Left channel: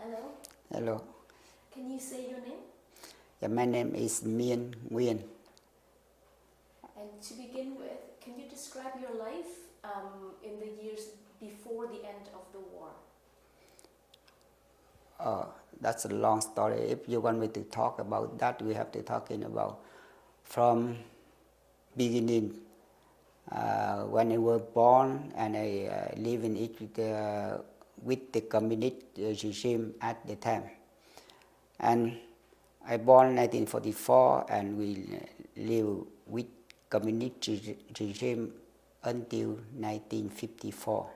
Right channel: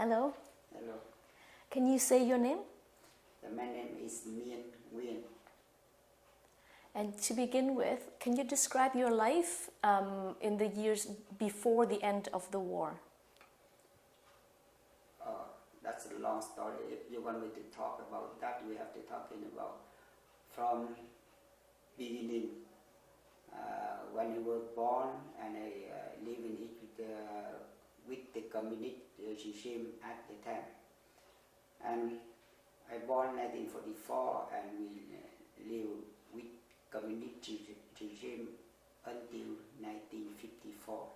Hello. Hello. Can you say your name? Yeah, my name is Nguyen. And to begin with, can you describe your life in the years before the end of the war? That's a long story. If you want me to talk about that, we have to talking about from beginning. When I was born and I live in Egypt with the communist regime at the time. And I born 1944 and we live with communist regime until 1954.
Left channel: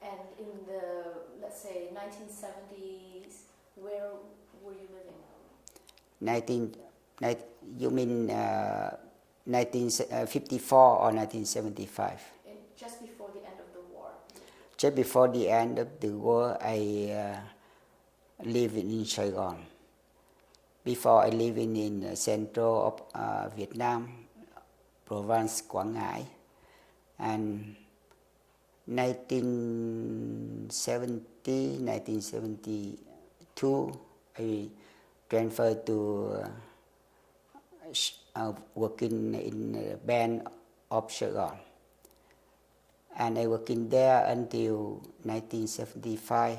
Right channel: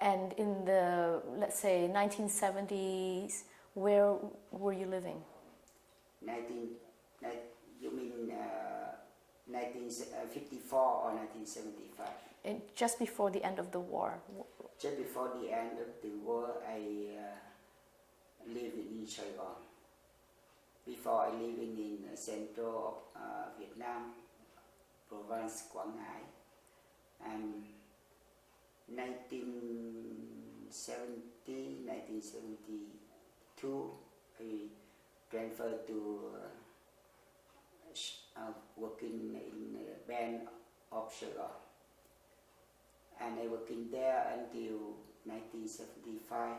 And in the, let's say, 1970s, where were you living? You mean 1954 or 1975? Just before the end of the war. Just before the end of the war, I live in Saigon. Before I living in central of Vietnam, province Quảng Ngãi, and 1970, 1972, I transferred to working in a band of Saigon. And I working there until 1975.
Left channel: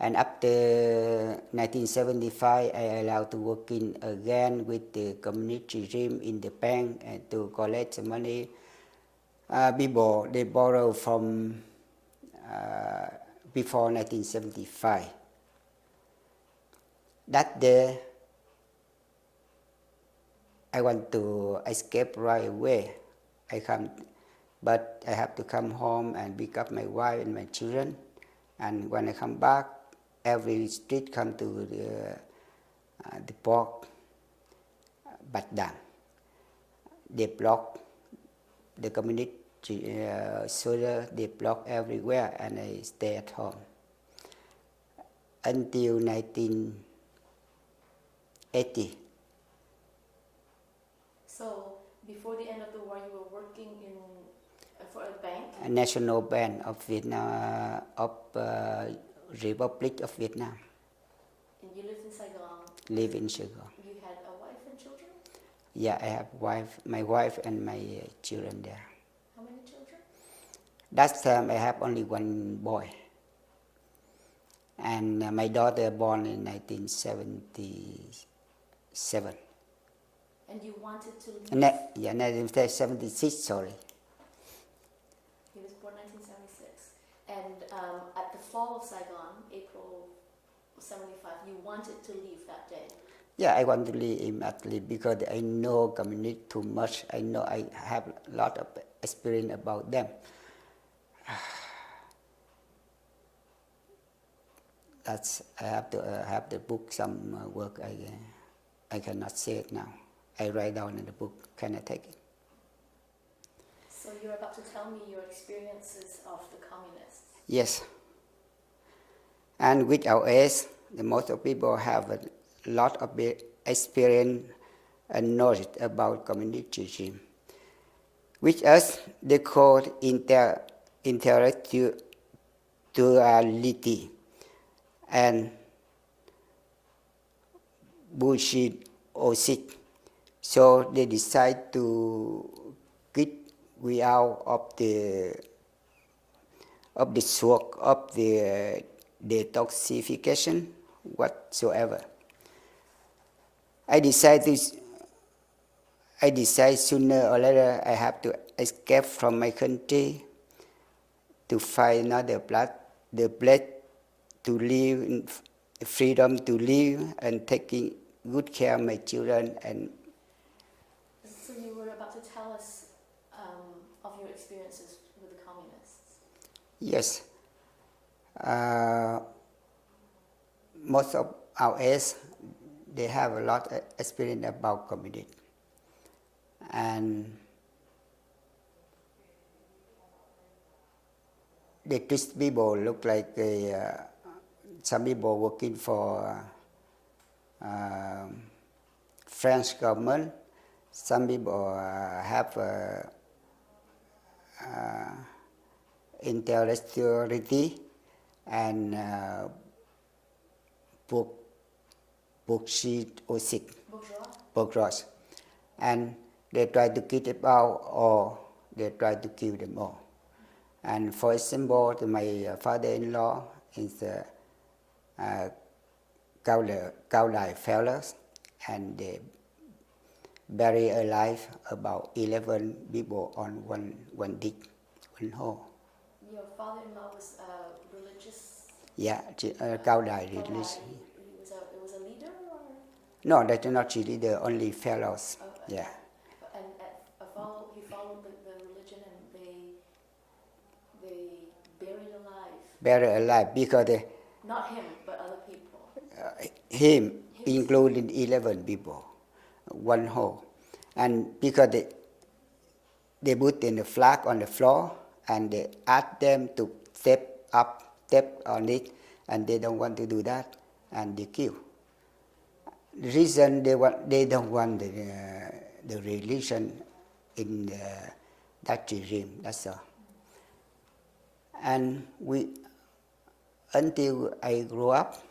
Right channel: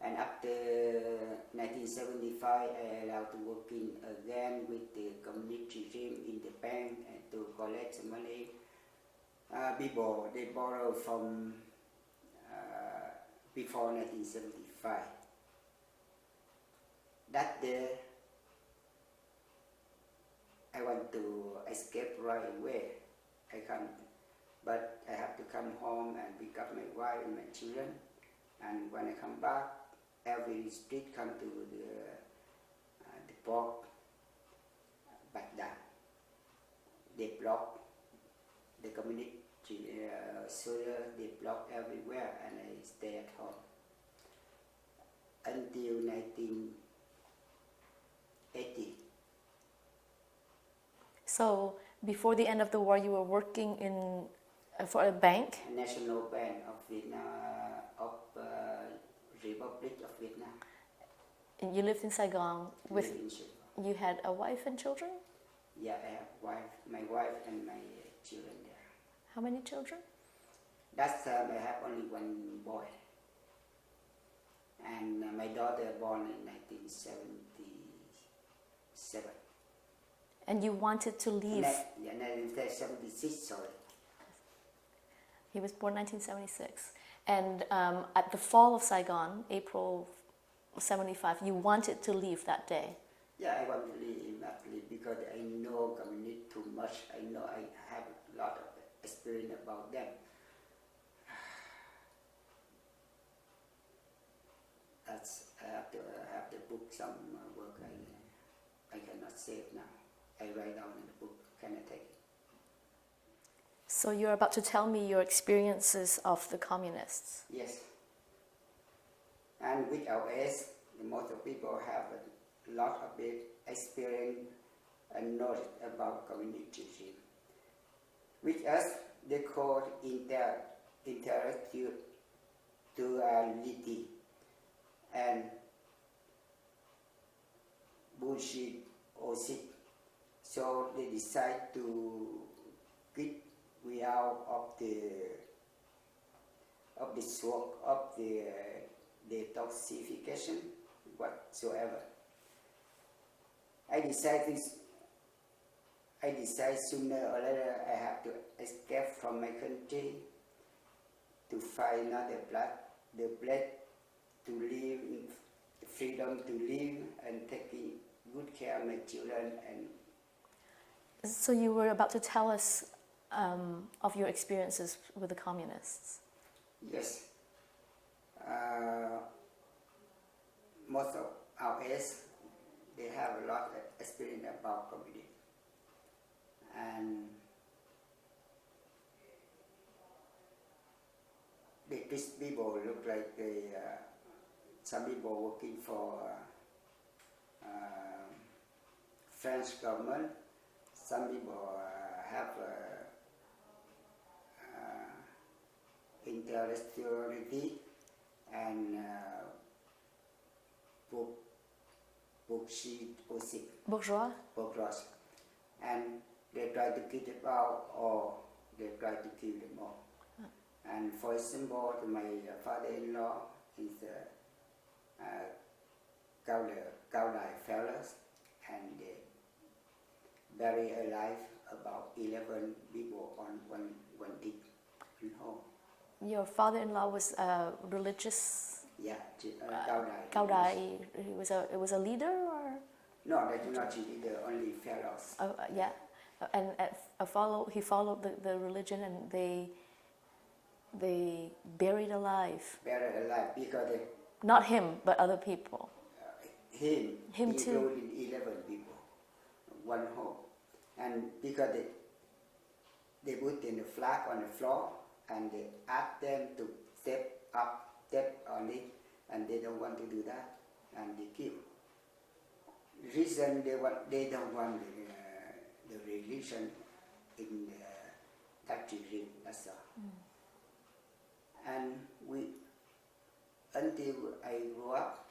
And after 1975, I allowed to work in again with the communist regime in the bank and to collect the money. People, they borrow from before 1975. That day, I want to escape right away. But I have to come home and pick up my wife and my children. And when I come back, every street come to the port, Bạch Đằng. They block the communist soldier. They block everywhere, and I stay at home until 1980. So before the end of the war, you were working for a bank? A national bank of Vietnam, of Republic of Vietnam. And you lived in Saigon? Live in Saigon. You had a wife and children? Yeah, I have my wife and my children there. How many children? That time I have only one boy. And my daughter born in 1977. And you wanted to leave? 1976, sorry. He was born 1976. And at the fall of Saigon, April 75, you wanted to leave that day? Yeah, I want to leave immediately because I know community too much. I know I have a lot of experience about them. I have to have the book, some work I cannot say it now. I write down in the book, can I take it? So you're about to tell me your experiences of the communists? Yes. And with our age, the most of people have a lot of experience and knowledge about communist regime. With us, they call intellectuality and bullshit OSIC. So they decide to get we out of the smoke, of the detoxification whatsoever. I decide sooner or later I have to escape from my country to find another place to live, in freedom to live and taking good care of my children. And so you were about to tell us of your experiences with the communists? Yes. Most of our age, they have a lot of experience about community. And they treat people look like some people working for French government. Some people have intellectuality and bourgeois, and they try to kick them out or they try to kill them all. And for example, my father-in-law is Cao Lai fellows, and they bury alive about 11 people on one dig, one hole. Your father-in-law was religious. Yeah, Cao Lai. Cao Dai, he was a leader, or? No, that's not a leader, only fellows. Oh, yeah. And he followed the religion, and they buried alive. Buried alive because they, not him, but other people. Him including too. 11 people, one hole, and because they put in the flag on the floor and they asked them to step on it, and they don't want to do that, and they kill. The reason they don't want the religion in that regime. That's all. And until I grew up,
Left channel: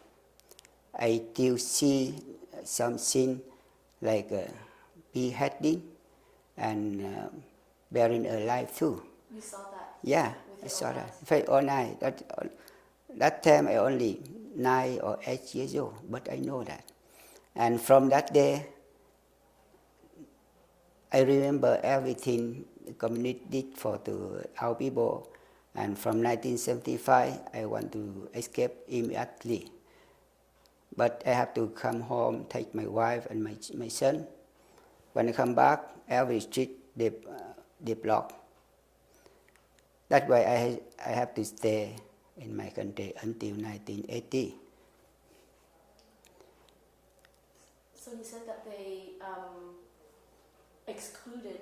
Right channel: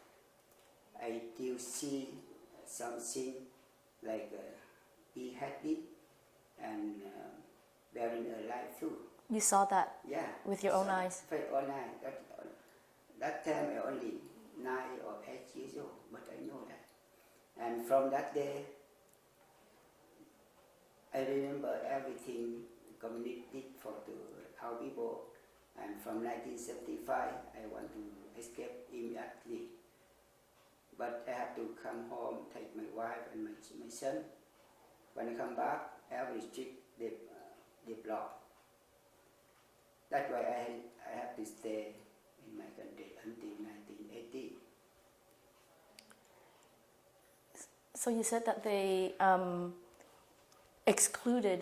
I still see something like beheading and burying alive too. You saw that? Yeah. With your own eyes? With my own eyes. That time I only 9 or 8 years old, but I know that. And from that day, I remember everything the community did for our people. And from 1975, I want to escape immediately. But I have to come home, take my wife and my son. When I come back, every street they block. That's why I have to stay in my country until 1980. So you said that they excluded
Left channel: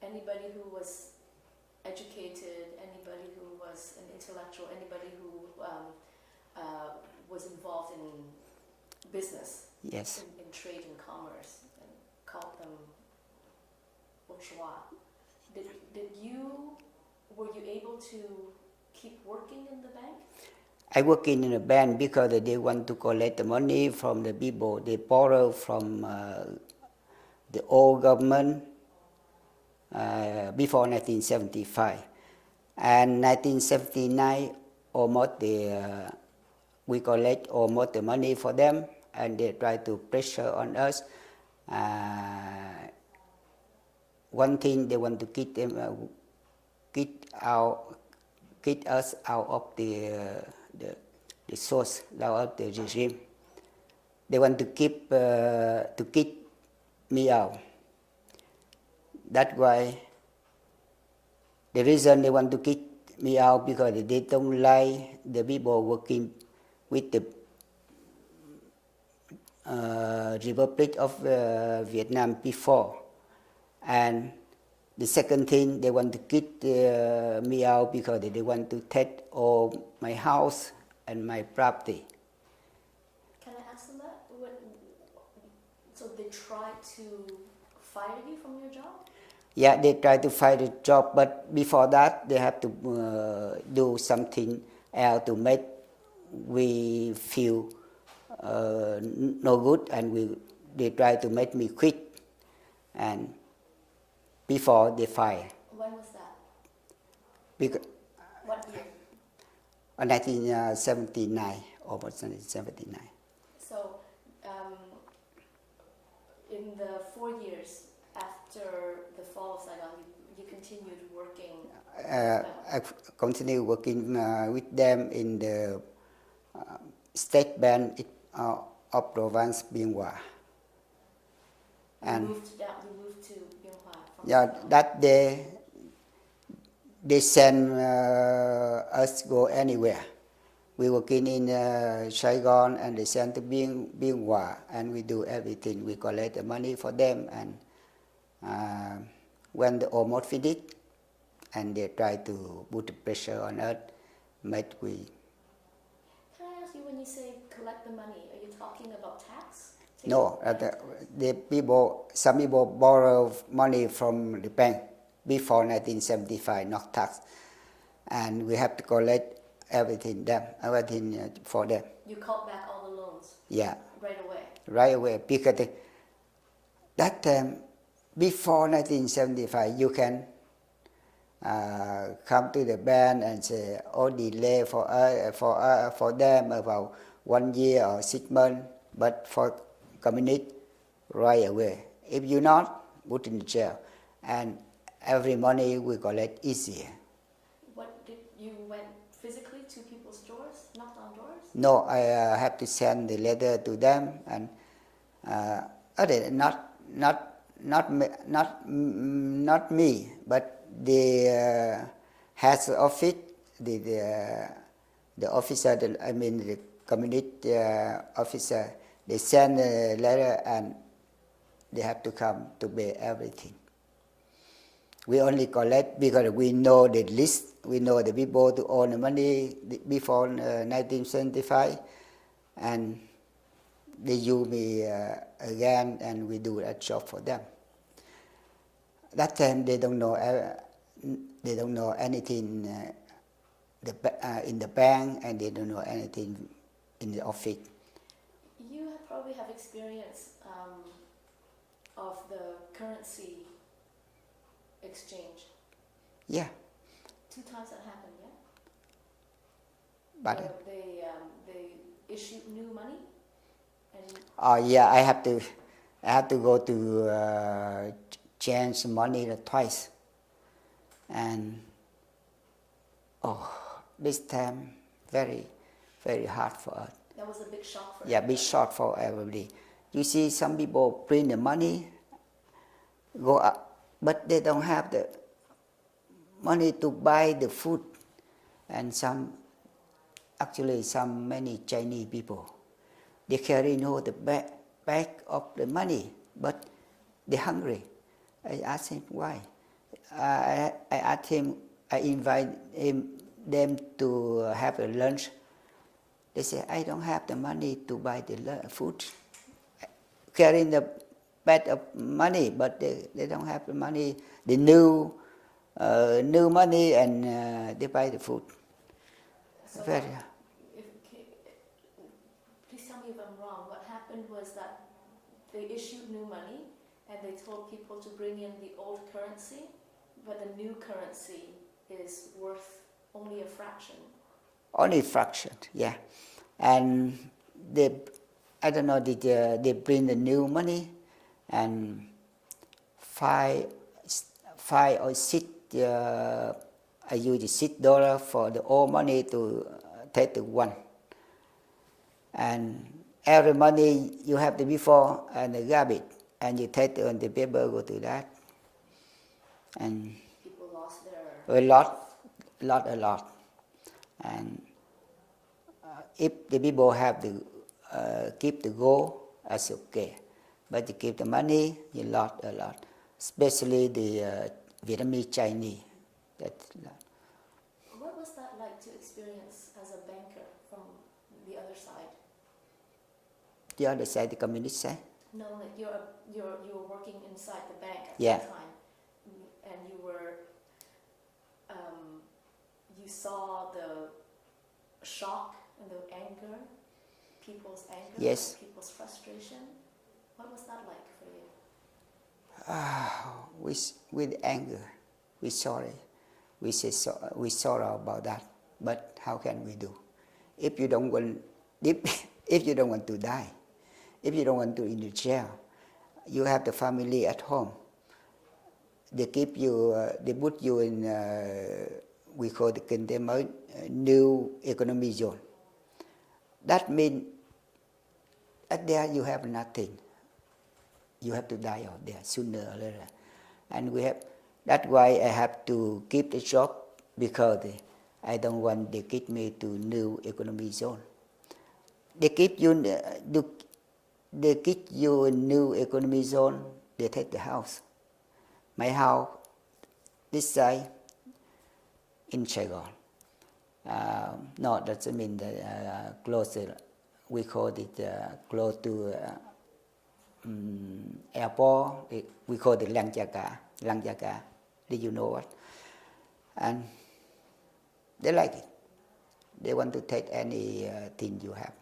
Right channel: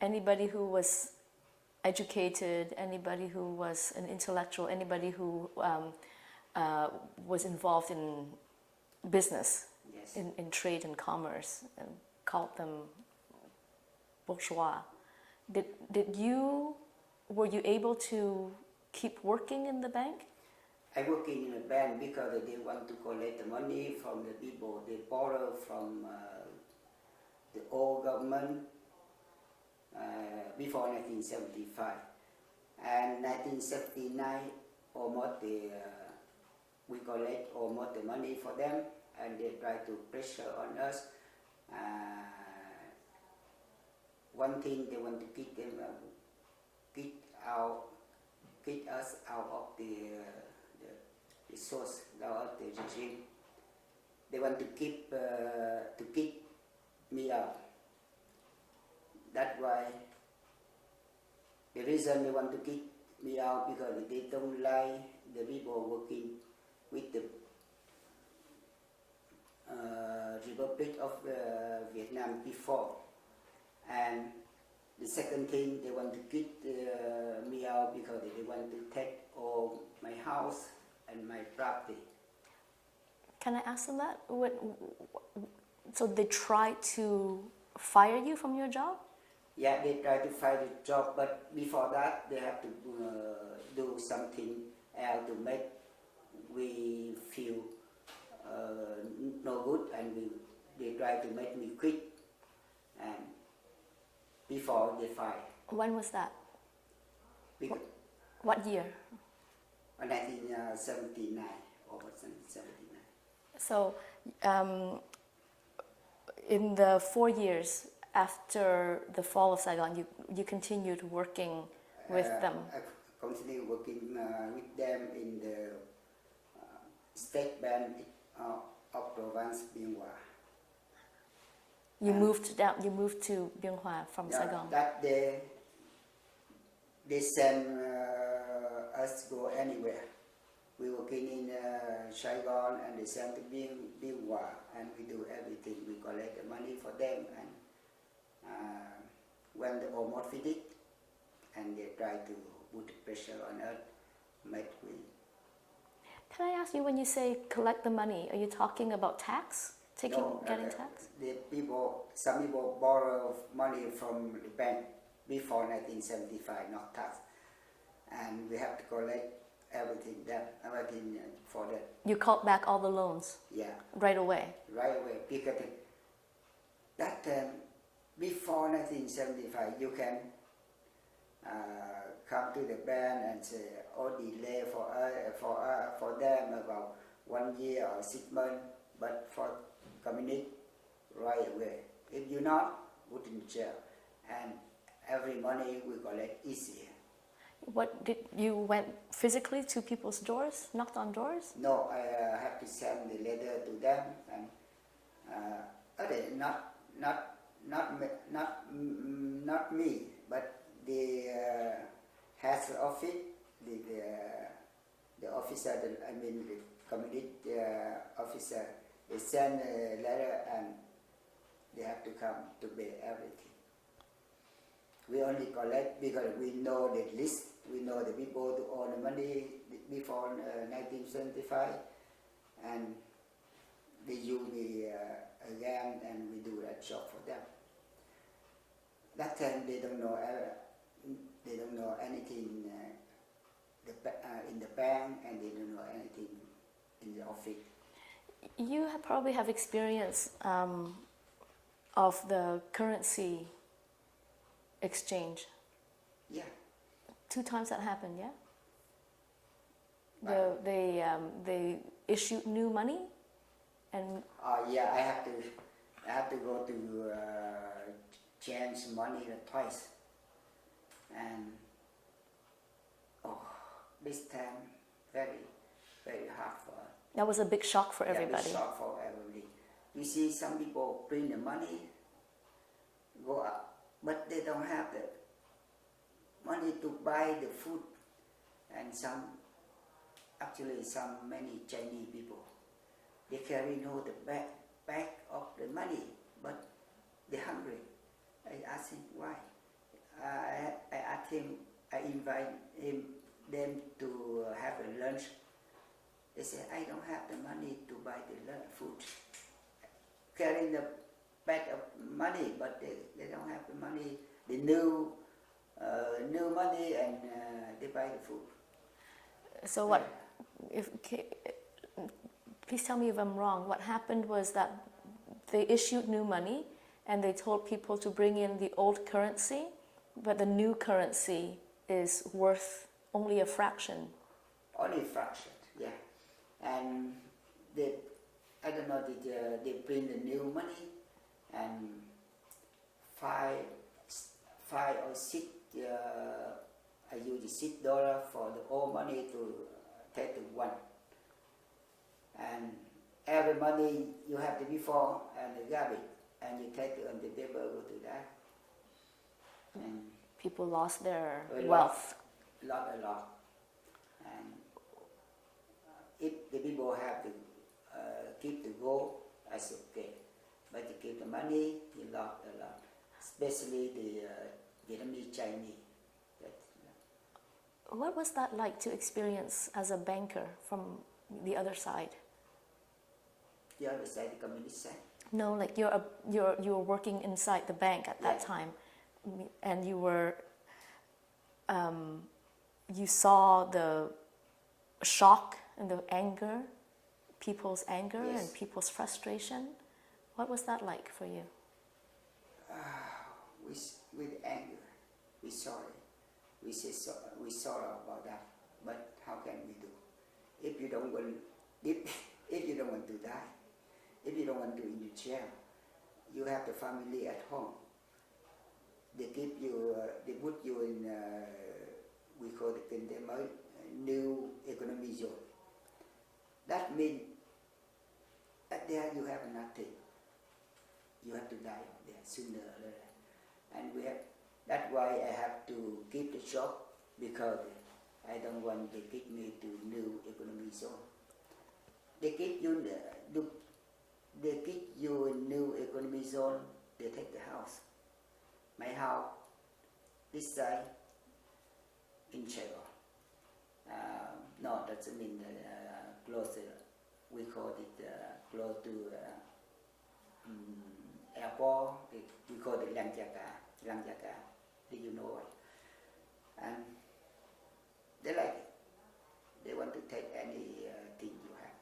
anybody who was educated, anybody who was an intellectual, anybody who was involved in business, yes, in trade and commerce, and called them bourgeois. Were you able to keep working in the bank? I work in a bank because they want to collect the money from the people. They borrow from the old government before 1975. And 1979, almost we collect almost the money for them, and they try to pressure on us. One thing, they want to keep us out of the source, out of the regime. They want to keep me out. That's why the reason they want to kick me out, because they don't like the people working with the Republic of Vietnam before. And the second thing, they want to kick me out because they want to take all my house and my property. Can I ask them that? So they try to fire you from your job? Yeah, they try to fire the job, but before that, they have to do something else to make we feel no good, and they try to make me quit. And before they fire. When was that? What year? 1979, almost 1979. So, in the 4 years after the fall of Saigon, you continued working with them? I continued working with them in the state bank of province Bien Hoa. You moved to Bien Hoa from yeah, Saigon? That day, they send us go anywhere. We working in Saigon, and they send to Bien Hoa, and we do everything. We collect the money for them, and when they almost finished, and they try to put the pressure on us, but we. Can I ask you, when you say collect the money, are you talking about tax? No, some people borrow money from the bank before 1975, not tax. and we have to collect everything for them. You called back all the loans? Yeah. Right away? Right away, because that time, before 1975, you can come to the bank and say, oh, delay for them about 1 year or 6 months, but for communist, right away. If you not, put in jail, and every money we collect easier. What did you went physically to people's doors, knocked on doors? No, I have to send the letter to them, and not me, but the head office, the officer, the communist officer, they send a letter and they have to come to pay everything. We only collect because we know the list, we know the people to own the money before 1975, and they use me again, and we do a job for them. That time they don't know anything in the bank, and they don't know anything in the office. You probably have experience of the currency exchange. Yeah. 2 times that happened, yeah? But they issued new money, and yeah, I have to go to change money twice, and this time very hard for us. That was a big shock for everybody. Yeah, big shock for everybody. You see, some people print the money, go up, but they don't have the money to buy the food, and many Chinese people, they carry the bag of the money, but they're hungry. I asked him why. I asked him, I invite them to have a lunch. They say, I don't have the money to buy the food. Carrying the bag of money, but they don't have the money, the new money, and they buy the food. So please tell me if I'm wrong. What happened was that they issued new money, and they told people to bring in the old currency, but the new currency is worth only a fraction. Only a fraction, yeah. And I don't know, they bring the new money, and 5 or 6, I use $6 for the old money to take the one. And every money you have the before and the garbage, and you take on the paper, go to that. And people lost their a lot. And if the people have to keep the gold, that's okay. But to keep the money, you lost a lot. Especially the Vietnamese Chinese. What was that like to experience as a banker from the other side? The other side, the communist side? No, like you were working inside the bank at that time, and you were you saw the shock and the anger, people's anger and people's frustration. What was that like for you? With anger, we're sorry. We sorry about that. But how can we do? If you don't want to die, if you don't want to in the jail, you have the family at home. They keep you. They put you in. We call the containment new economic zone. That means at there you have nothing. You have to die out there sooner or later, and that's why I have to keep the job, because I don't want they keep me to new economic zone. They keep you in new economic zone. They take the house. My house, this side, in Saigon. No, that doesn't mean that close. We call it close to airport. We call it Lang Jaga. Did you know what? And They like it. They want to take any thing you have.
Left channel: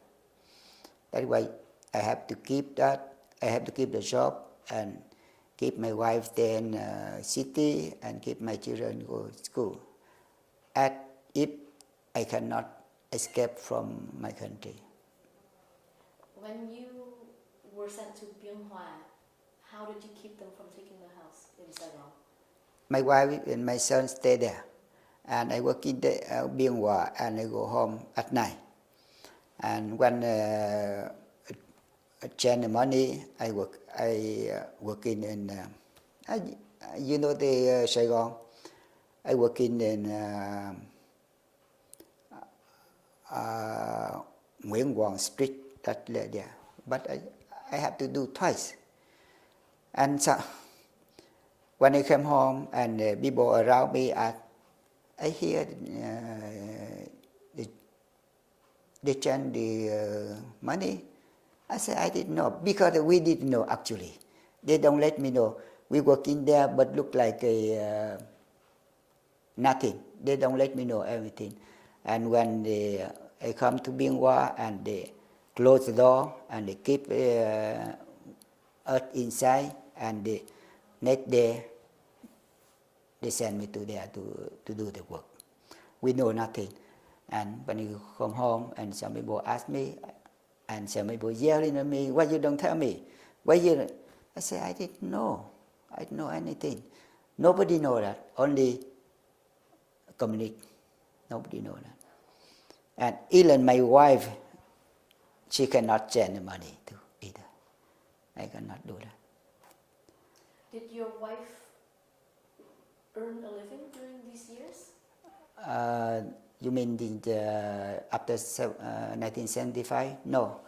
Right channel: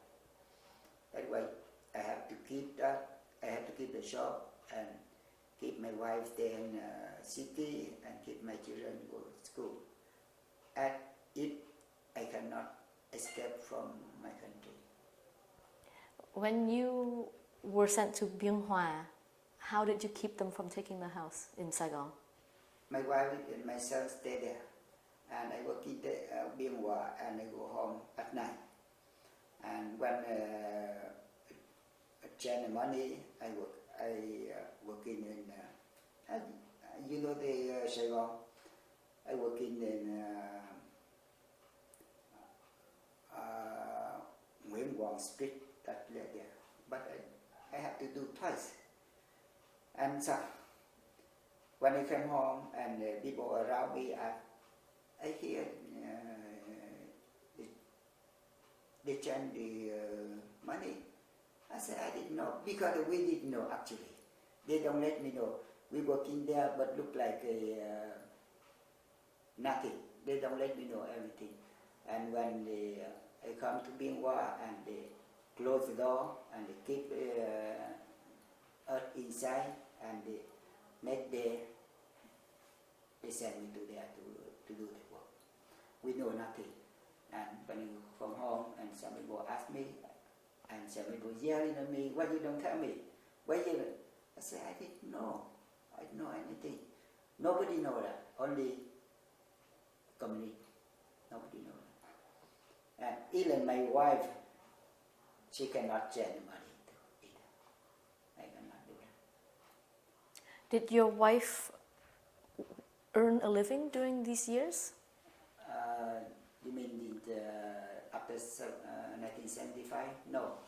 That's why I have to keep that. I have to keep the job and keep my wife stay in city and keep my children go to school. And if I cannot escape from my country. When you were sent to Biên Hòa, how did you keep them from taking the house in Saigon? My wife and my son stay there, and I work in Biên Hòa, and I go home at night. And when I change the money, I work in you know the Saigon. I work in Nguyen Duc Street, that there. But I have to do twice. And so when I came home and people around me, I hear they change the money. I said I didn't know because we didn't know actually. They don't let me know. We work in there, but look like nothing. They don't let me know everything. And when I come to Biên Hòa and they close the door and they keep us inside, and the next day they send me to there to do the work. We know nothing. And when you come home and some people ask me, and some people yelling at me, why you don't tell me? Why you? I say I didn't know. I didn't know anything. Nobody know that. Only community. Nobody know that. And even my wife, she cannot change the money too either. I cannot do that. Did your wife earn a living during these years? You mean after 1975? No.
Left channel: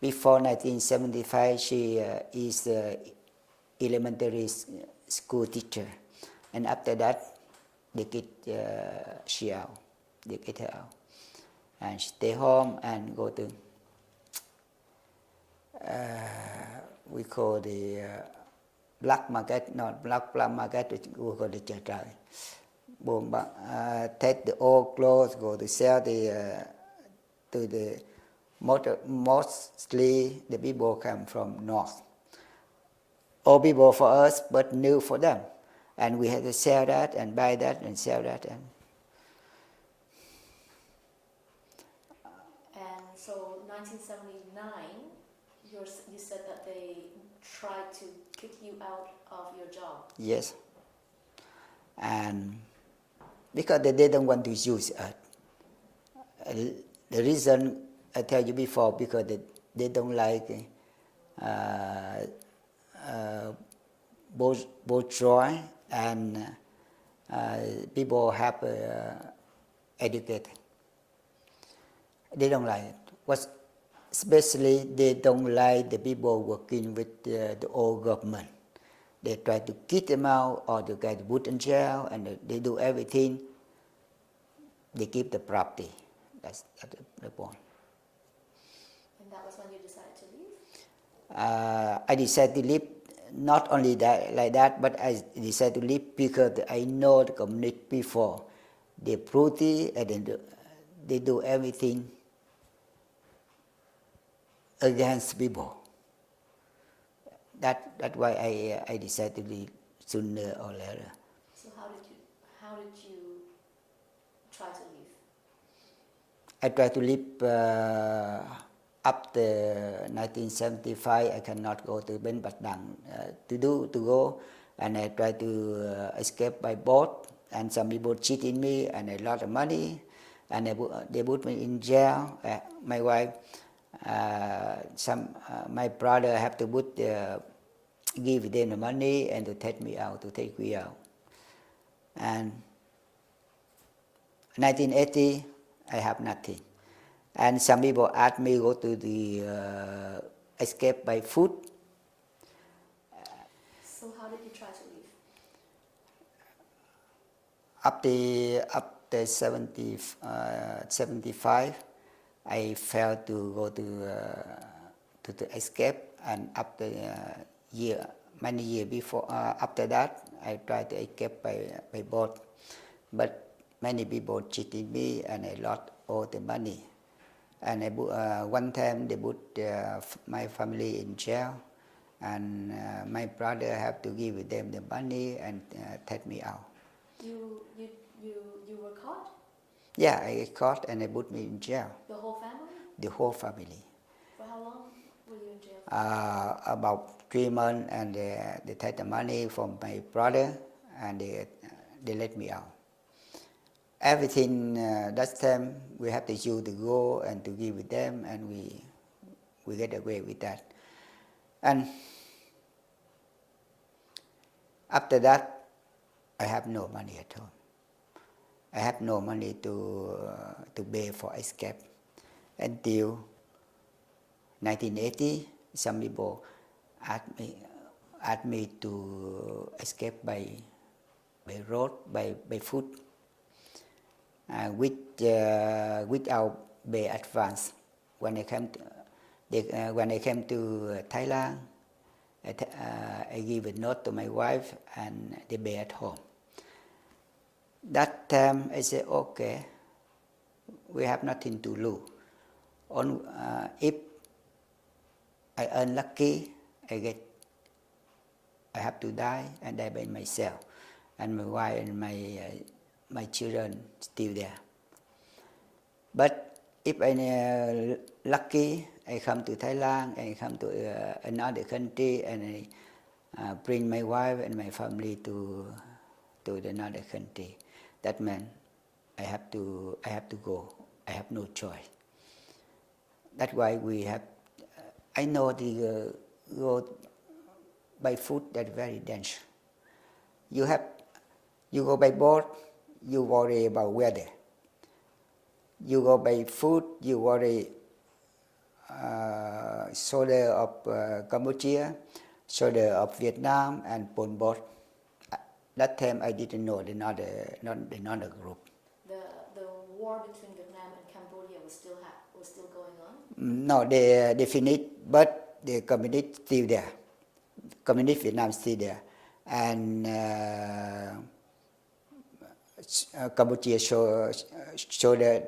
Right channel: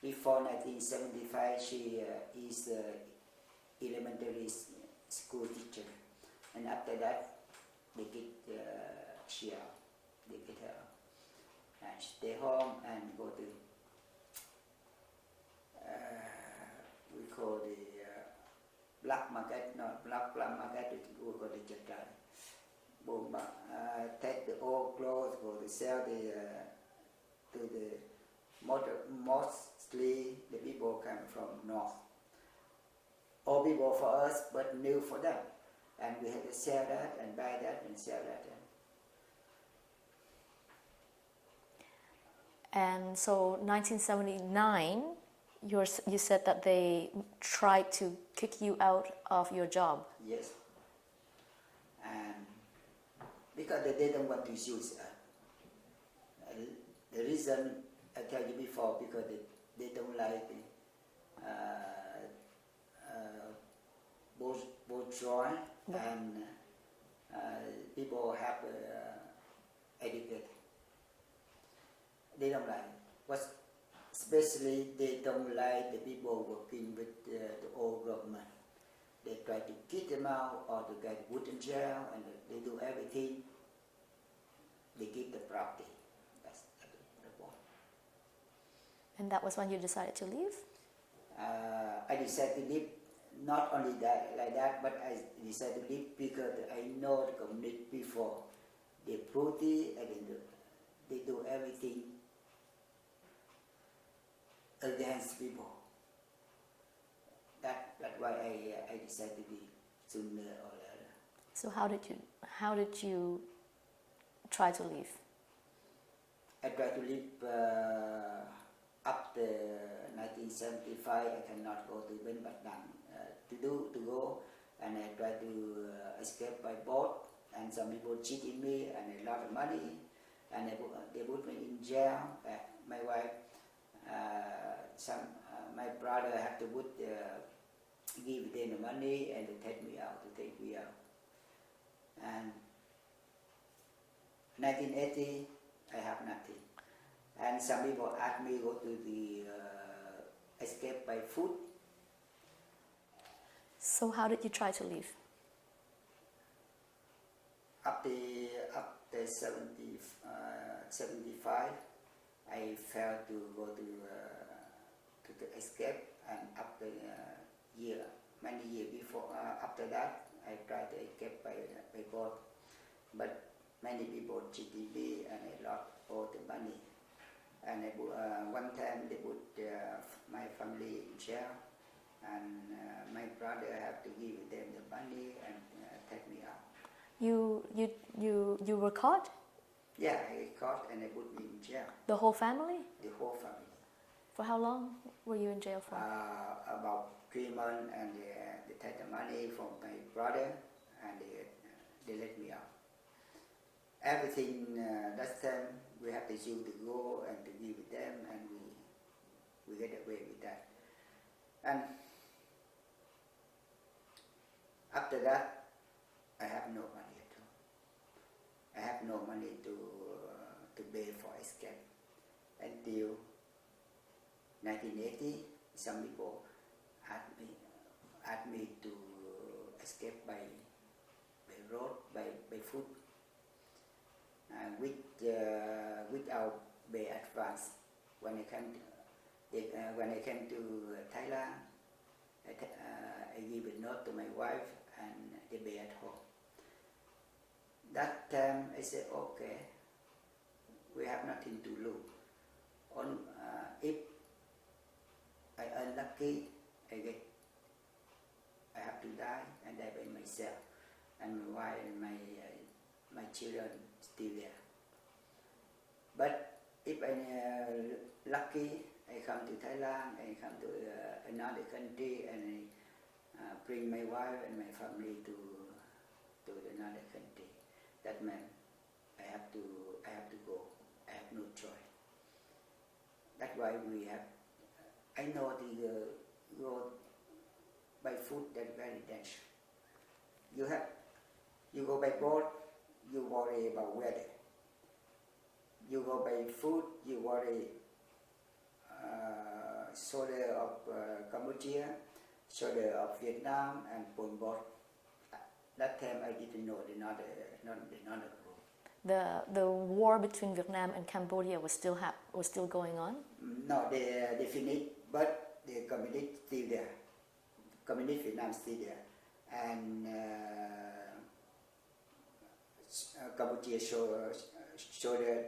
Before 1975, she is elementary school teacher. And after that, they get she out. They get her out. And she stay home and go to, we call the black market, not black market, we call the chợ trời. Take the old clothes, go to sell to the mostly the people come from north. Old people for us, but new for them, and we had to sell that and buy that and sell that. And so 1979, you said that they tried to kick you out of your job. Yes, and because they didn't want to use us. The reason I tell you before, because they don't like bourgeois and people have educated. They don't like it. Especially they don't like the people working with the old government. They try to kick them out or to get put in jail, and they do everything. They keep the property. That's the point. And that was when you decided to leave? I decided to leave, not only that like that, but I decided to leave because I know the community before. They're pretty and they do everything against people. That's why I decided to leave sooner or later. So how did you try to leave? I tried to leave after 1975. I cannot go to Bến Bạch Đằng to go, and I tried to escape by boat. And some people cheated me, and I lost the money, and they put me in jail. My wife, my brother have to give them the money and to take me out, And 1980, I have nothing. And some people asked me go to the escape by foot. So how did you try to leave? After 75, I failed to go to escape, and after many years before, after that, I tried to escape by boat. But many people cheated me and I lost all the money. And one time they put my family in jail, and my brother have to give them the money and take me out. You were caught? Yeah, I caught and they put me in jail. The whole family? The whole family. For how long were you in jail for? About 3 months, and they take the money from my brother and they let me out. Everything that time we have to use to go and to give with them, and we get away with that. And after that, I have no money at home. I have no money to pay for escape. Until 1980, some people asked me to escape by road, by foot, without pay advance. When I came to Thailand, I give a note to my wife and they pay at home. That time I said, okay, we have nothing to lose. If I unlucky, I have to die and die by myself, and my wife and my children still there. But if I lucky, I come to Thailand, I come to another country, and I bring my wife and my family to another country. That meant I have to go. I have no choice. That's why we have. I know the go by foot. That's very dangerous. You go by boat, you worry about weather. You go by foot, you worry shoulder of Cambodia, shoulder of Vietnam, and Pol Pot. That time I didn't know another group. The war between Vietnam and Cambodia was still going on? No, they finished, but the communist still there. Communist Vietnam still there, and Cambodia shoulder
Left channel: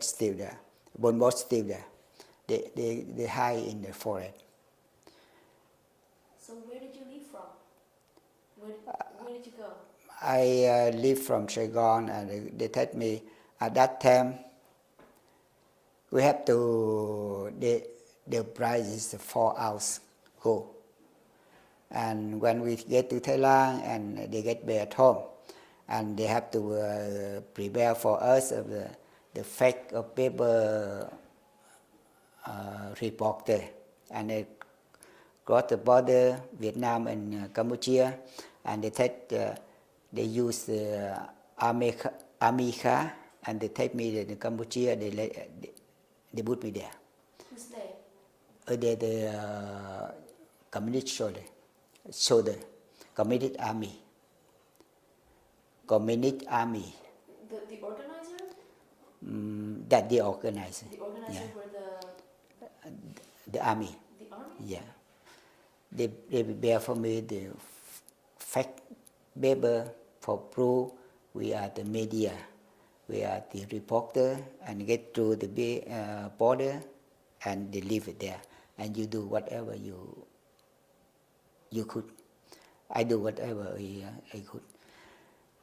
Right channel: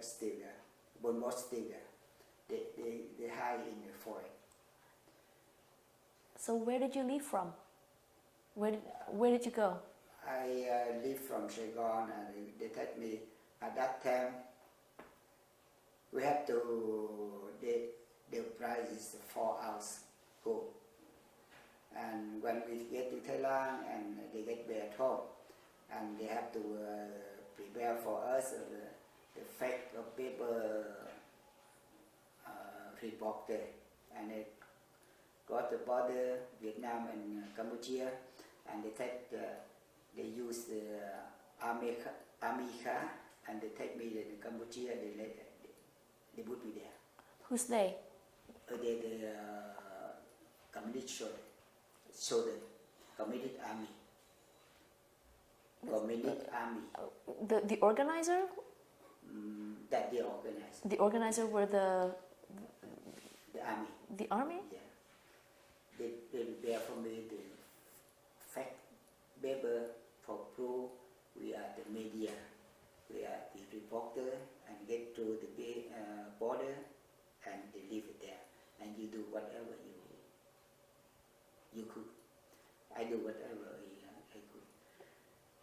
still there. Pol Pot still there. They hide in the forest. So where did you leave from? Where did you go? I leave from Saigon, and they tell me at that time we have to. The price is 4 ounces gold, and when we get to Thailand and they get back at home, and they have to prepare for us the fake of paper reporter, and they cross the border Vietnam and Cambodia, and they take they use the army car, and they take me to Cambodia. They put me there. Who's they? The communist soldier, communist army. Communist army. The organizer? That the organizer. The organizer were the army. The army? Yeah. They prepare for me the fact paper for proof we are the media, we are the reporter, and get through the border, and they leave it there, and you do whatever you could. I do whatever I could.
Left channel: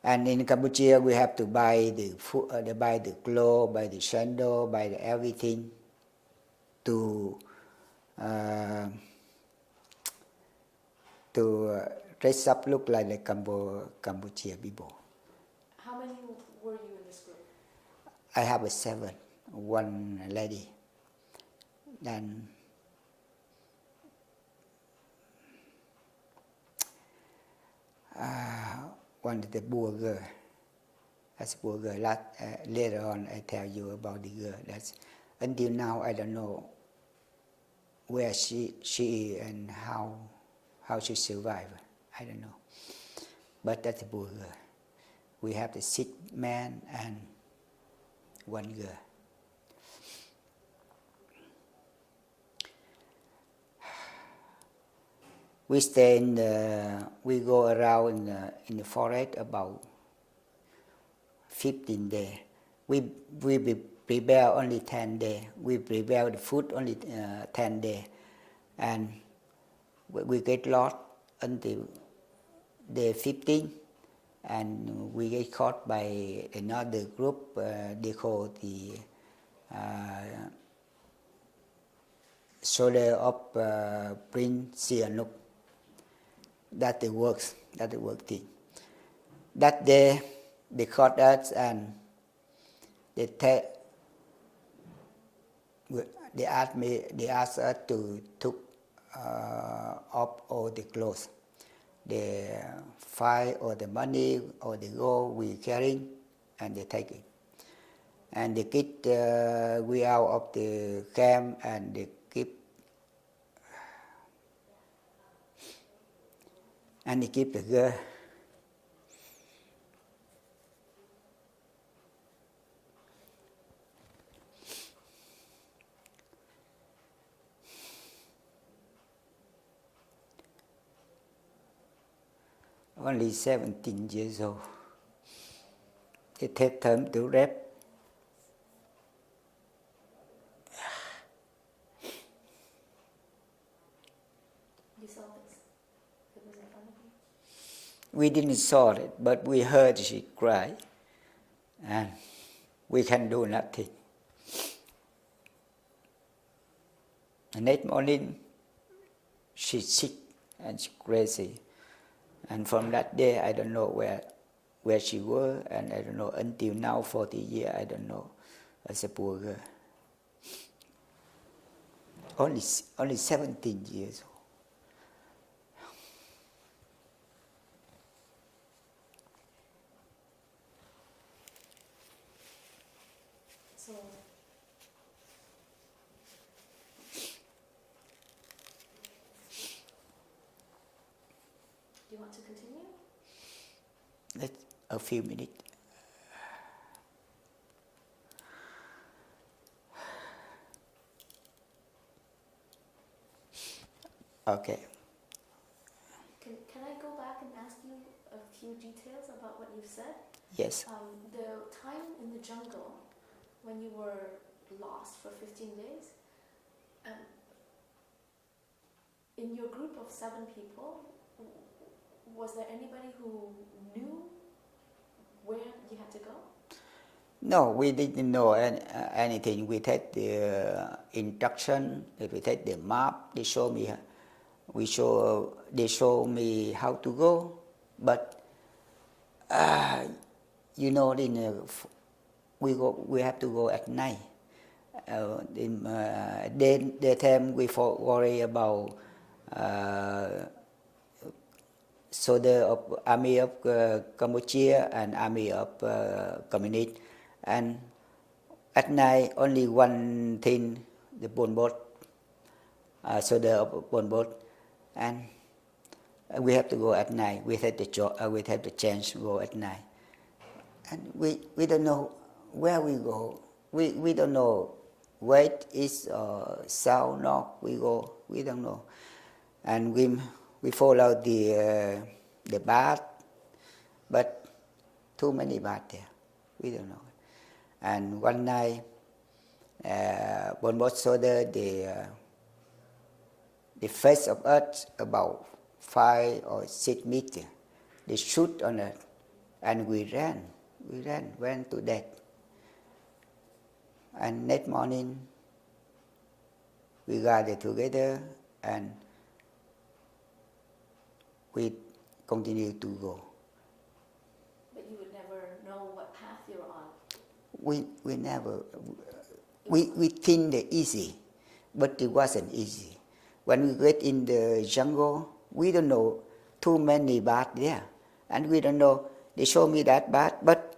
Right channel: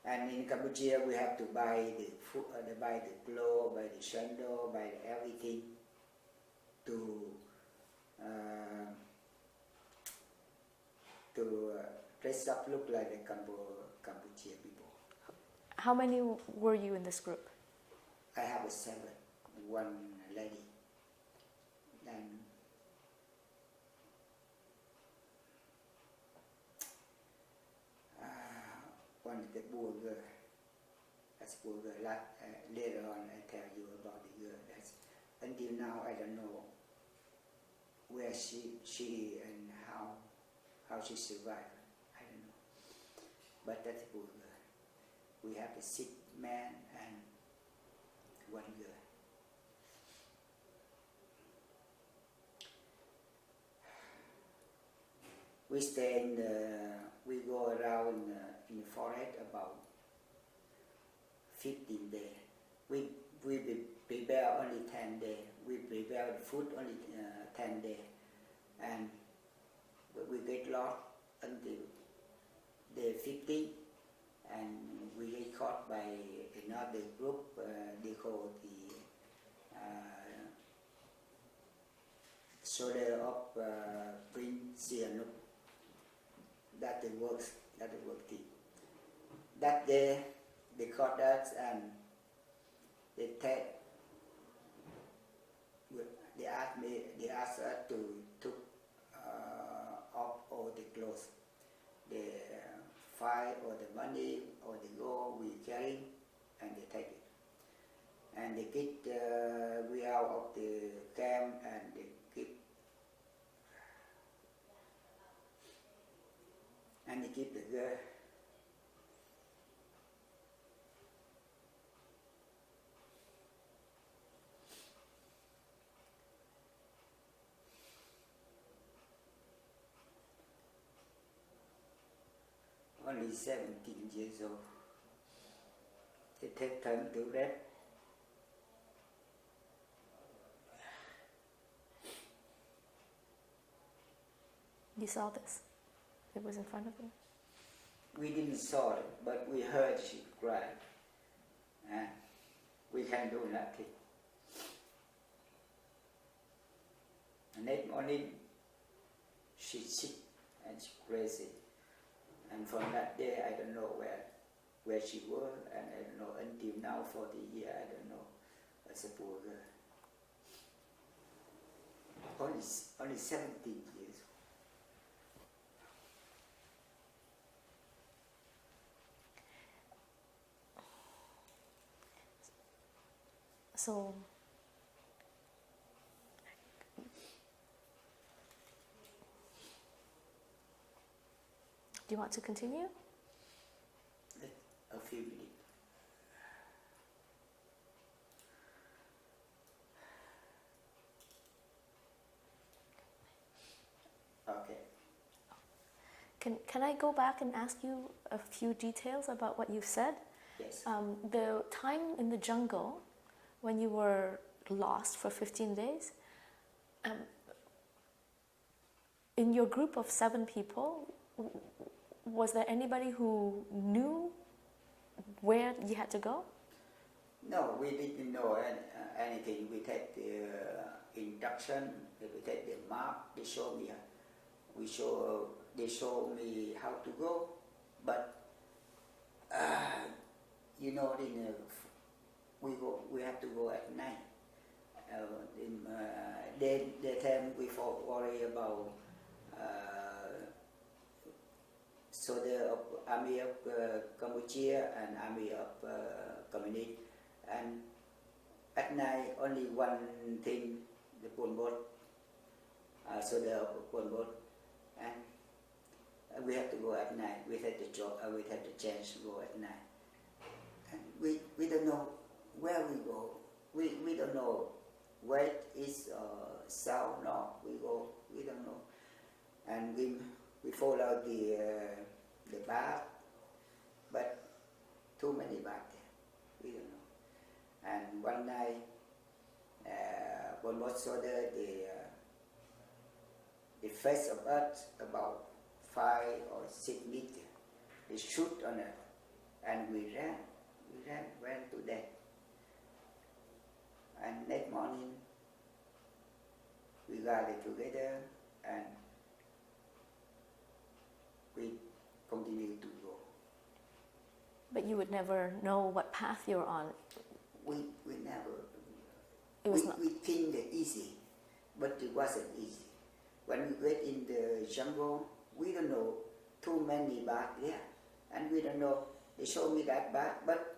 And in Cambodia, we have to buy the food, buy the clothes, buy the sandal, buy the everything to dress up, look like the Cambodia people. How many were you in this group? I have 7, one lady. Then one of the poor girl. That's a poor girl. Later on, I tell you about the girl. That's until now I don't know where she is and how she survived. I don't know. But that's a poor girl. We have the 6 men and 1 girl. We stay we go around in the forest about 15 days. we prepare only 10 days. We prepare the food only 10 days, and we get lost until day 15, and we get caught by another group. They call the soldier of Prince Nguyen Duc. That the works. That the work thing. That day they caught us and they asked us to took off all the clothes, the file or the money or the gold we carrying, and they take it. And they get we out of the camp and they keep the girl. Only 17 years old. They take time to rape. You saw this? It was in front of you? We didn't saw it, but we heard she cry, and we can do nothing. The next morning, she's sick and she's crazy. And from that day, I don't know where she was, and I don't know until now, 40 years, I don't know. As a poor girl. Only 17 years old. So, do you want to continue? Let's a few minutes. Okay. Can I go back and ask you a few details about what you've said? Yes. The time in the jungle when you were lost for 15 days, in your group of 7 people, was there anybody who knew where you had to go? No, we didn't know anything. We take the instruction, we take the map, they show me how to go, but we have to go at night. In daytime we worry about soldier of army of Cambodia and army of communist, and at night only one thing, the bonbot, soldier of bonbot, and we have to go at night. We have the chance to go at night, and we don't know where we go. We don't know west, east, south, north. We don't know, and we follow the bath, but too many baths there. We don't know. And one night, bonbot soldier the face of us about 5 or 6 meters. They shoot on us, and we ran to death. And next morning, we gathered together and we continue to go. But you would never know what path you were on. We never. We think they're easy, but it wasn't easy. When we get in the jungle, we don't know too many baths there, and we don't know. They show me that bath, but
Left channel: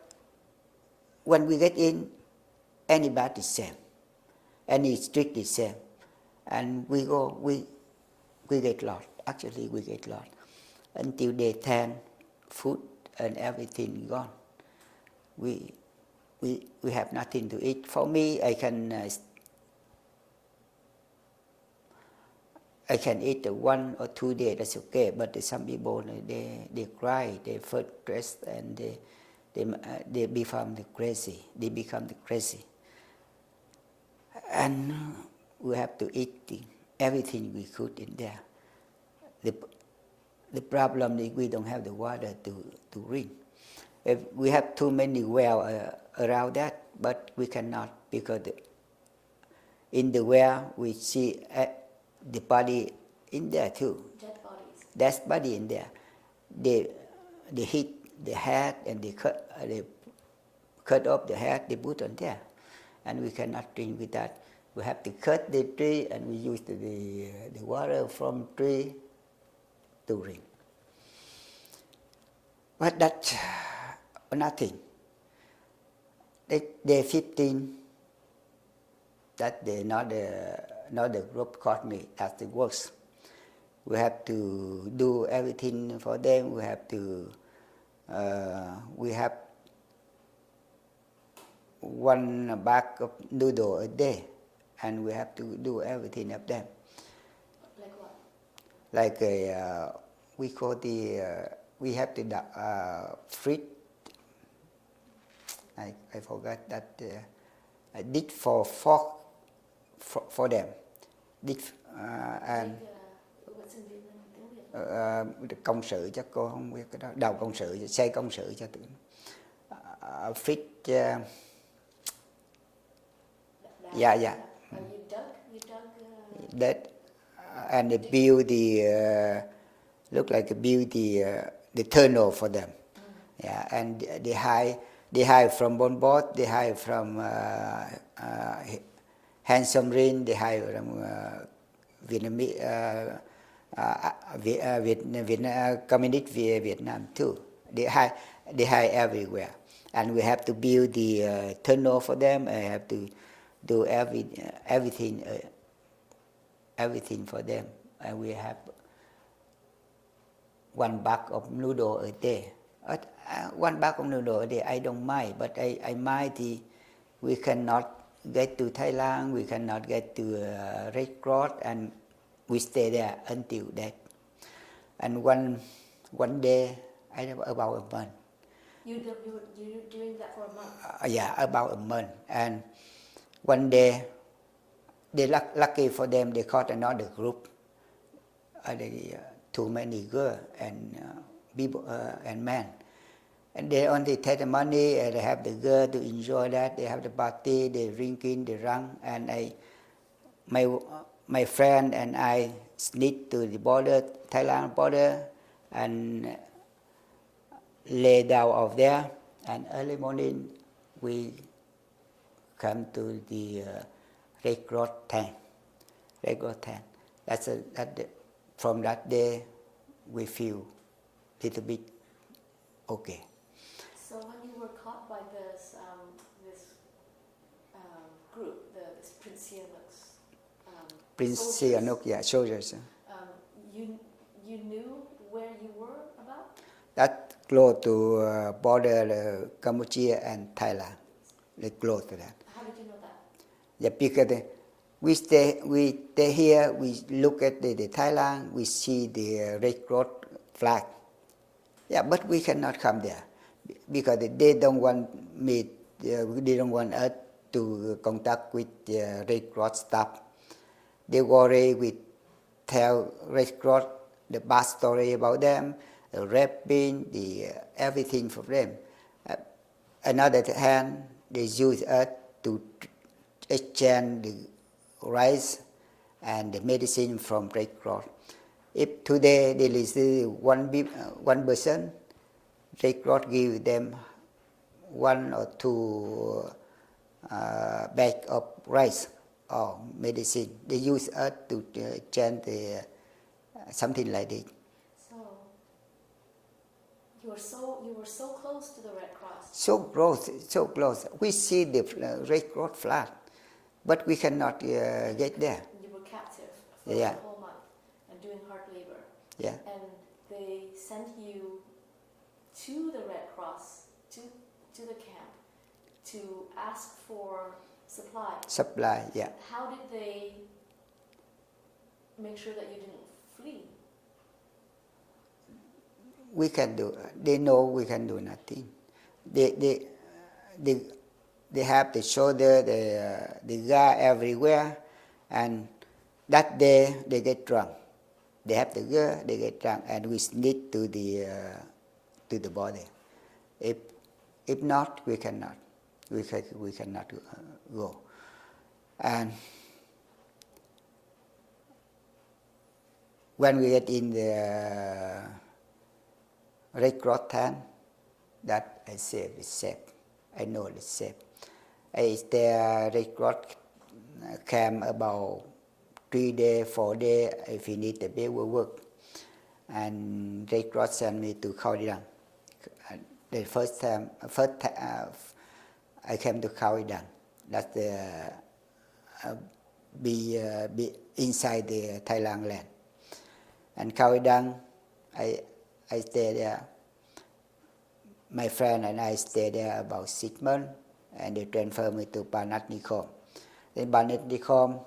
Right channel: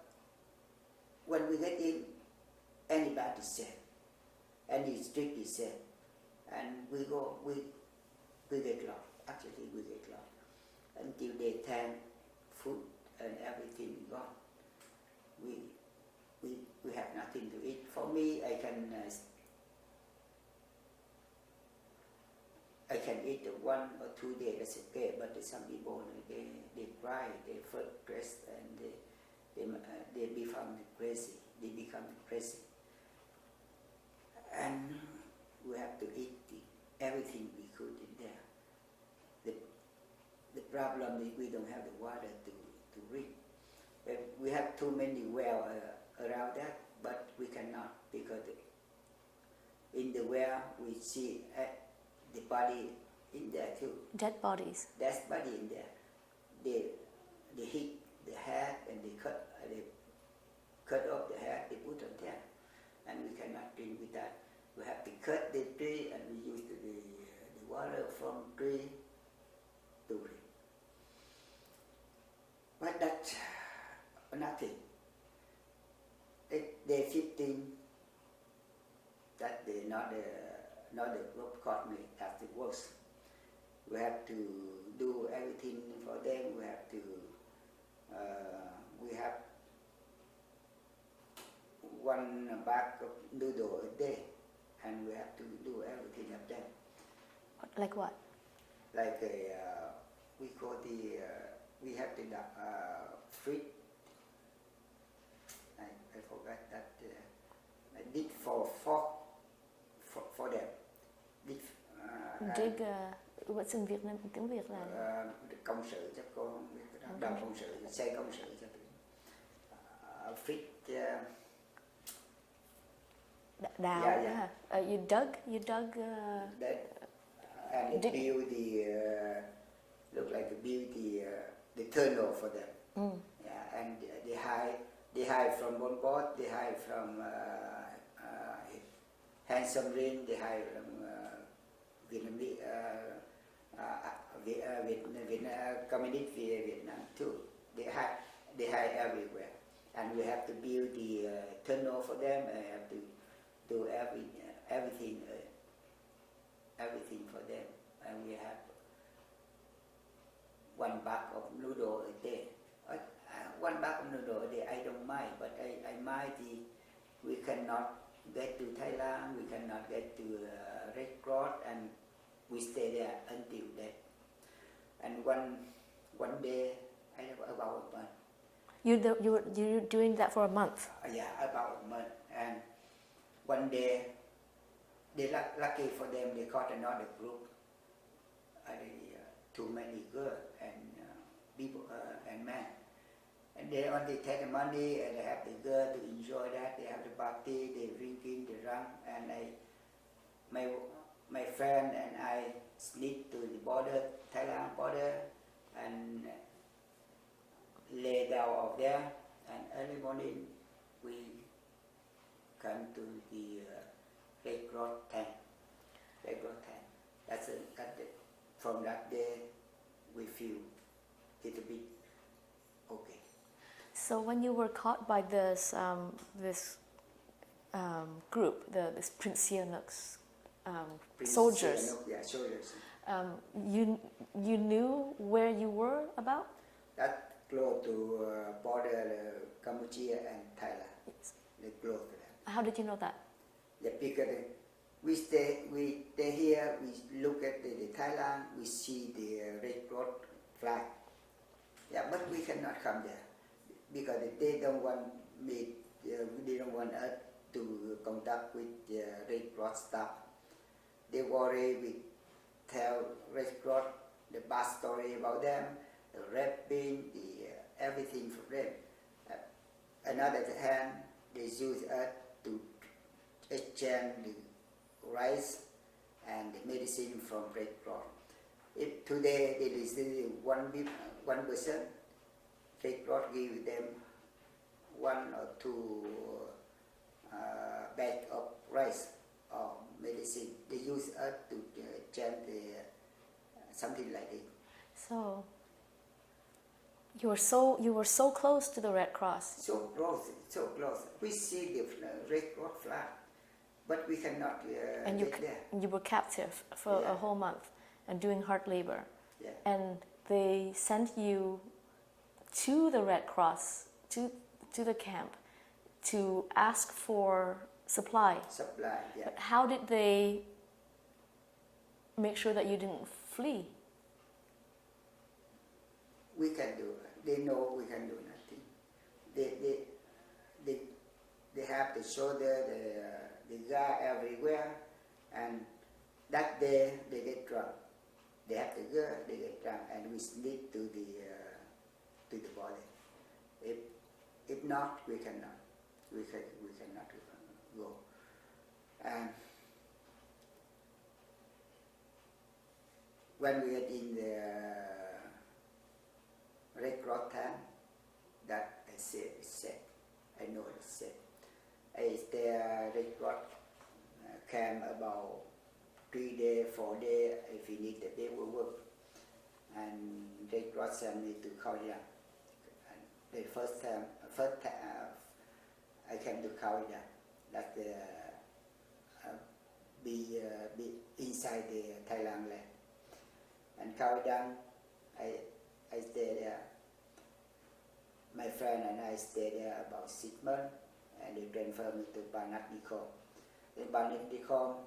when we get in, any bath is same, any street is same, and we get lost. Actually, we get lost until day 10, food and everything gone. We have nothing to eat. For me, I can eat 1 or 2 days. That's okay. But some people they cry, they feel stressed, and they become crazy. They become crazy, and we have to eat everything we could in there. The problem is we don't have the water to drink. If we have too many wells around that, but we cannot because in the well we see the body in there too. Dead bodies. Dead body in there. They hit the head and they cut off the head. They put on there, and we cannot drink with that. We have to cut the tree and we use the water from tree to drink. But that's nothing. Day 15, that day not the group caught me. That's the worst. We have to do everything for them. We have to. We have one bag of noodle a day, and we have to do everything of them. Like what? Like we call we have to frit. I forgot that. I did for fork for them. Did and what's in Vietnam tiếng Việt là? Công sự chắc cô không biết cái đó. Đầu công sự, xây công sự cho tự. Frit. Yeah. You dug. That and they build look like build the tunnel for them. Yeah, and they hide from one boat. They hide from Handsome Rin. They hide from Vietnamese communist Vietnam too. They hide everywhere, and we have to build the tunnel for them. I have to do everything for them, and we have one bag of noodle a day. One bag of noodle a day, I don't mind, but I mind we cannot get to Thailand, we cannot get to Red Cross, and we stay there until that. And one day, I have about a month. You're doing that for a month? Yeah, about a month. And one day, they lucky for them, they caught another group. Too many girls and people and men. And they only take the money and they have the girl to enjoy that. They have the party, they drinking, they run. And my friend and I sneak to the border, Thailand border, and lay down out there. And early morning, we come to the Red Cross tent. Red Cross tent. From that day, we feel a little bit okay. So when you were caught by this group, this Prince Sihanouk's soldiers, soldiers. You knew where you were about? That close to border Cambodia and Thailand. They close to that. How did you know that? Yeah, because we stay here. We look at the Thailand. We see the Red Cross flag. Yeah, but we cannot come there because they don't want me. They don't want us to contact with the Red Cross staff. They worry. We tell Red Cross the bad story about them, the raping, the everything for them. Another hand, they use us to exchange the rice and the medicine from Red Cross. If today they receive one person, Red Cross give them 1 or 2 bag of rice or medicine. They use us to change something like this. So you were so close to the Red Cross. So close. We see the Red Cross flag, but we cannot get there. You were captive for a whole month and doing hard labor. Yeah. And they sent you to the Red Cross, to the camp, to ask for supply. Supply, yeah. How did they make sure that you didn't flee? We can do. They know we can do nothing. they they have the shoulder, the guy everywhere, and that day they get drunk. They have the girl, they get drunk, and we sneak to the body. If not, we cannot. We cannot go. And when we get in the Red Cross tent, that I say is safe. I know it's safe. I stay Red Cross camp about 3 days, 4 days. If you need the paperwork, and Red Cross sent me to Khao Dang. The first time I came to Khao Dang. That's the be inside the Thailand land. And Khao Dang, I stay there. My friend and I stayed there about 6 months, and they transferred me to Banat Nikhom. In Banat Nikhom,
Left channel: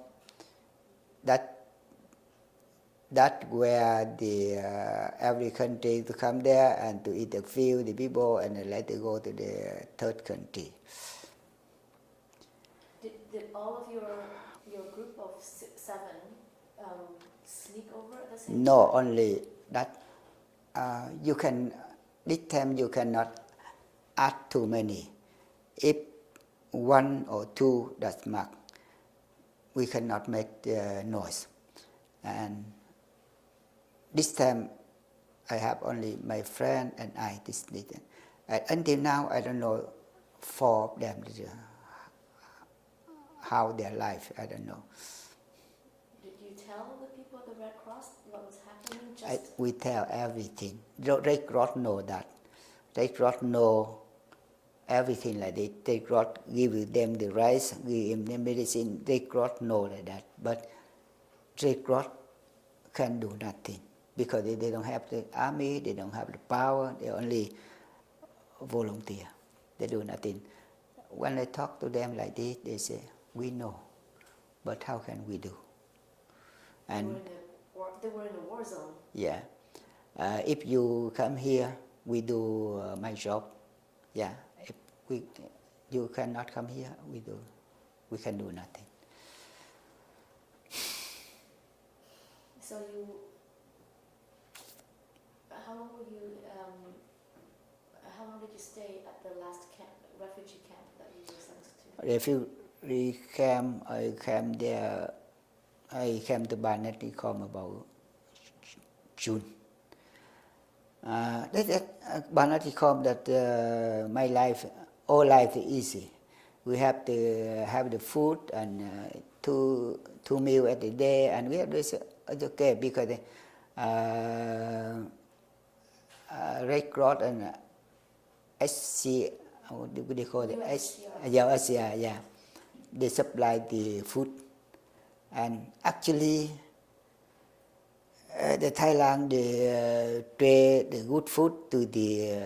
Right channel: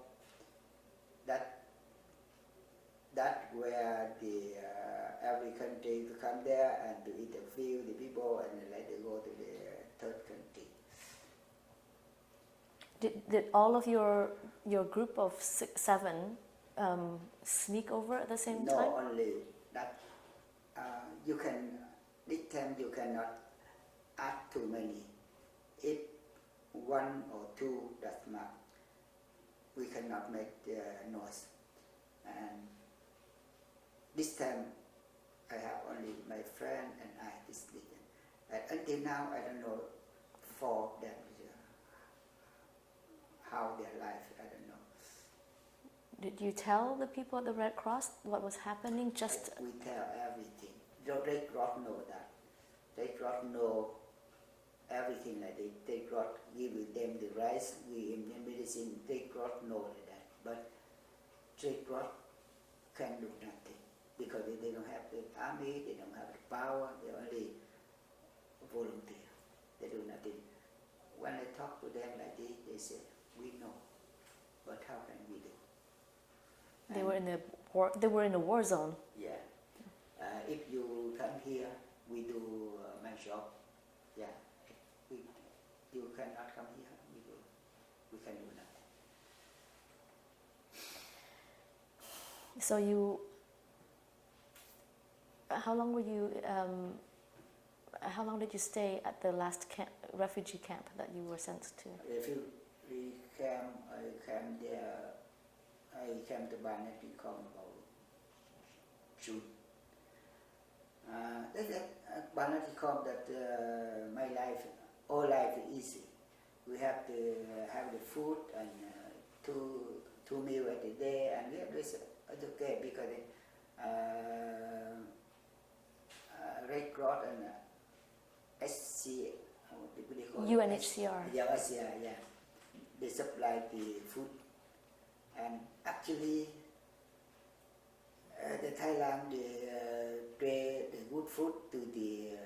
that where the every country to come there and to interview the people and then later go to the third country. Did all of your group of 7 sneak over at the same time? No, only that you can. This time you cannot add too many. If 1 or 2 that's marked, we cannot make the noise. And this time I have only my friend and I this little. And until now I don't know 4 of them how their life, I don't know. Did you tell the people at the Red Cross what was happening? We tell everything. The Red Cross know that. Red Cross know everything like that. Red Cross give them the rice, give them medicine. Red Cross know like that. But Red Cross can do nothing because they don't have the army, they don't have the power, they only volunteer. They do nothing. When I talk to them like this, they say, we know, but how can we do? And they were in a war zone. Yeah. If you come here, we do my job. Yeah. If you cannot come here, we can do nothing. So how long were you? How long did you stay at the last refugee camp that you were sent to? Refugee camp, I came there. I came to Banat Nikhom about June. Banat Nikhom that my life, all life is easy. We have to have the food and 2 meals at the day, and we have this. It's okay because Red Cross and SC, what do they call it? UNHCR. Yeah. They supply the food. And actually, the Thailand they trade the good food to the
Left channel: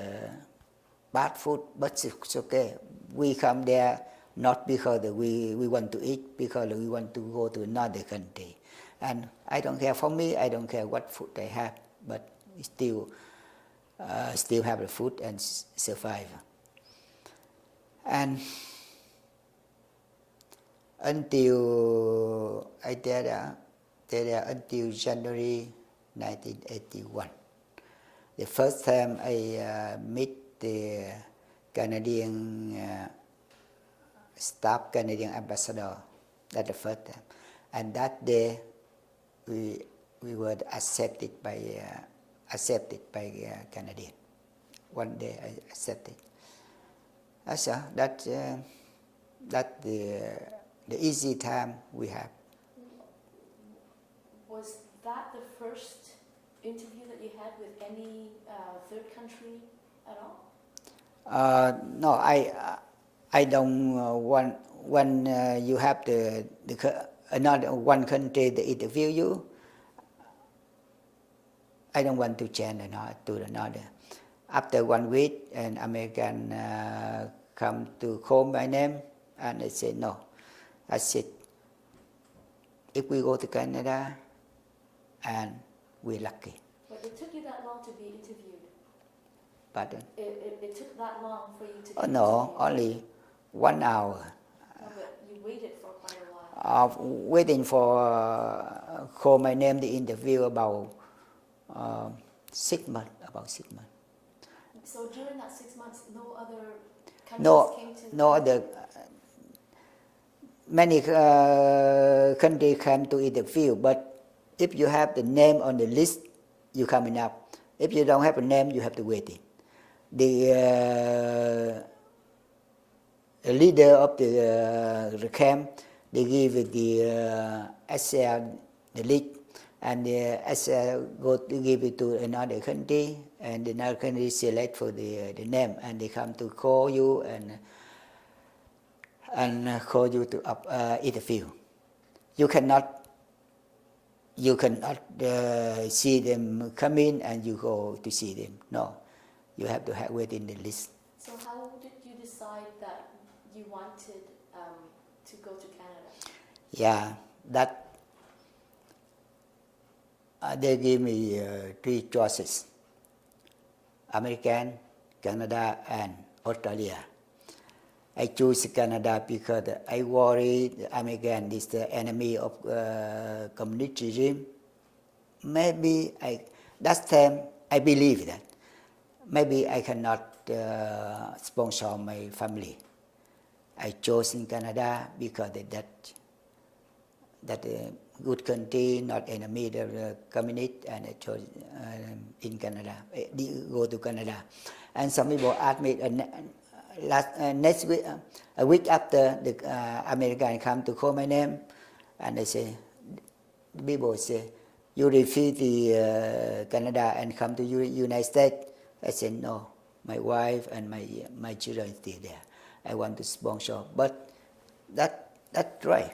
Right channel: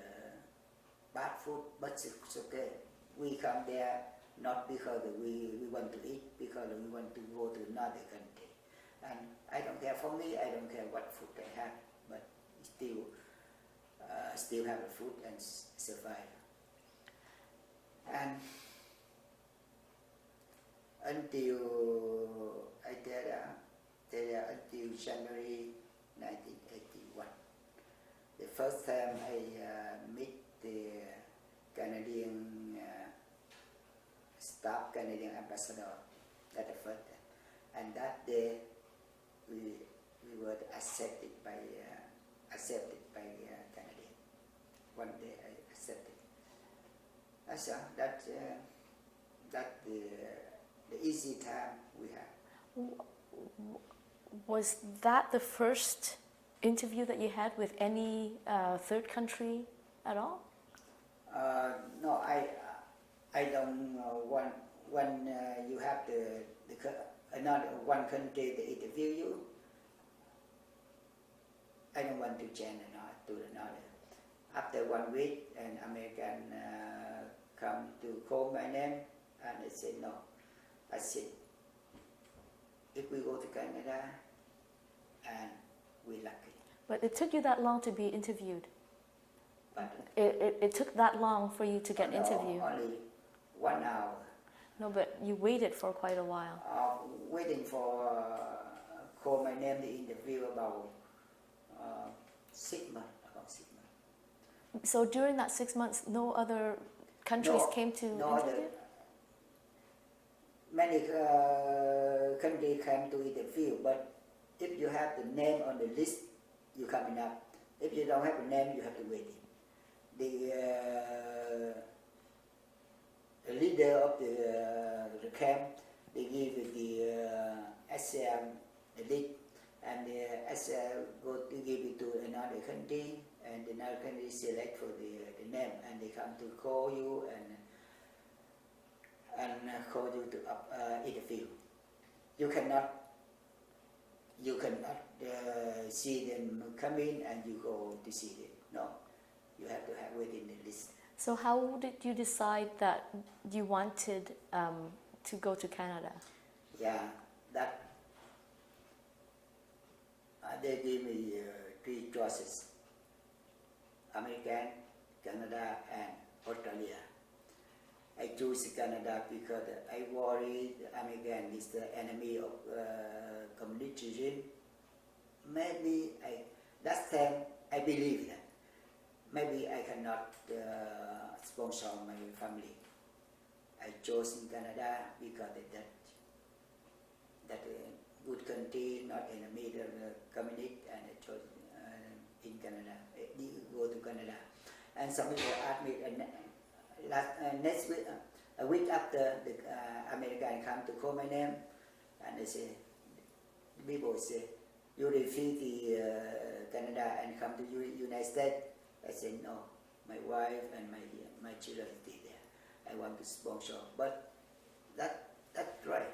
bad food, but it's okay. We come there not because we want to eat, because we want to go to another country. And I don't care, for me, I don't care what food I have, but still have the food and survive. And until I stayed there until January 1981. The first time I meet the Canadian staff, Canadian ambassador. That's the first time, and that day we were accepted by Canadian. One day I accepted. That's the easy time we have. Was that the first interview that you had with any third country at all? No, I don't want when you have another one country to interview you. I don't want to change to another. After 1 week, an American come to call my name, and I say no. I said, if we go to Canada, and we're lucky. But it took you that long to be interviewed? Pardon? It took that long for you to get No, interviewed? only 1 hour. No, but you waited for quite a while. Waiting for call my name the interview about 6 months. About 6 months. So during that 6 months, no other countries No, came to no other. interview? Many countries come to interview, but if you have the name on the list, you coming up. If you don't have a name, you have to wait. The leader of the camp, they give the SL the lead, and the SL go to give it to another country, and another country select for the name, and they come to call you and call you to interview. You cannot see them come in and you go to see them. No, you have to wait in the list. So how did you decide that you wanted to go to Canada? Yeah, that they give me 3 choices: American, Canada, and Australia. I choose Canada because I worry the American is the enemy of communist regime. Maybe that time I believe that maybe I cannot sponsor my family. I chose in Canada because that good country, not enemy of the communist, and I chose in Canada. Go to Canada, and some people asked me next week, a week after the American come to call my name, and they say, people say, you refuse the Canada and come to United States. I said no. My wife and my children still there. I want to sponsor, but that's right.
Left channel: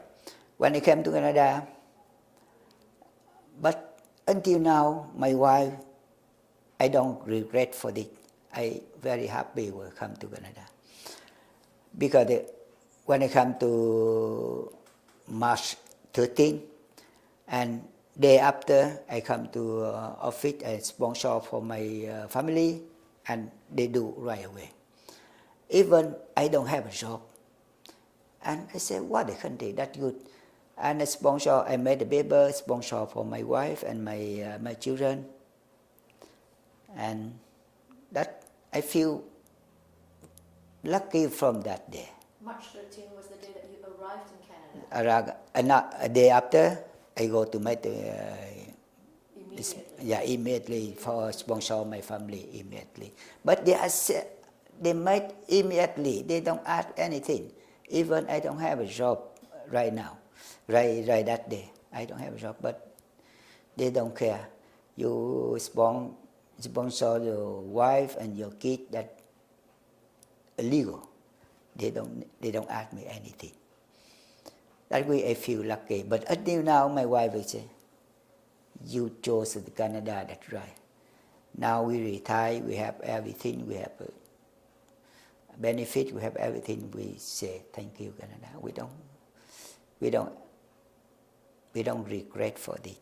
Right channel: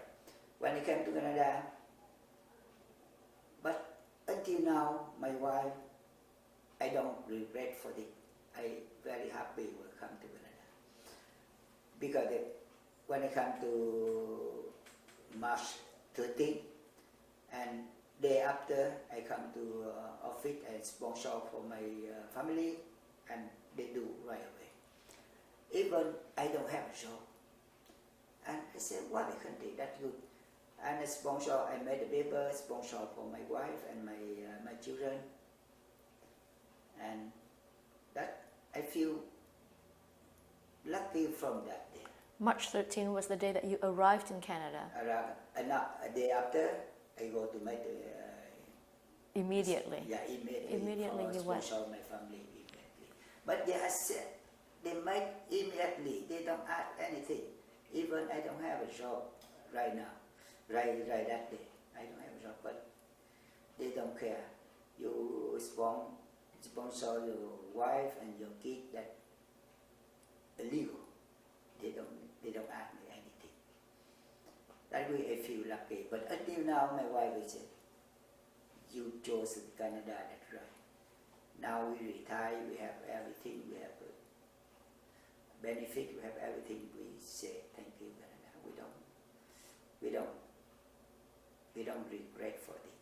When I came to Canada, but until now, my wife, I don't regret for it. I very happy will come to Canada because when I come to March 13, and day after I come to office and sponsor for my family, and they do right away. Even I don't have a job, and I say, what a country, that's good. And I sponsor, I made a paper sponsor for my wife and my children, and that I feel lucky from that day. March 13 was the day that you arrived in Canada. A day after, I go to make the Immediately. Immediately for sponsor my family immediately. But they make immediately. They don't ask anything. Even I don't have a job right now, right that day. I don't have a job, but they don't care. You sponsor your wife and your kid, that illegal. They don't ask me anything. That way I feel lucky. But until now, my wife will say, you chose Canada, that's right. Now we retire, we have everything, we have a benefit, we have everything. We say thank you, Canada. We don't regret for it.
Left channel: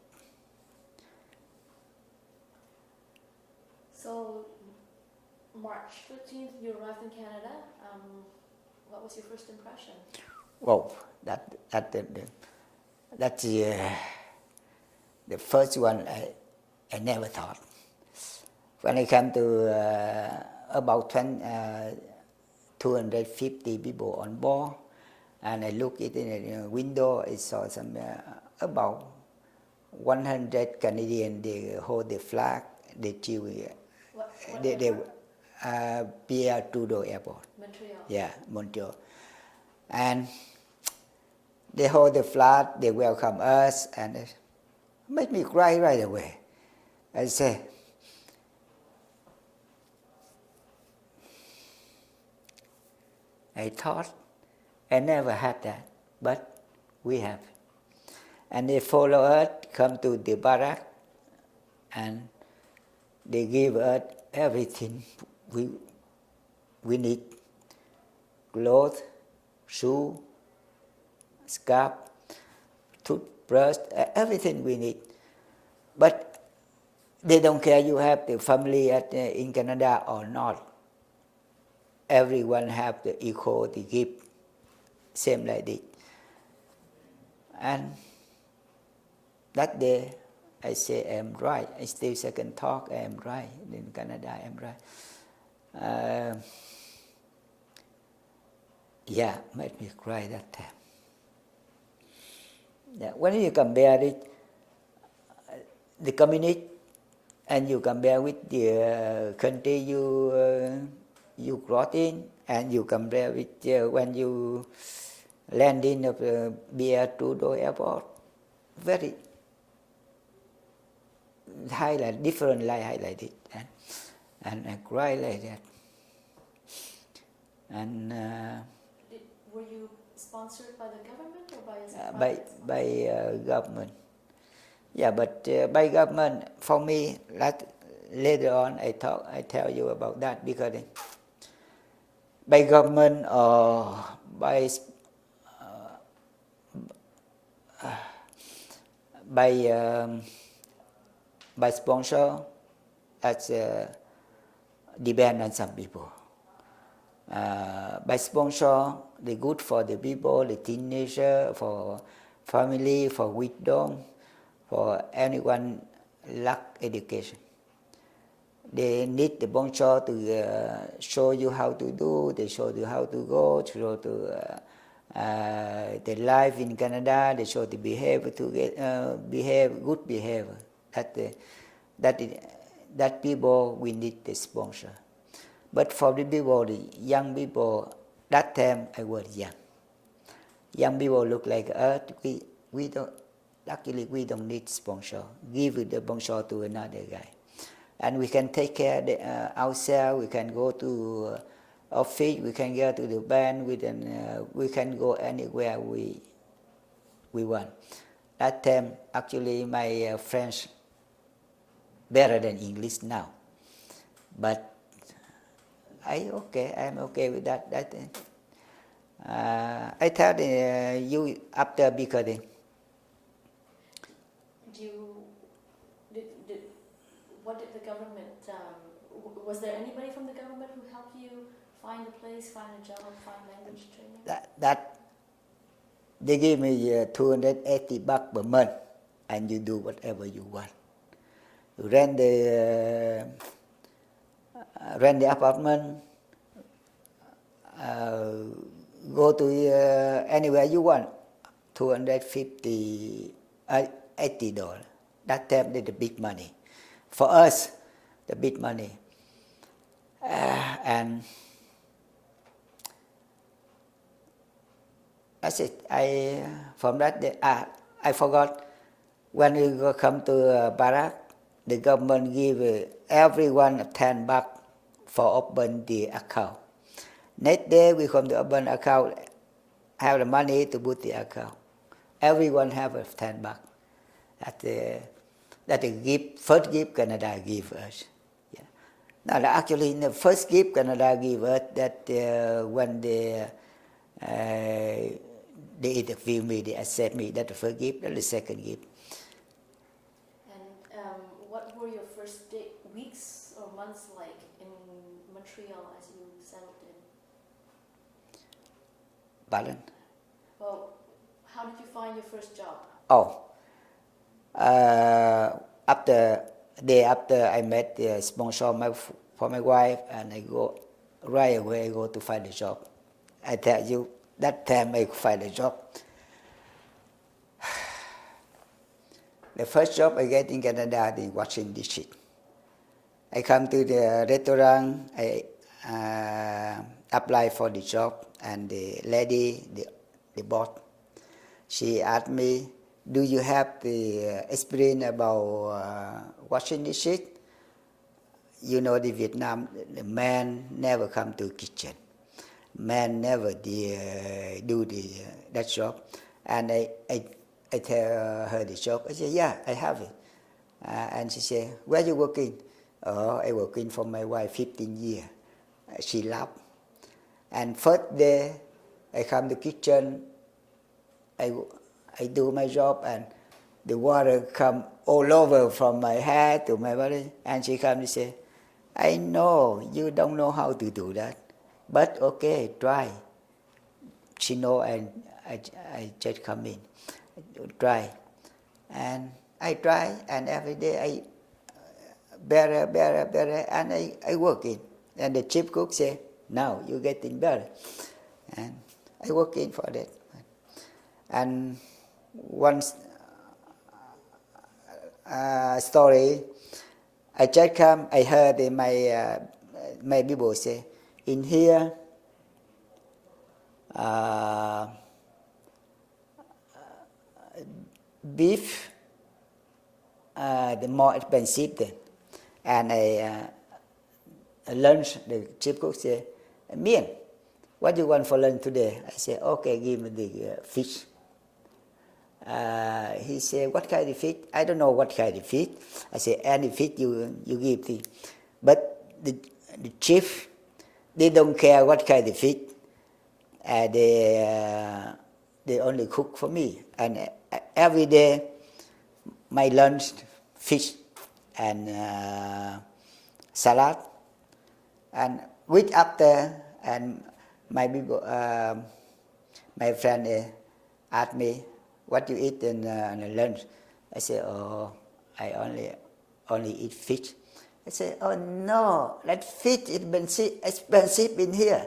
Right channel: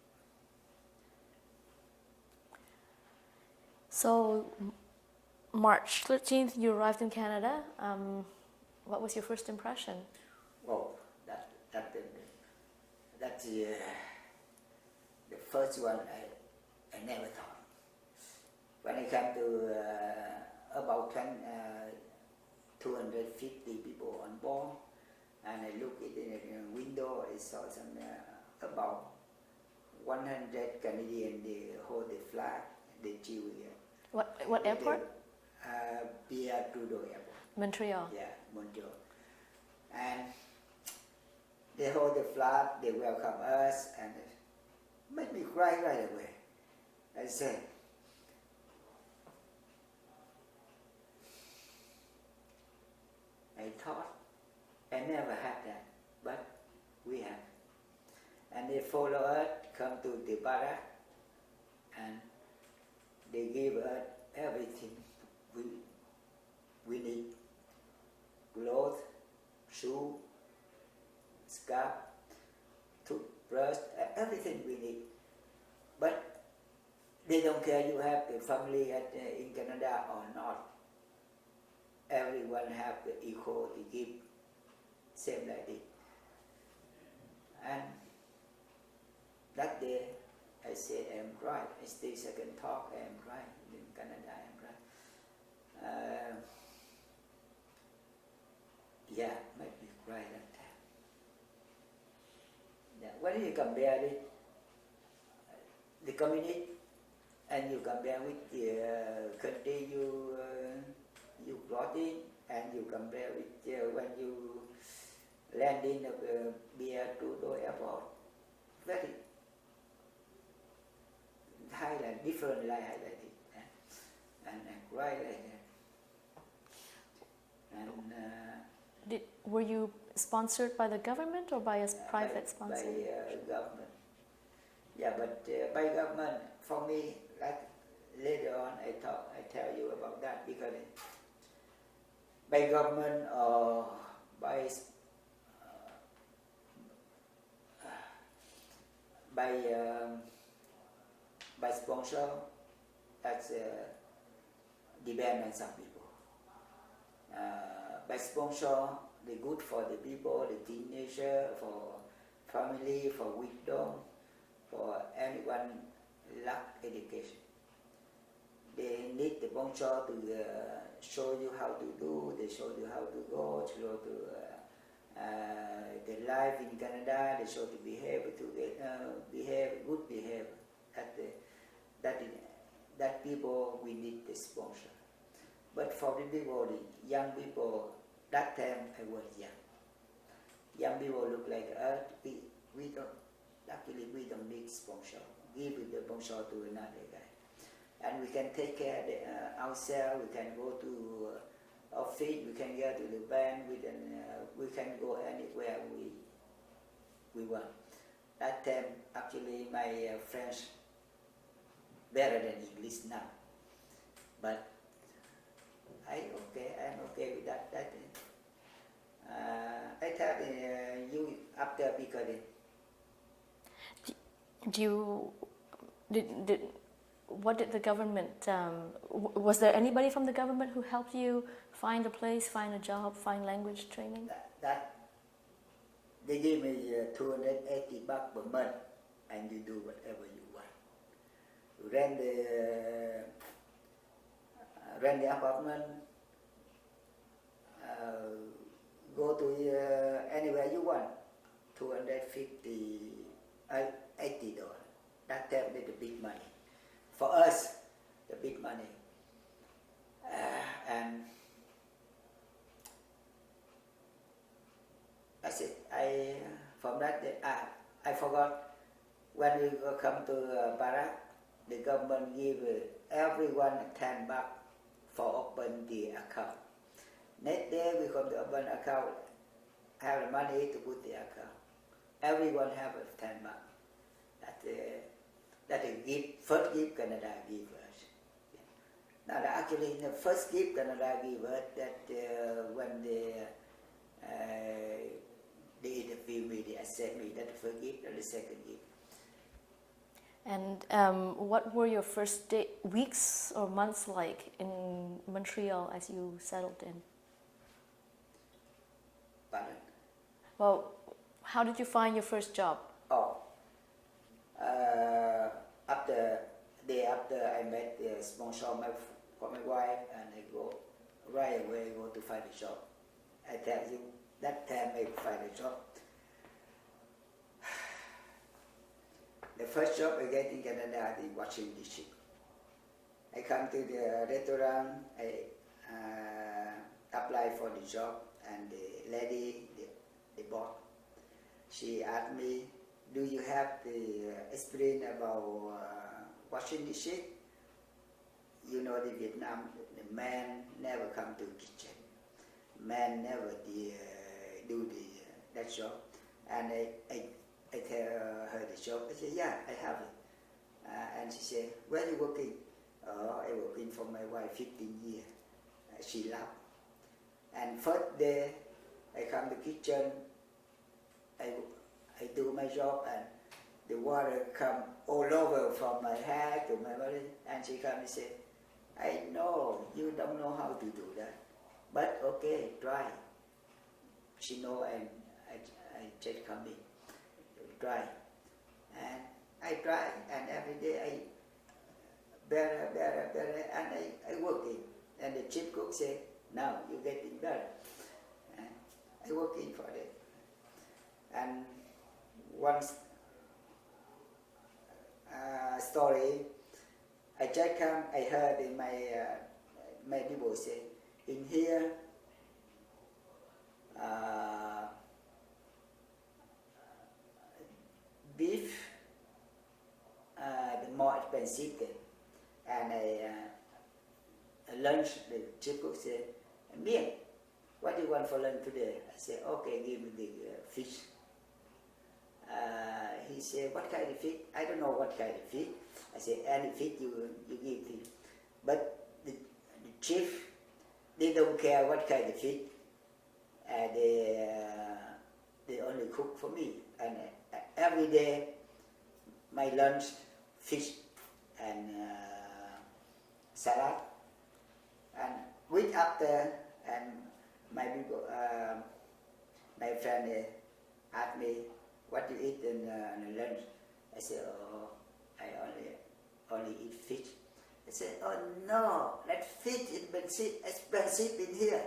So, March 13th, you arrived in Canada. What was your first impression? Well, that's the first one I never thought. When I came to about 250 people on board, and I looked in the window, I saw some about 100 Canadians. They hold the flag, they cheer. What airport? Pierre Trudeau Airport. Montreal. Yeah, Montreal. And they hold the flag, they welcome us, and it made me cry right away. I say, I thought I never had that, but we have. And they follow us, come to the barrack, and they give us everything we need: clothes, shoe, scarf, toothbrush, everything we need. But they don't care you have the family in Canada or not. Everyone have the equal to give, same like this. And that day, I say I'm right. I still second talk, I am right. In Canada, I am right. Yeah, made me cry that time. Yeah, when you compare it, the community, and you compare with the country you brought in, and you compare with when you land in the Trudeau airport, very highlight, different light highlighted, and I cry like that. And were you sponsored by the government or by a private sponsor? By government. Yeah, but by government, for me, later on I tell you about that, because by government or by sponsor, that's depend on some people. By sponsor, they good for the people, the teenager, for family, for widow, for anyone lack education. They need the sponsor to show you how to do, they show you how to go, show to the life in Canada, they show the behavior to get good behavior. That people we need the sponsor. But for the people, the young people, that time I was young. Young people look like us. We don't. Luckily, we don't need sponsor. Give the sponsor to another guy, and we can take care of ourselves. We can go to office. We can go to the band. We can go anywhere we want. That time, actually, my French better than English now, but I'm okay with that. I tell you after, because what did the government? Was there anybody from the government who helped you find a place, find a job, find language training? That they give me $280 per month, and you do whatever you want. You rent the apartment, go to anywhere you want. $250, $80. That time is the big money. For us, the big money. And that's it. From that day, I forgot, when we come to Barak, the government give everyone $10 for open the account. Next day we come to open account, have the money to put the account. Everyone have $10. That the gift, first gift Canada give us. Yeah. Now actually, the first gift Canada give us, that when they interview me, they accept me. That's the first gift. That's the second gift. And what were your first weeks or months like in Montreal as you settled in? Pardon? Well, how did you find your first job? After I met the sponsor for my wife, and I go right away. I go to find a job. I tell you, that time I find a job. The first job I get in Canada is washing dishes. I come to the restaurant, I apply for the job, and the lady, the boss, she asked me, do you have the experience about washing dishes? You know, the Vietnam, the man never come to kitchen. Man never do that job. And I tell her the job. I say, yeah, I have it. And she said, where are you working? Oh, I working for my wife 15 years. She laughed. And first day, I come to kitchen, I do my job, and the water come all over from my head to my body. And she comes and say, I know you don't know how to do that, but okay, try. She know, and I just come in, try. And I try, and every day I better, and I work in. And the chief cook say, now you getting better. And I work in for that. And one story, I just come, I heard in my people say, in here, beef, the more expensive then. And I lunch, the chief cook say, Mien, what do you want for lunch today? I say, okay, give me the fish. He said, what kind of fish? I don't know what kind of fish. I say, any fish you give me. But the chief, they don't care what kind of fish. They only cook for me. And every day, my lunch, fish and salad. And week after, and my people, my friend asked me, what you eat in lunch? I say, oh, I only eat fish. I say, oh no, that fish is expensive in here.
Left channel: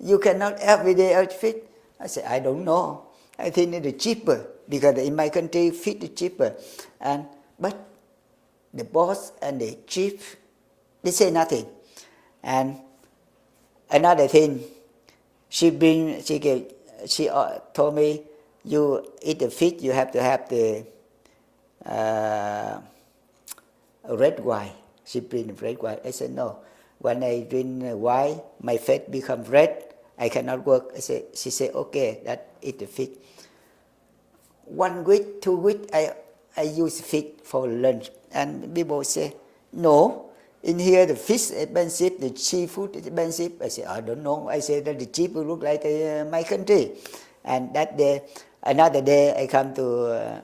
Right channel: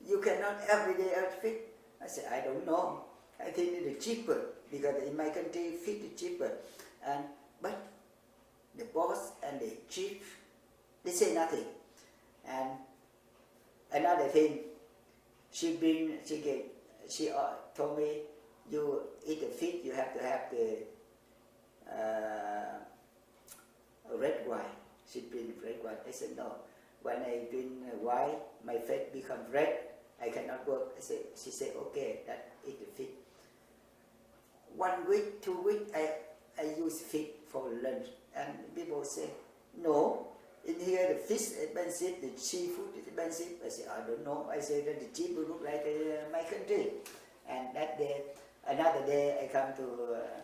You cannot every day eat fish. I say, I don't know. I think it is cheaper because in my country fish is cheaper. But the boss and the chief, they say nothing. And another thing, she told me, you eat the fish, you have to have the red wine. She bring red wine. I said, no. When I drink wine, my face becomes red. I cannot work. She said, okay, eat the fish. 1 week, 2 weeks, I use fish for lunch. And people say, no, in here the fish is expensive, the seafood is expensive. I say, I don't know. I say that the cheap will look like my country. And that day, another day, I come to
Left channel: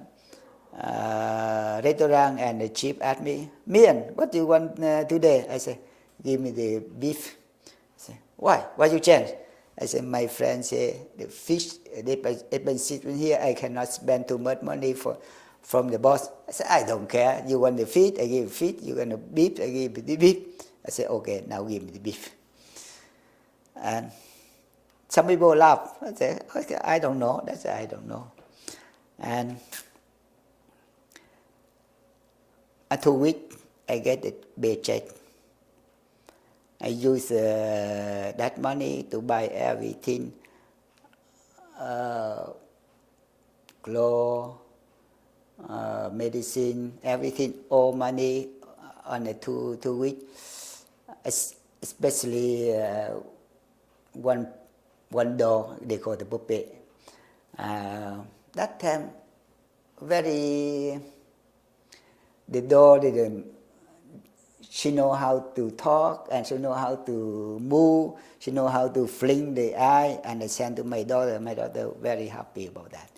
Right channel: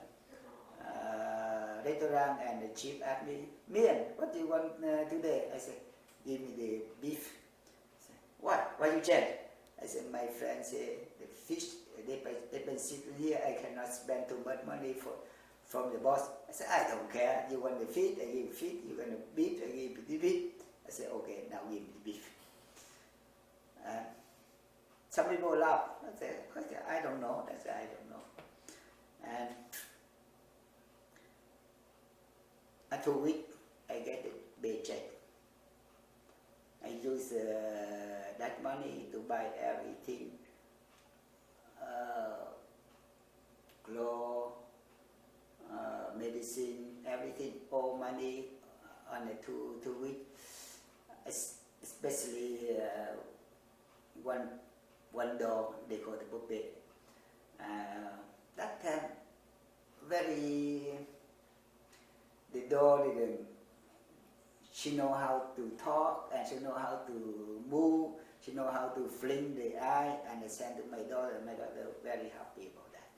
restaurant and the chief asked me, Mien, what do you want today? I say, give me the beef. I say, why? Why you change? I say, my friend say, the fish, they expensive in here. I cannot spend too much money from the boss. I said, I don't care. You want the fish, I give you fish. You want the beef, I give you the beef. I said, okay, now give me the beef. And some people laugh. I say, okay, I don't know. That's I don't know. And after 2 weeks, I get the paycheck. I use that money to buy everything, clothes, medicine, everything, all money on the 2 weeks. Especially one door, they call the puppet. That time, the door didn't. She know how to talk, and she know how to move. She know how to fling the eye, and I sent to my daughter. My daughter very happy about that,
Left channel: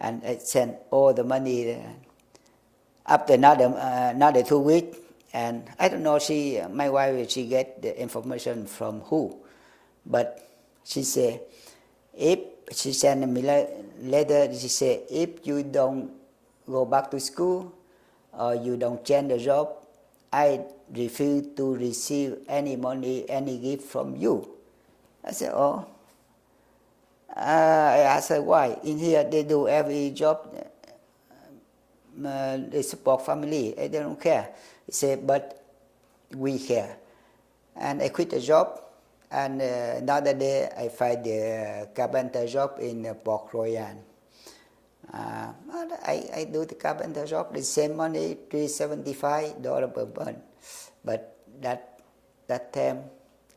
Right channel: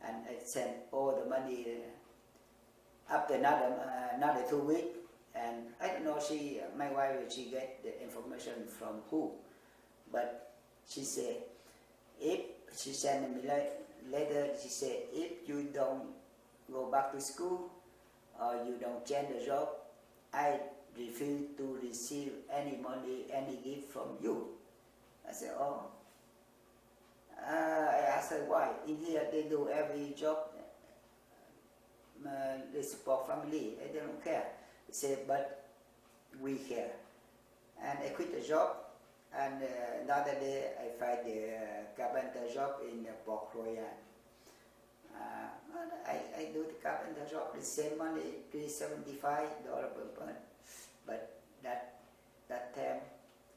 and I sent all the money. After another 2 weeks, and I don't know. My wife, she get the information from who, but she say, if she sent me letter, she say, if you don't go back to school or you don't change the job, I refuse to receive any money, any gift from you. I said, oh. I asked her why. In here they do every job. They support family. They don't care. He said, but we care. And I quit the job. And another day I find the carpenter job in Port Royal. I do the carpenter job, the same money, $375 per month. But that time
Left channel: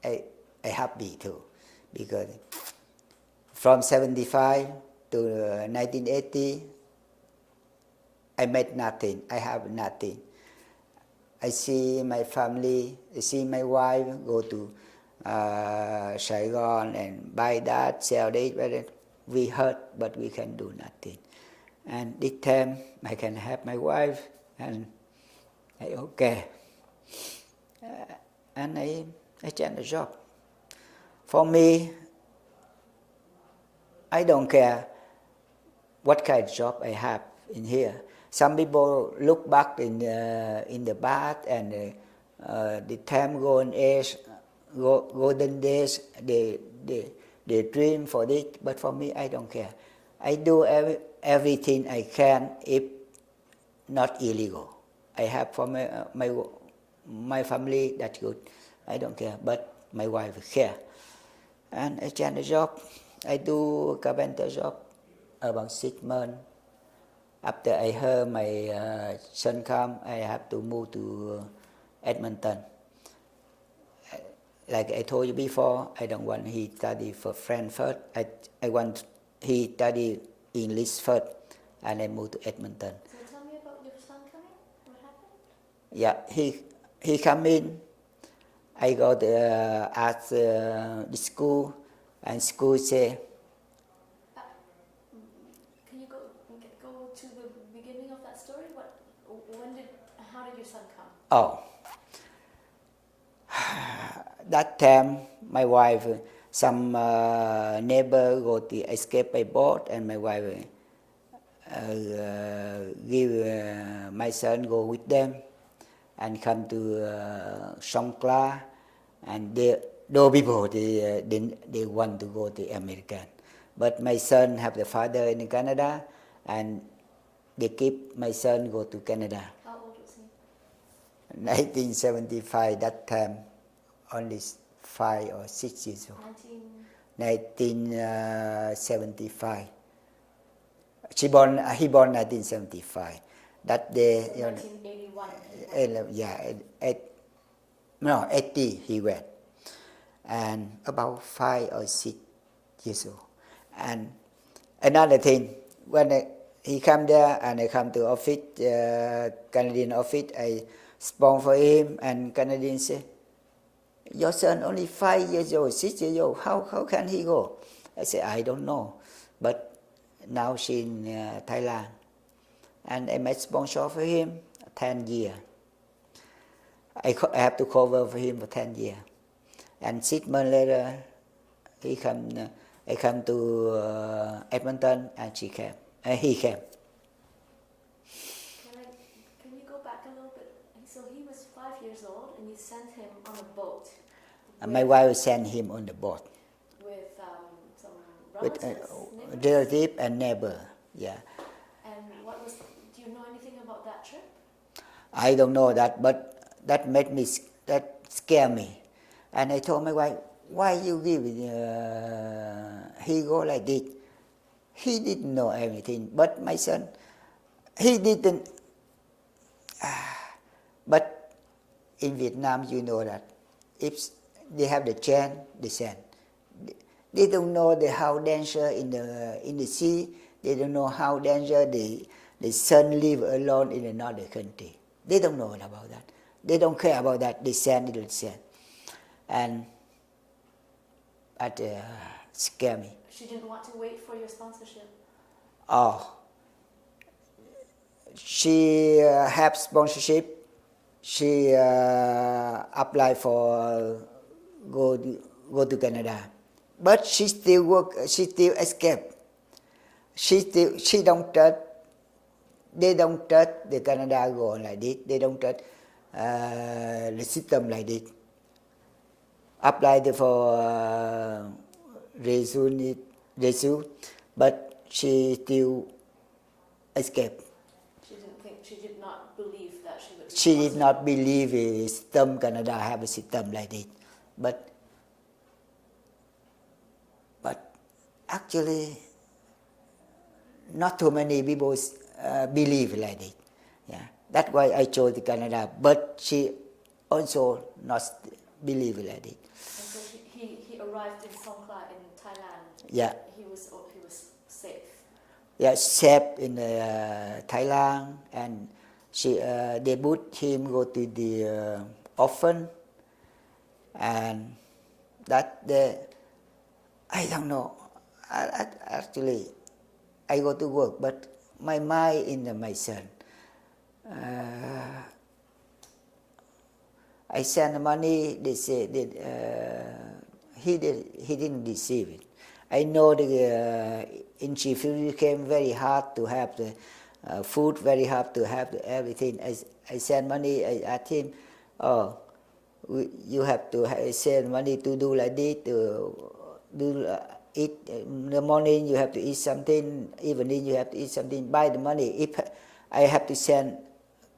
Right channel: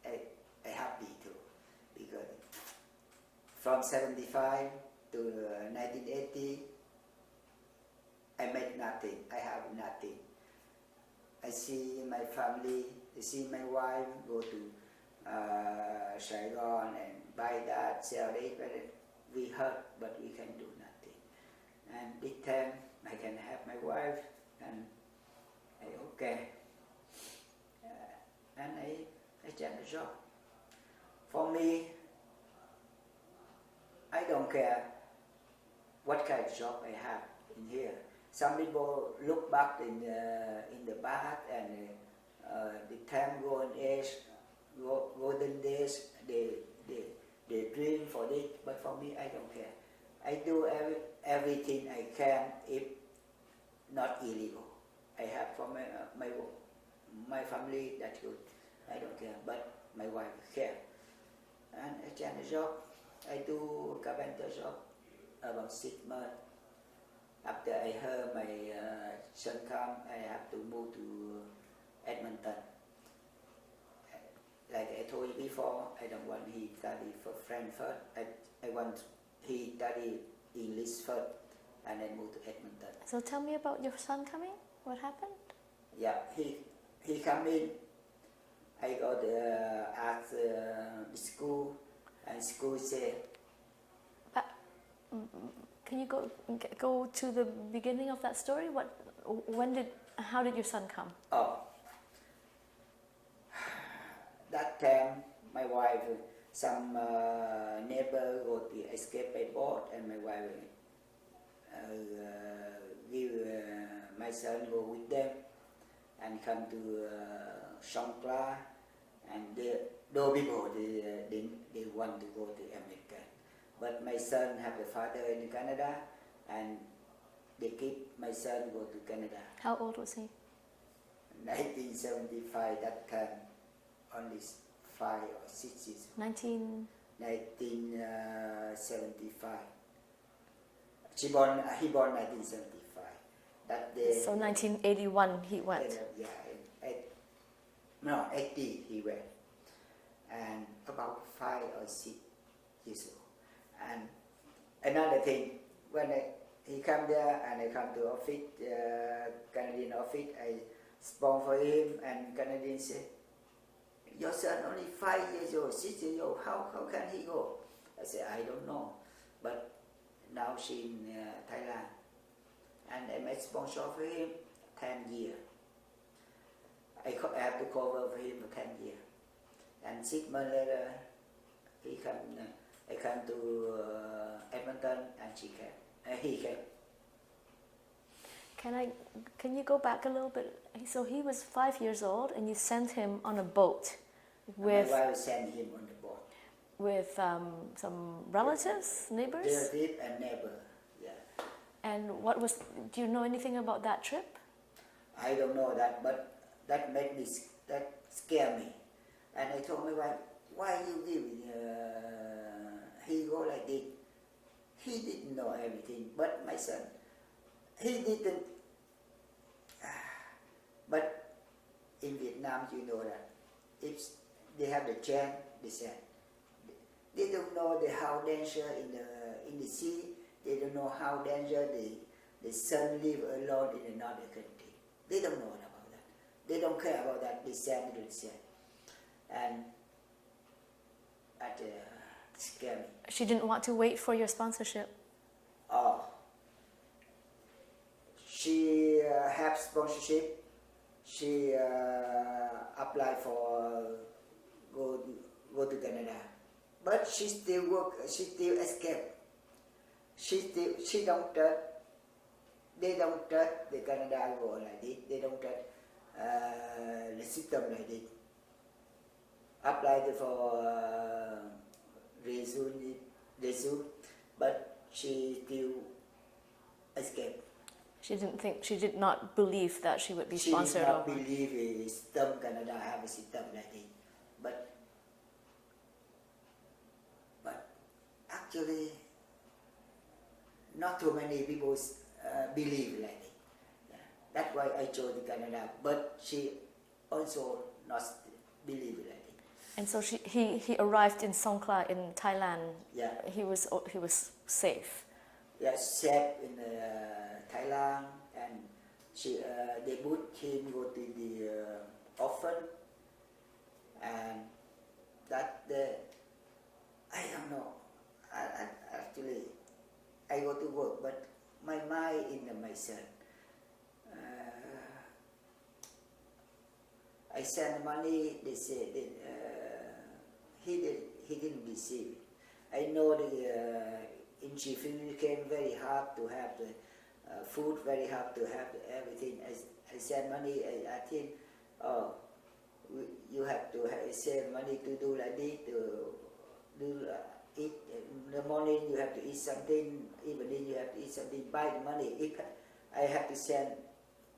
I happy too, because from 75 to 1980 I made nothing. I have nothing. I see my family, I see my wife go to Saigon and buy that, sell it. We hurt, but we can do nothing. And this time I can have my wife, and I okay. And I change the job. For me, I don't care what kind of job I have in here. Some people look back in the past and the time golden days, they dream for this. But for me, I don't care. I do everything I can if not illegal. I have for my family, that's good. I don't care, but my wife care. And I change the job. I do a carpenter job about 6 months. After I heard my son come, I have to move to Edmonton. Like I told you before, I don't want he study for French first. I want he study English first, and I move to Edmonton. So tell me about your son coming. What happened? Yeah, he come in. I go to ask the school, and school say. Can you go to the beginning of that story? How did your son come? Oh, that time my wife, some neighbor go to escape by boat, and my wife give my son go with them, and come to Songkla, and those people they want to go to America. But my son have the father in Canada, and they keep my son go to Canada. How old was he? 1975, that time, only 5 or 6 years old. 1975. He born 1975. That day. So 1981 he went. Yeah, 80 he went, and about 5 or 6 years old. And another thing, when he come there and I come to office, Canadian office, I sponsor him, and Canadian say, your son only 5 years old, 6 years old, how can he go? I say, I don't know, but now she's in Thailand, and I made sponsor for him 10 years. I have to cover for him for 10 years, and 6 months later, I come to Edmonton, and he came. Can you go back a little bit? So he was 5 years old, and you sent him on a boat. My wife sent him on the boat. With some relatives, neighbors? Relative and neighbor, yeah. And do you know anything about that trip? I don't know that, but that scare me. And I told my wife, why you give he go like this? He didn't know everything, but my son, he didn't. But in Vietnam, you know that if they have the chance, they send. They don't know how danger in the sea. They don't know how danger the son live alone in another country. They don't know about that. They don't care about that. They send, and that scare me. She didn't want to wait for your sponsorship. Oh, she have sponsorship. She apply for go to Canada, but she still work. She still escape. She don't trust. They don't trust the Canada go on like this. They don't trust the system like this. Apply for resume, but she still escape. She did not believe that she would be She sponsored. did not believe a system, Canada have a system like this. But actually, not too many people believe like this. Yeah, that's why I chose Canada. But she also not believe like this. And so he arrived in Songkla in Thailand. Yeah. He was safe. Yeah, safe in Thailand, and they put him go to the orphan, and that day, I don't know. Actually, I go to work, but my mind in my son. I send money. They say that he didn't receive it. I know the in Chief it became very hard to have the food, very hard to have everything. I send money. I asked him, oh, you have to send money to do like this, to do eat in the morning. You have to eat something. Evening you have to eat something. Buy the money. If I have to send,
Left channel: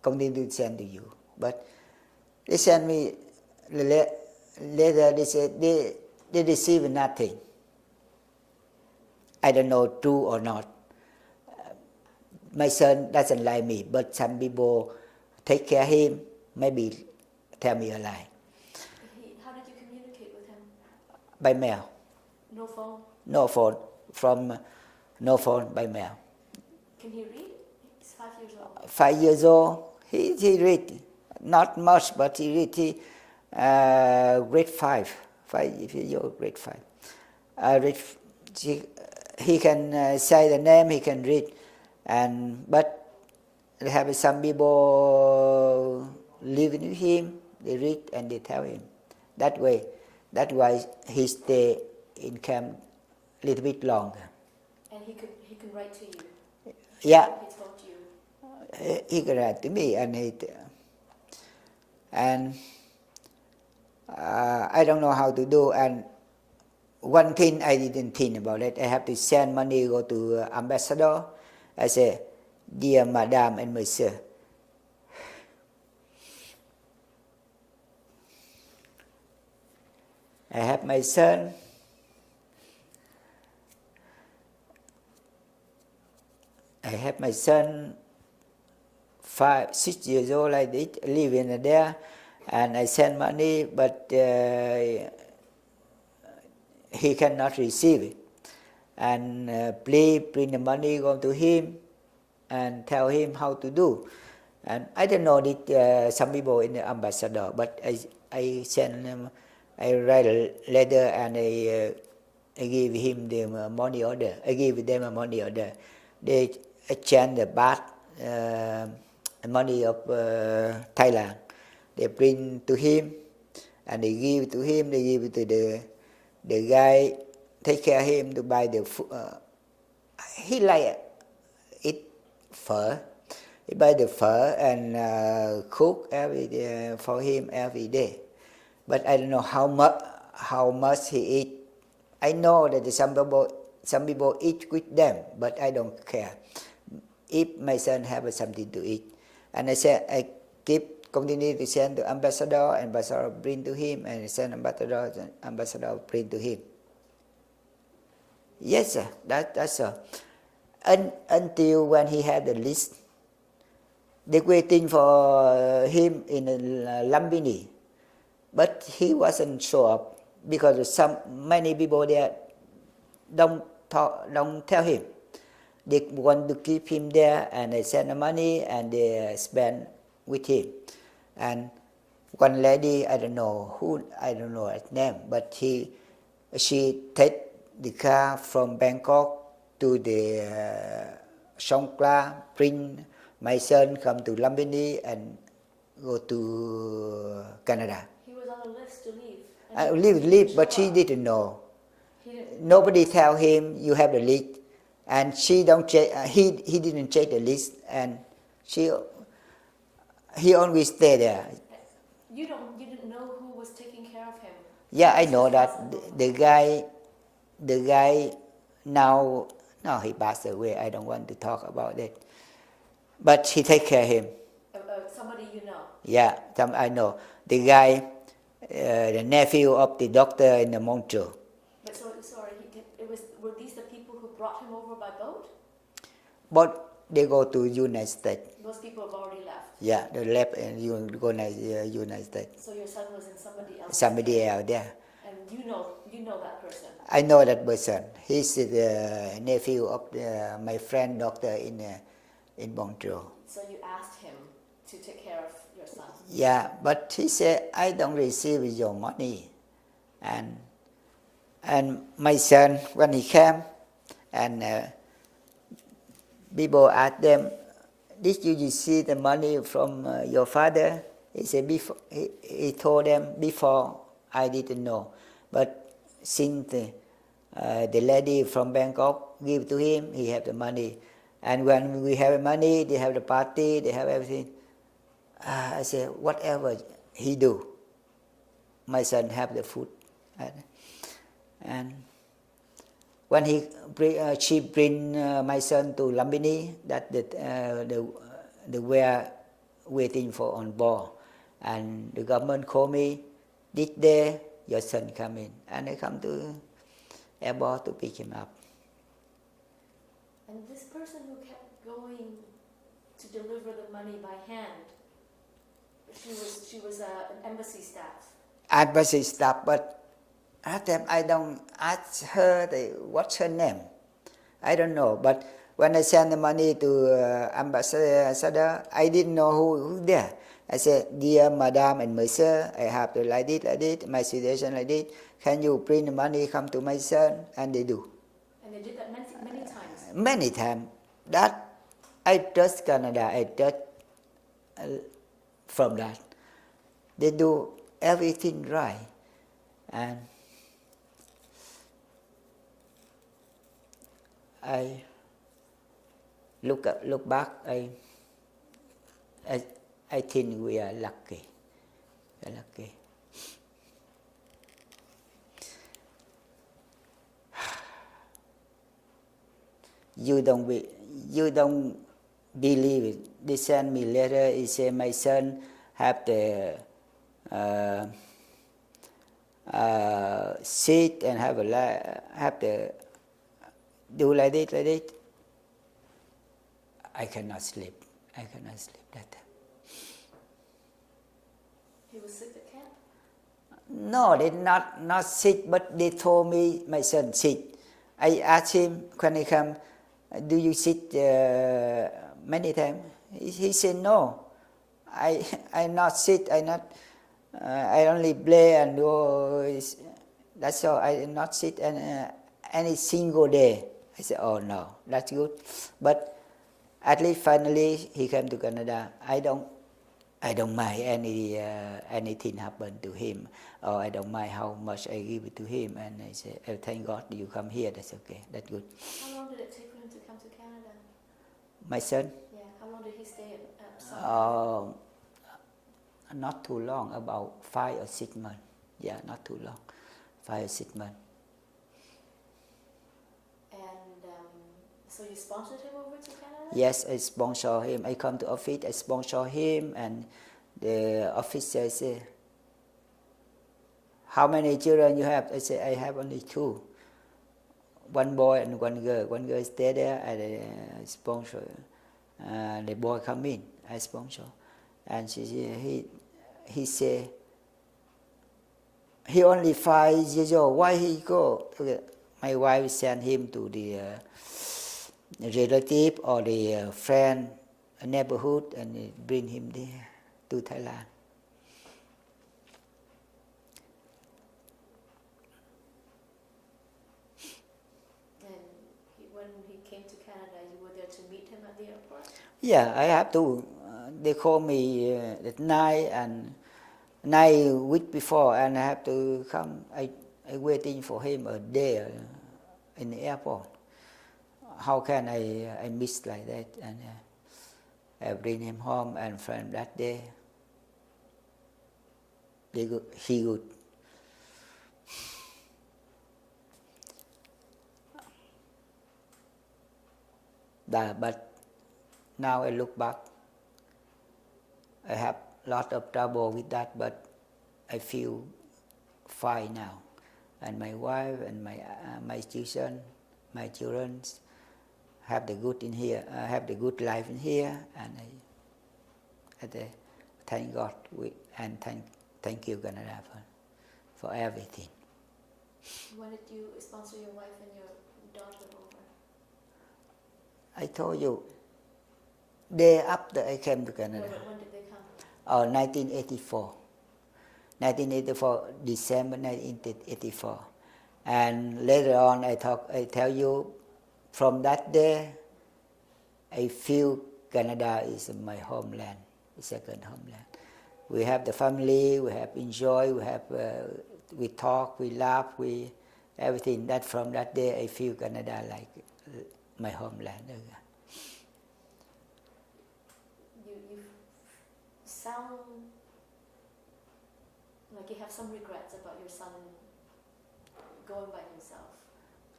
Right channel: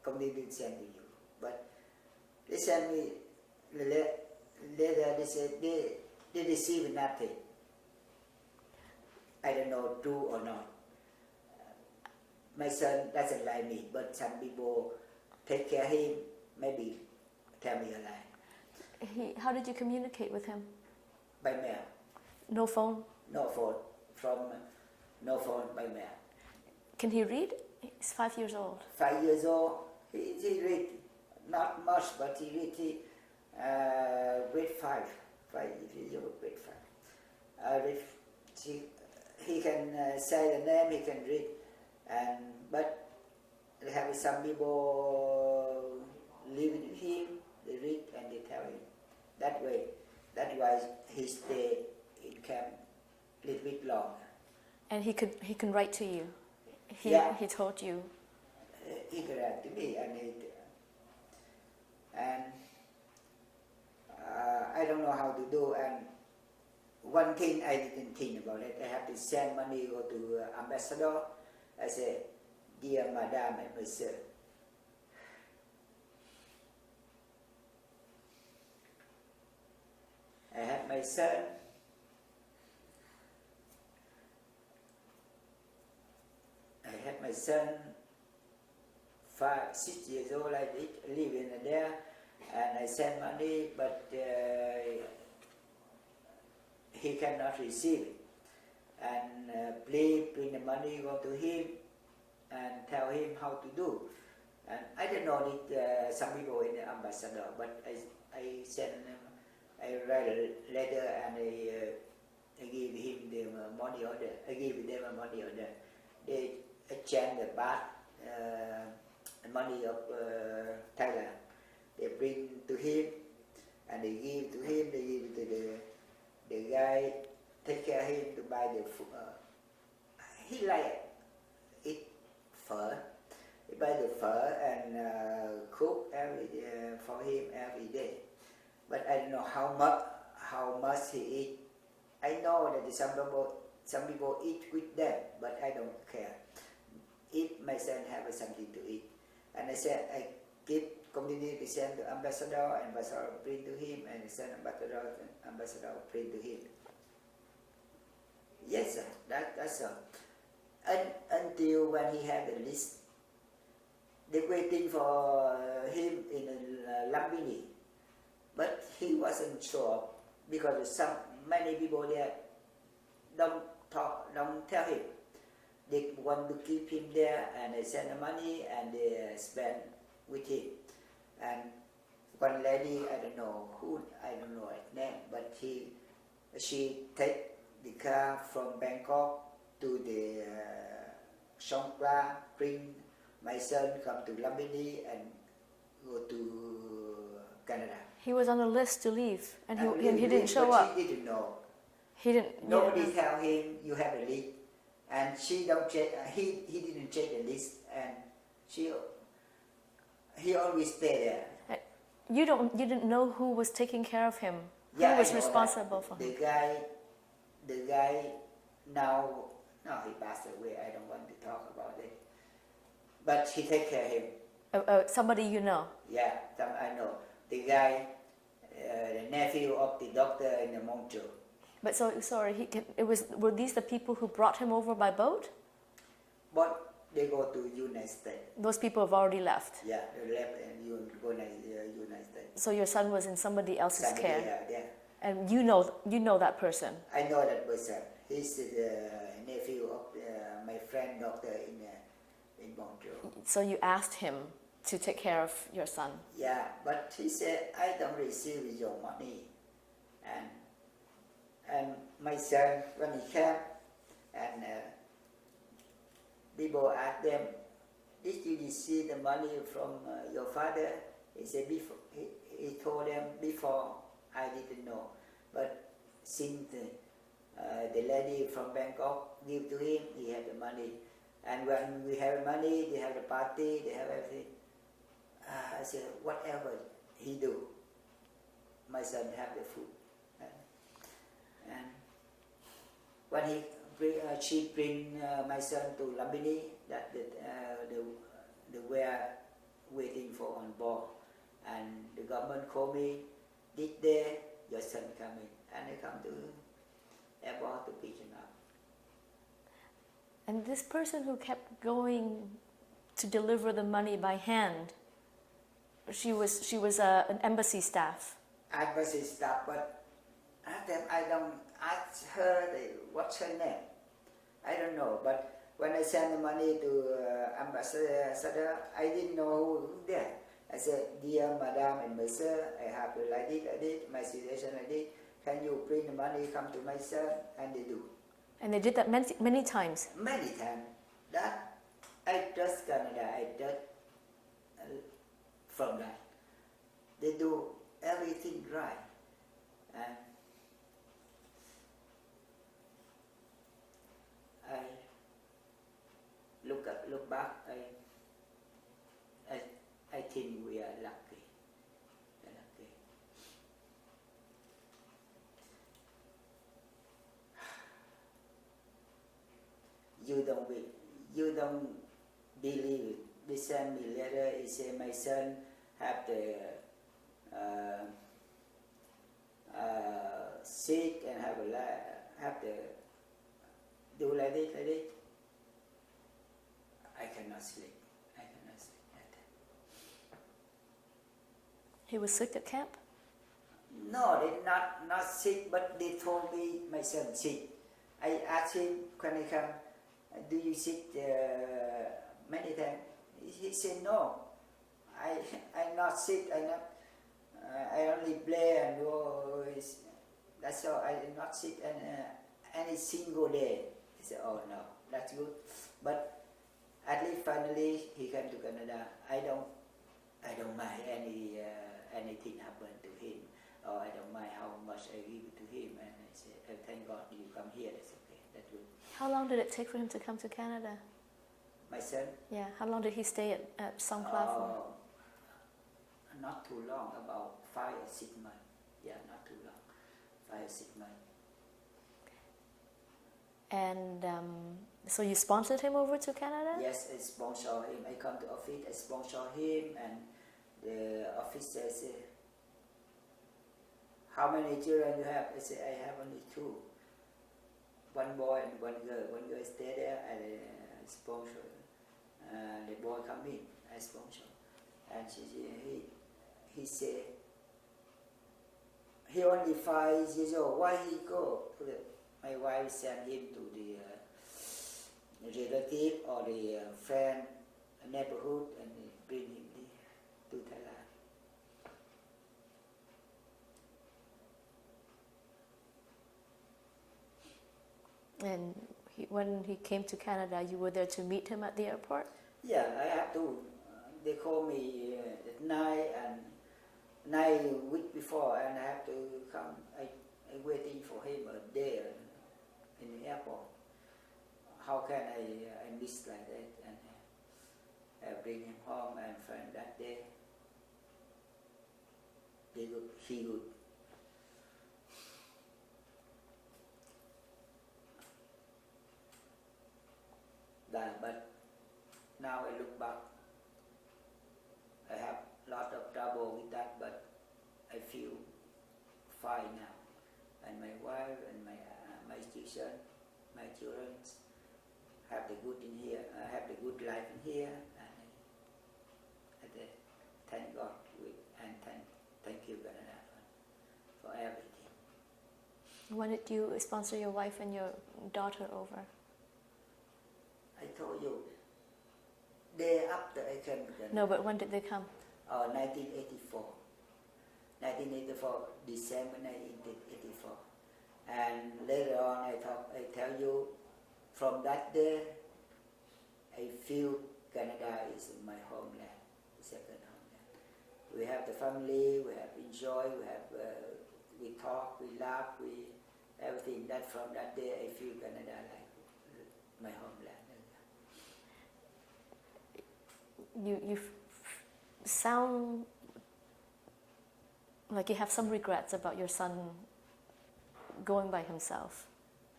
continue to send to you. But they send me later. They said they receive nothing. I don't know true or not. My son doesn't like me, but some people take care of him. Maybe tell me a lie. How did you communicate with him? By mail. No phone? No phone. No phone, by mail. Can he read? He's 5 years old. 5 years old. He read. Not much, but he read. Grade 5. 5 years old, grade 5. He can say the name, he can read. But they have some people living with him, they read and they tell him. That's why he stay in camp a little bit longer. And he can write to you? Yeah. He told you? He can write to me, and I don't know how to do. And one thing I didn't think about it, I have to send money, go to ambassador. I say, dear Madame and Monsieur, I have my son. I have my son, 5, 6 years old, like this, living there, and I send money, but he cannot receive it. And please bring the money, go to him, and tell him how to do. And I don't know that some people in the ambassador, but I send them. I write a letter and I give him the money order. I give them a money order. They exchange the baht money of Thailand. They bring to him and they give it to him. They give it to the guy. Take care of him to buy the food. He like eat pho. He buy the pho and cook every day for him every day. But I don't know how much he eat. I know that some people eat with them, but I don't care. If my son have something to eat, and I said I continue to send to ambassador bring to him, and I send ambassador bring to him. Yes, sir. That's all. Until when he had the list, they waiting for him in Lumbini. But he wasn't show up because many people there don't tell him. They want to keep him there, and they send the money and they spend with him. And one lady, I don't know her name, but she take the car from Bangkok to the Songkla, bring my son come to Lumbini and go to Canada. He was on a list to leave. And leave, but he didn't know. Nobody tell him you have the list, and she don't check. He didn't check the list, and he always stay there. You didn't know who was taking care of him. Yeah, I know that the guy now he passed away. I don't want to talk about it, but he take care of him. Somebody you know? Yeah, I know. The guy, the nephew of the doctor in the Montreal. But were these the people who brought him over by boat? But they go to United States. Those people have already left? Yeah, they left and you go to United States. So your son was in somebody else's Somebody else, yeah. And you know that person? I know that person. He's the nephew of my friend doctor in Montreal. So you asked him to take care of your son? Yeah, but he said, I don't receive your money. And my son, when he came, and people ask them, did you see the money from your father? He said, before, he told them, before I didn't know. But since the lady from Bangkok give to him, he have the money. And when we have money, they have the party, they have everything. I said, whatever he do, my son have the food. And when she bring my son to Lumbini, that the were waiting for on board, and the government called me. This day your son come in, and I come to airport to pick him up. And this person who kept going to deliver the money by hand, she was an embassy staff. Embassy staff, but at that time I don't ask her what's her name. I don't know. But when I send the money to ambassador, I didn't know who there. I said, dear madam and monsieur, I have to like this, my situation like this. Can you bring the money, come to my son? And they do. And they did that many times? Many times. That I trust Canada. I trust from that. They do everything right. And I look back, I think we are lucky. We're lucky. You don't believe it. They send me letter. He say my son have the sit and have the do like this. I cannot sleep. That time. He was sick at camp? No, they not sick, but they told me my son sick. I asked him when he come, do you sick many times? He said no. I'm not sick. I only play and do. That's all. I'm not sick any single day. I said, oh no, that's good. But at least finally he came to Canada. I don't mind anything happen to him, or I don't mind how much I give it to him. And I say, oh, thank God you come here. That's okay. That's good. How long did it take for him to come to Canada? My son? Yeah. How long did he stay at Songkhla? Not too long. About 5 or 6 months. Yeah, not too long. 5 or 6 months. And so you sponsored him over to Canada? Yes, I sponsor him. I come to office, I sponsor him, and the officer say, how many children you have? I say, I have only 2. One boy and one girl. One girl stay there, and I sponsor. The boy come in, I sponsor. And he say, he only 5 years old. Why he go? My wife sent him to the relative or the friend neighborhood, and bring him there to Thailand. And when he came to Canada, you were there to meet him at the airport? Yeah, I have to. They call me at night and 9 weeks before, and I have to come. I waiting for him a day in the airport. How can I miss like that? And I bring him home, and from that day, he good. But now I look back, I have a lot of trouble with that, but I feel fine now. And my wife and my children have the good in here. I have the good life in here, and I thank God and thank you, Canada, for everything. When did you sponsor your wife and your daughter over? I told you, day after I came to Canada. No, but when did they come? 1984. 1984, December 1984. And later on, I tell you, from that day, I feel Canada is my homeland, second homeland. We have the family, we have enjoy, we talk, we laugh, we everything. That from that day I feel Canada like my homeland. You sound like you have some regrets about your son going by himself.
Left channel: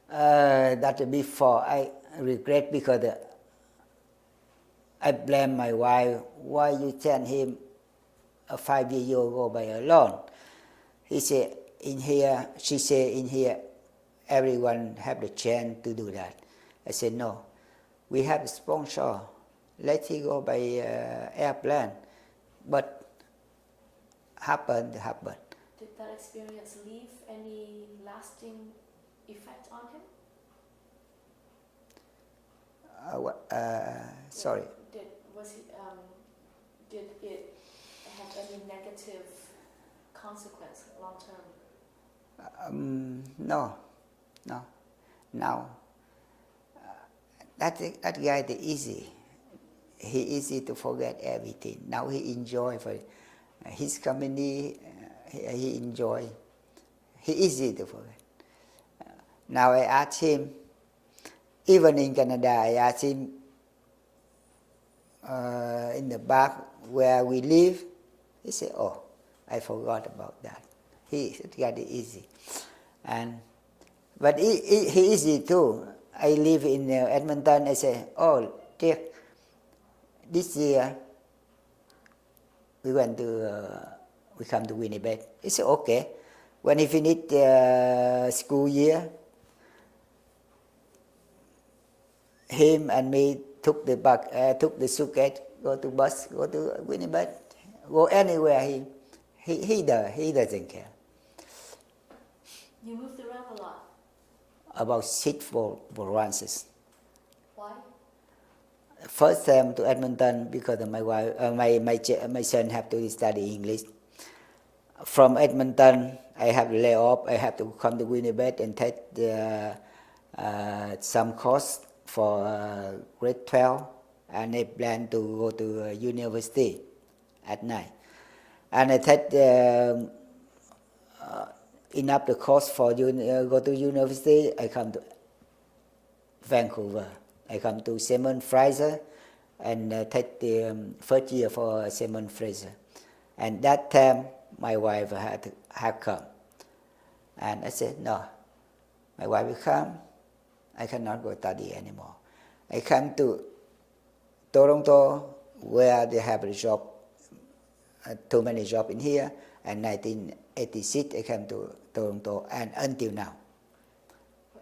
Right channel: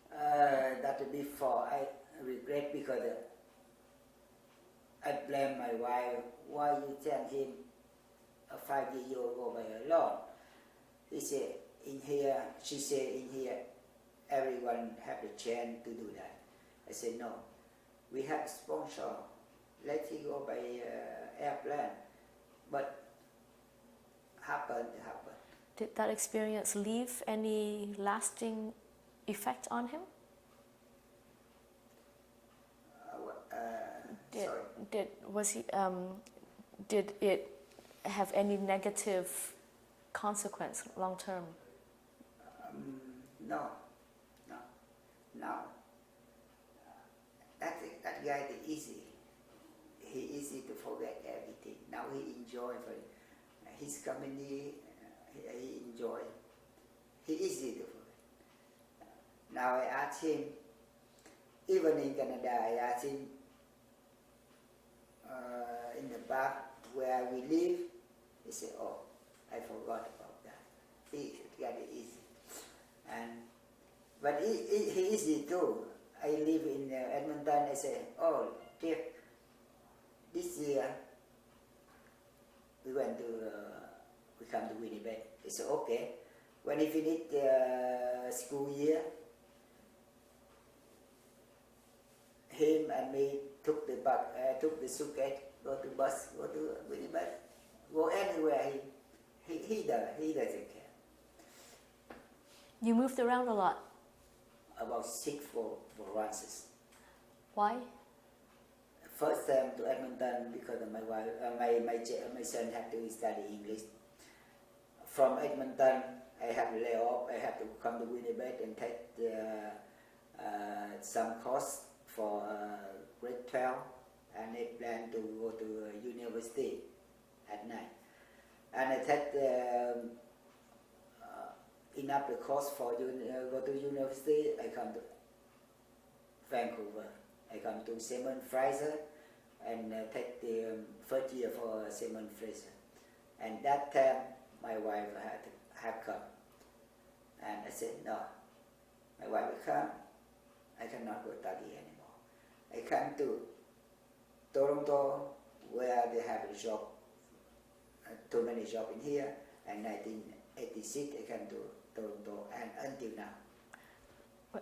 That before I regret because I blame my wife. Why you send him a 5 years ago by alone? He said in here. She said in here, everyone have the chance to do that. I said no. We have a sponsor. Let him go by airplane. But happened. Did that experience leave any lasting effect on him? Sorry. Did it have any negative consequence long term? No. Now, that guy is easy. He easy to forget everything. Now he enjoy for his company. He enjoy. He easy to forget. Now I ask him. Even in Canada, I ask him in the back where we live. He said, "Oh, I forgot about that." He got it easy, but he easy too. I live in Edmonton. I say, "Oh, Jeff, this year we come to Winnipeg." He said, "Okay." When he finished school year, him and me took the suitcase, go to bus, go to Winnipeg, go anywhere. He doesn't care. You moved around a lot. About 6 provinces. Why? First time to Edmonton because of my wife. My son have to study English. From Edmonton, I have lay off. I have to come to Winnipeg and take some course for grade 12, and I plan to go to university at night. And I take enough the course for go to university. I come to Vancouver. I come to Simon Fraser and take the first year for Simon Fraser. And that time my wife had come. And I said, no, my wife will come. I cannot go study anymore. I come to Toronto where they have a job, too many jobs in here. And 1986 I came to Toronto and until now.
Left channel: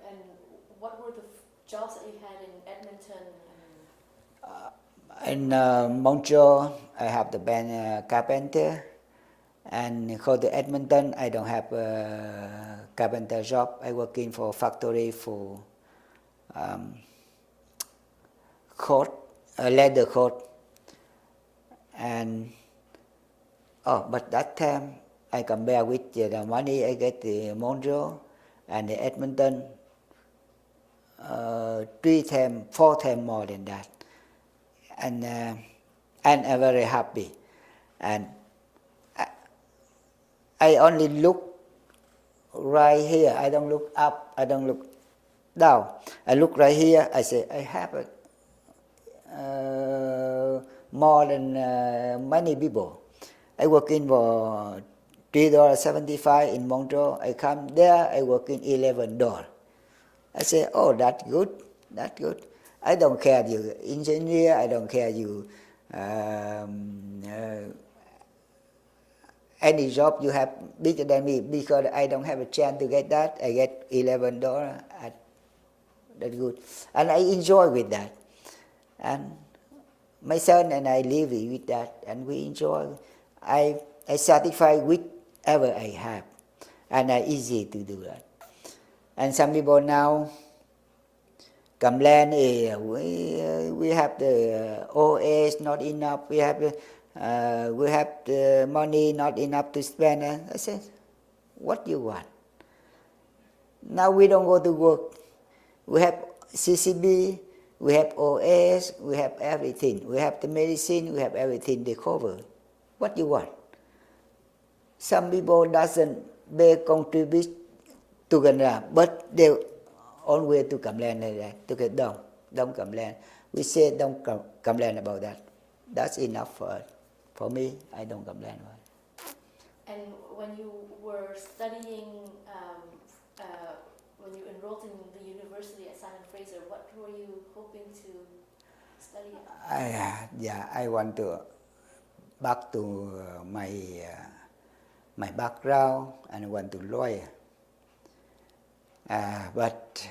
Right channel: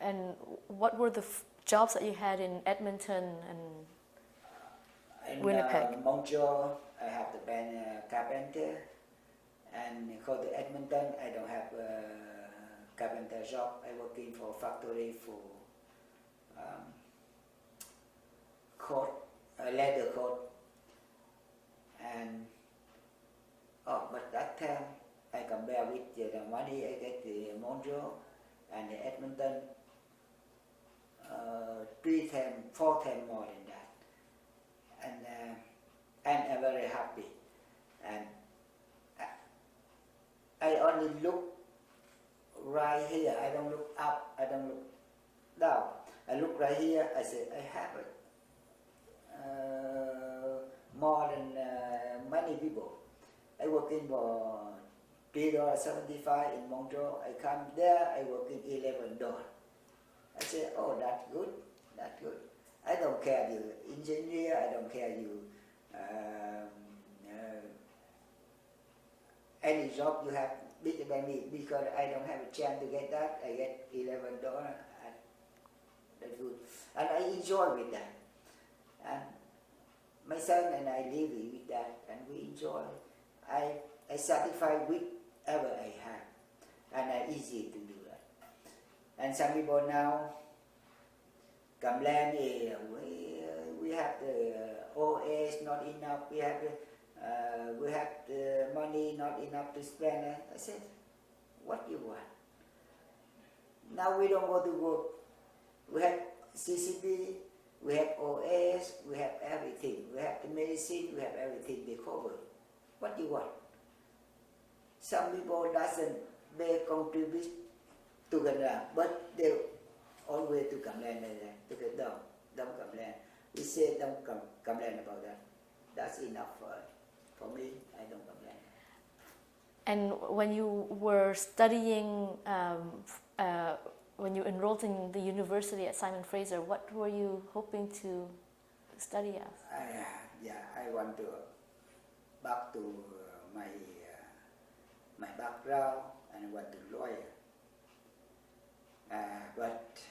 And what were the jobs that you had in Edmonton and in Montreal, I have the band carpenter. And go to Edmonton, I don't have a carpenter job. I working for factory for coat, leather coat. And but that time I compare with the money I get in Montreal and the Edmonton, 3 times, 4 times more than that. And I'm very happy. And I only look right here. I don't look up. I don't look down. I look right here. I say I have more than many people. I work in for $3.75 in Montreal. I come there. I work in $11. I say, oh, that's good. That's good. I don't care you engineer. I don't care you. Any job you have bigger than me because I don't have a chance to get that. I get $11. That's good, and I enjoy with that. And my son and I live with that, and we enjoy. I satisfied with whatever I have, and it's easy to do that. And some people now complain, we have the old age not enough. We have the money not enough to spend. And I said, what do you want? Now we don't go to work. We have CCB, We have OS, we have everything. We have the medicine, we have everything they cover. What you want? Some people doesn't they contribute to Canada, but they always to complain like that. To get don't complain. We say don't complain about that. That's enough for us. For me, I don't complain. And when you were studying, when you enrolled in the university at Simon Fraser, what were you hoping to study at? I want to back to my background and I want to lawyer. But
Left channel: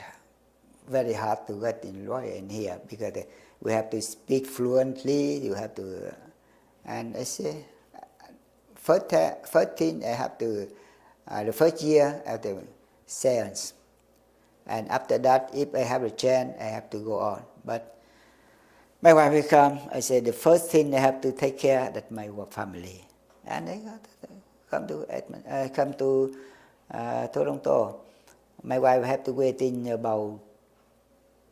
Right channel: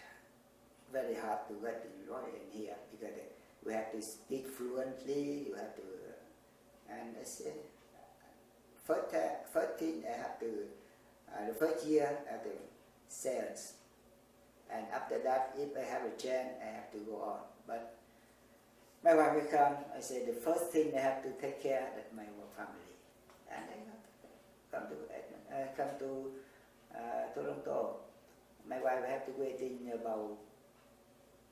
very hard to get in lawyer in here because we have to speak fluently. You have to, and I say, first thing I have to, the first year I have to science, and after that, if I have a chance, I have to go on. But my wife will come. I say the first thing I have to take care that my family, and I come to Toronto. My wife have to wait in about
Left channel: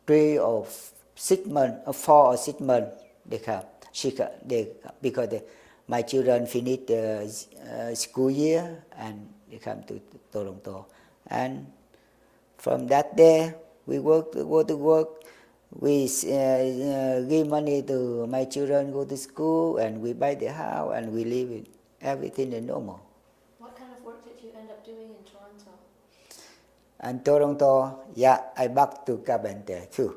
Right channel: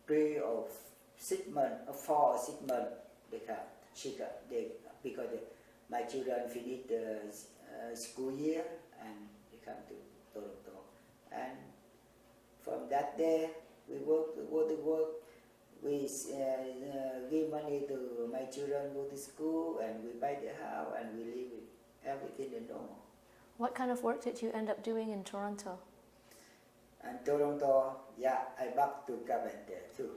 3 or 6 months, or 4 or 6 months. They come. Because my children finish the school year and they come to Toronto. And from that day, we go to work. We give money to my children go to school, and we buy the house, and we live in everything is normal. What kind of work did you end up doing in Toronto? And Toronto, I back to carpenter too.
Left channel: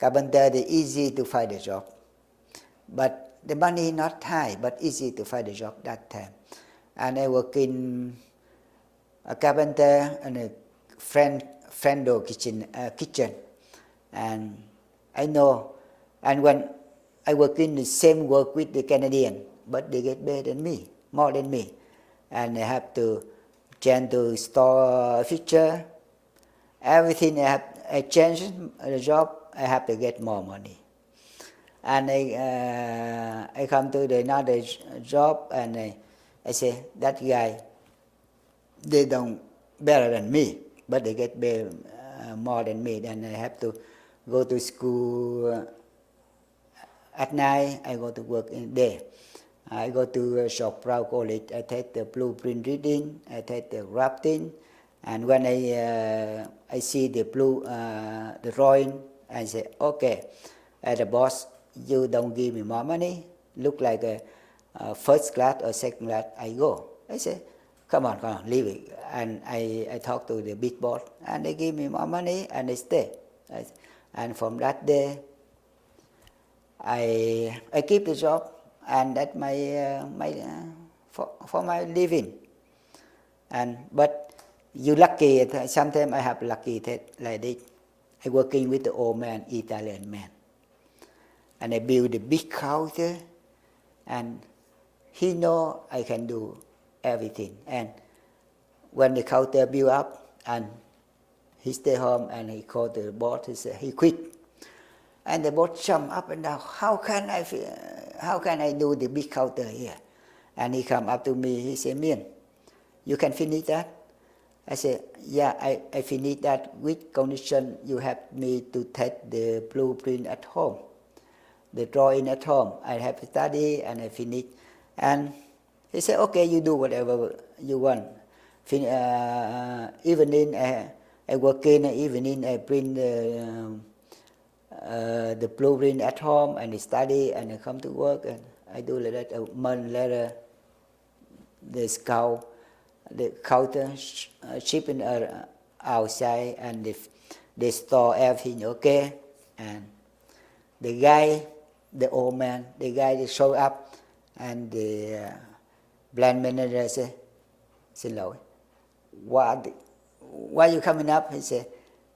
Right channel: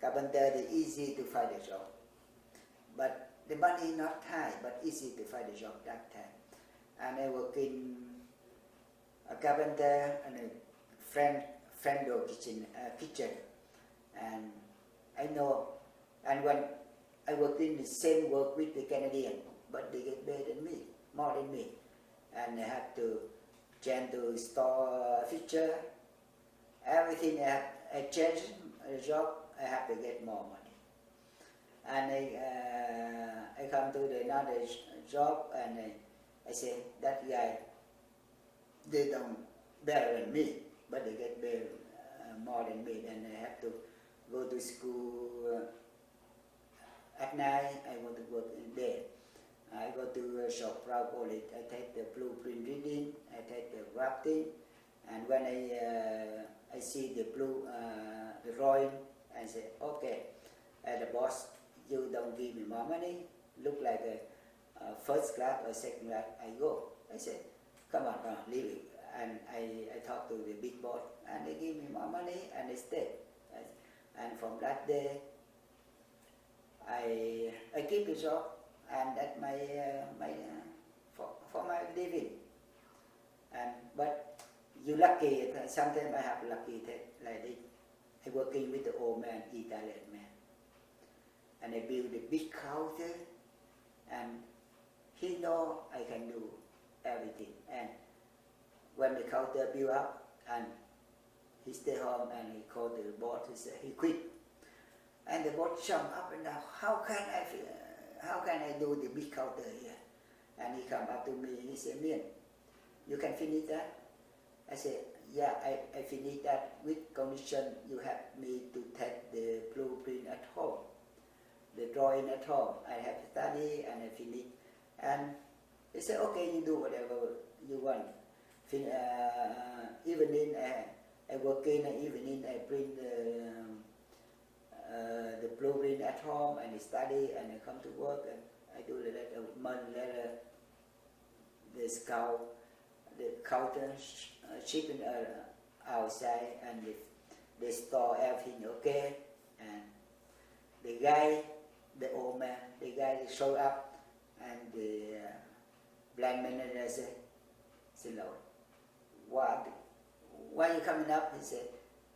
Carpenter is easy to find a job, but the money not high, but easy to find a job that time. And I work in a carpenter and a friendo kitchen, and I know. And when I work in the same work with the Canadian, but they get better than me, more than me, and I have to change to store feature. Everything I change the job, I have to get more money. And I come to another job, and I say that guy, they don't better than me, but they get better, more than me. Then I have to go to school at night. I go to work in day. I go to Shop Brown College. I take the blueprint reading. I take the drafting, and when I see the the drawing, I say, okay, as a boss, you don't give me more money. Look like a first class or second class, I go. I say, come on, leave it. And I talk to the big boss, and they give me more money, and I stay. And from that day, I keep the job, and that's for my living. But you lucky. Sometimes I have lucky that like this. I working with the old man, Italian man, and I build a big counter, and he know I can do everything. And when the counter build up, and he stay home, and he called the boss. He said he quit, and the boss jump up and down. How can I do the big counter here? And he come up to me. He said, Mien, you can finish that? I said, yeah, I finish that with condition you have me to take the blueprint at home, the drawing at home. I have to study and I finish. And he said, okay, you do whatever you want. Evening, I work in the evening, I print the blueprint at home and I study and I come to work and I do like that. A month later, the counter shipping outside, and they store everything okay. And the guy, the old man, the guy they show up, and the brand manager say, xin lỗi, why you coming up? He said,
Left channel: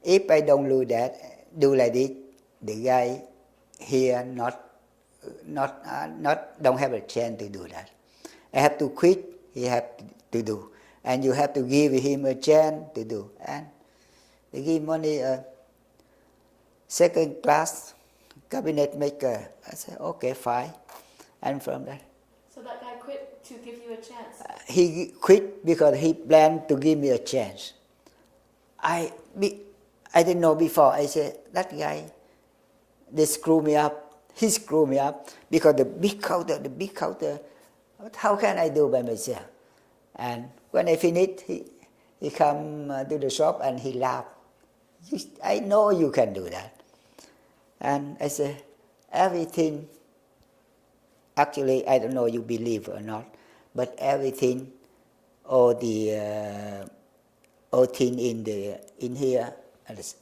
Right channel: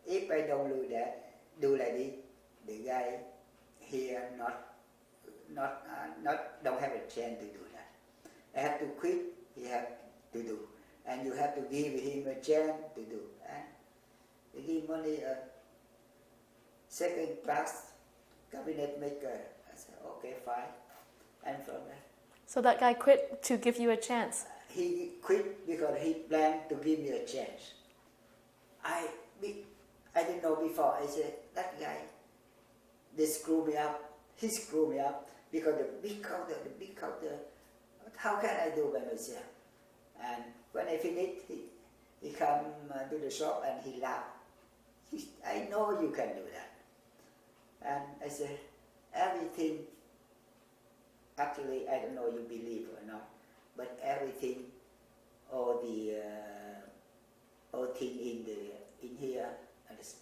if I don't do like this, the guy here don't have a chance to do that. I have to quit. He have to do, and you have to give him a chance to do. And they give money second class cabinet maker. I said, okay, fine. And from there. So that guy quit to give you a chance? He quit because he planned to give me a chance. I didn't know before. I said, that guy, they screw me up. He screwed me up because the big counter, how can I do by myself? And when I finish, he come to the shop and he laughed. I know you can do that. And I say, everything, actually, I don't know you believe or not, but everything, all thing in here is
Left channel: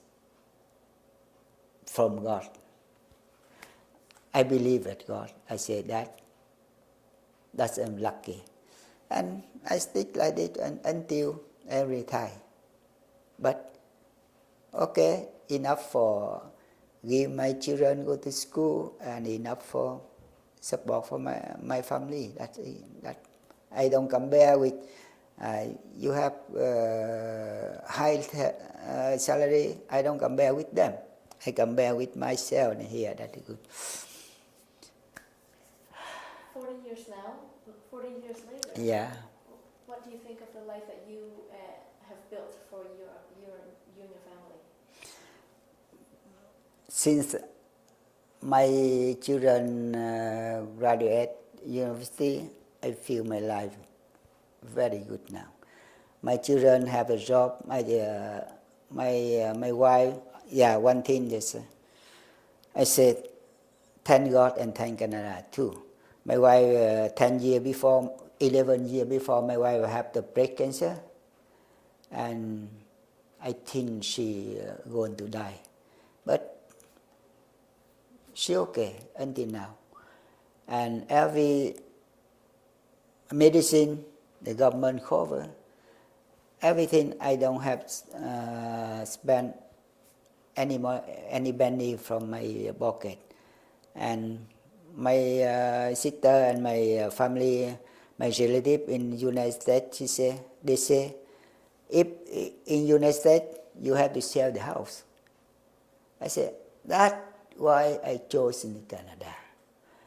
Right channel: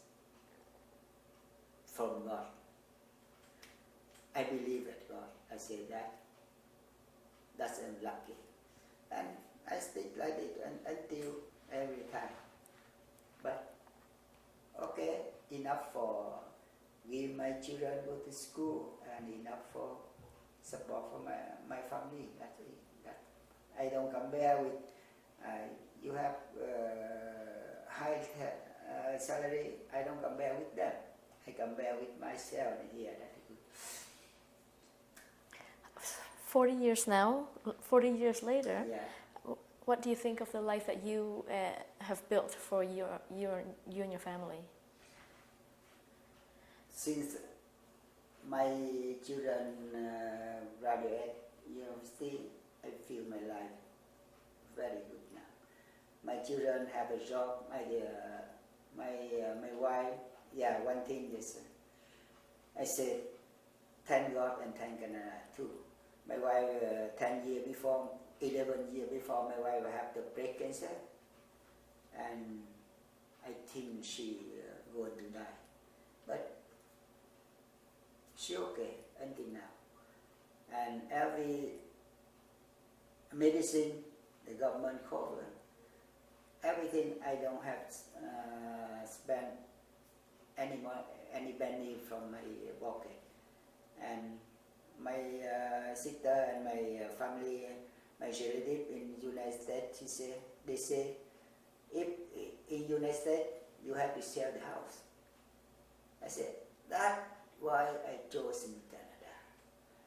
from God. I believe at God. I say that's unlucky. And I stick like it until every time. But okay, enough for give my children go to school and enough for support for my family. That I don't compare with you have high salary. I don't compare with them. I compare with myself here. That is good. 40 years now, 40 years later. Yeah. What do you think of the life that you have built for you and your family? Since my children graduate university, I feel my life very good now. My children have a job. My wife, one thing is, I said, thank God and thank Canada too. My wife, 11 years before, my wife had the breast cancer, and I think she going to die. But she okay until now. And every medicine the government cover, everything I don't have spent any penny from my pocket. And my sister and my family, my relative in United States, they say, if in United States you have to sell the house. I said, that's why I chose in Canada.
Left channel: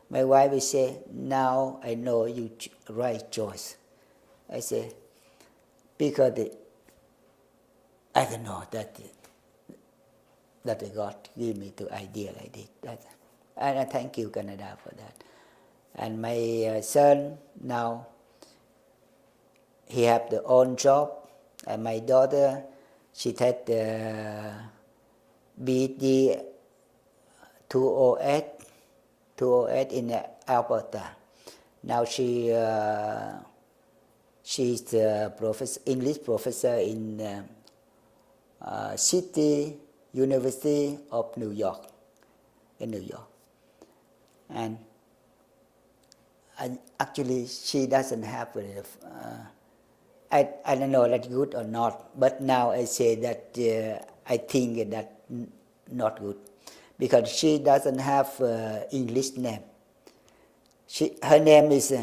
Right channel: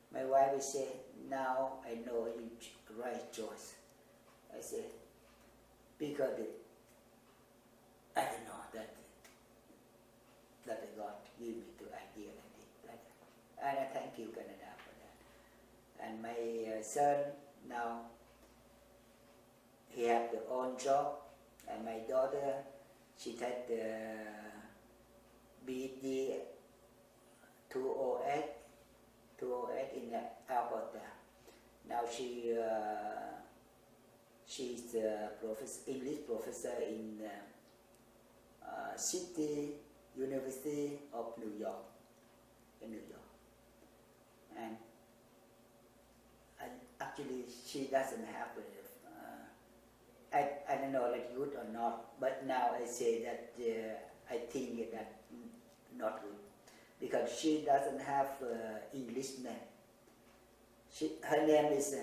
My wife will say, now I know you right choice. I say, because I don't know that God give me the idea like this. And I thank you, Canada, for that. And my son now, he have the own job. And my daughter, she had the BD 208 in Alberta. Now she's the English professor in City University of New York, in New York. And actually, she doesn't have I don't know that's good or not, but now I say that I think that not good, because she doesn't have English name. Her name is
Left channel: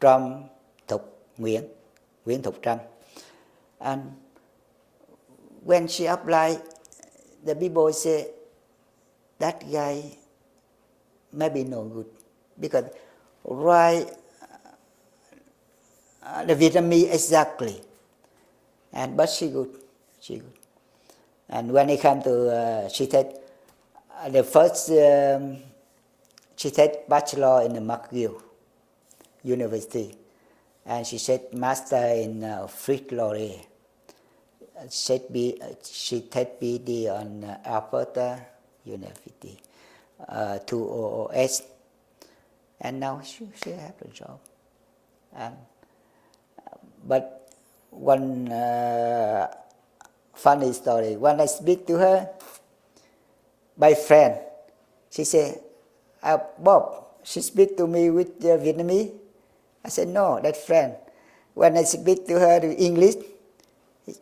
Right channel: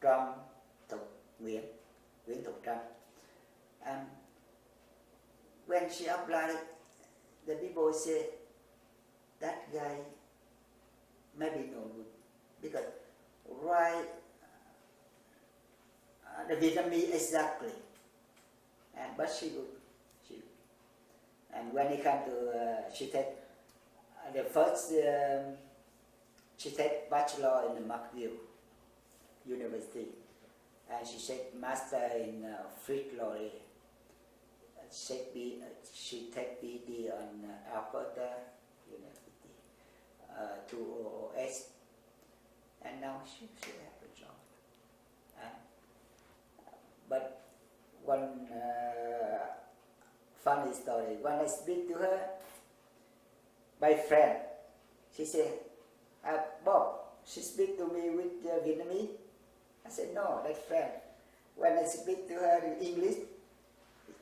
Nguyen Duc Mien, Nguyen Thục Trâm. And when she applied, the people say, that guy maybe no good, because write the Vietnamese exactly, but she good. And when it come to, she said, the first, she said bachelor in the McGill University, and she said master in Fritz Laurier. She take BD on Alberta University, 200S, and now she have a job. But one funny story, when I speak to her, by friend, she said, Bob, she speak to me with Vietnamese. I said, no, that's friend. When I speak to her in English,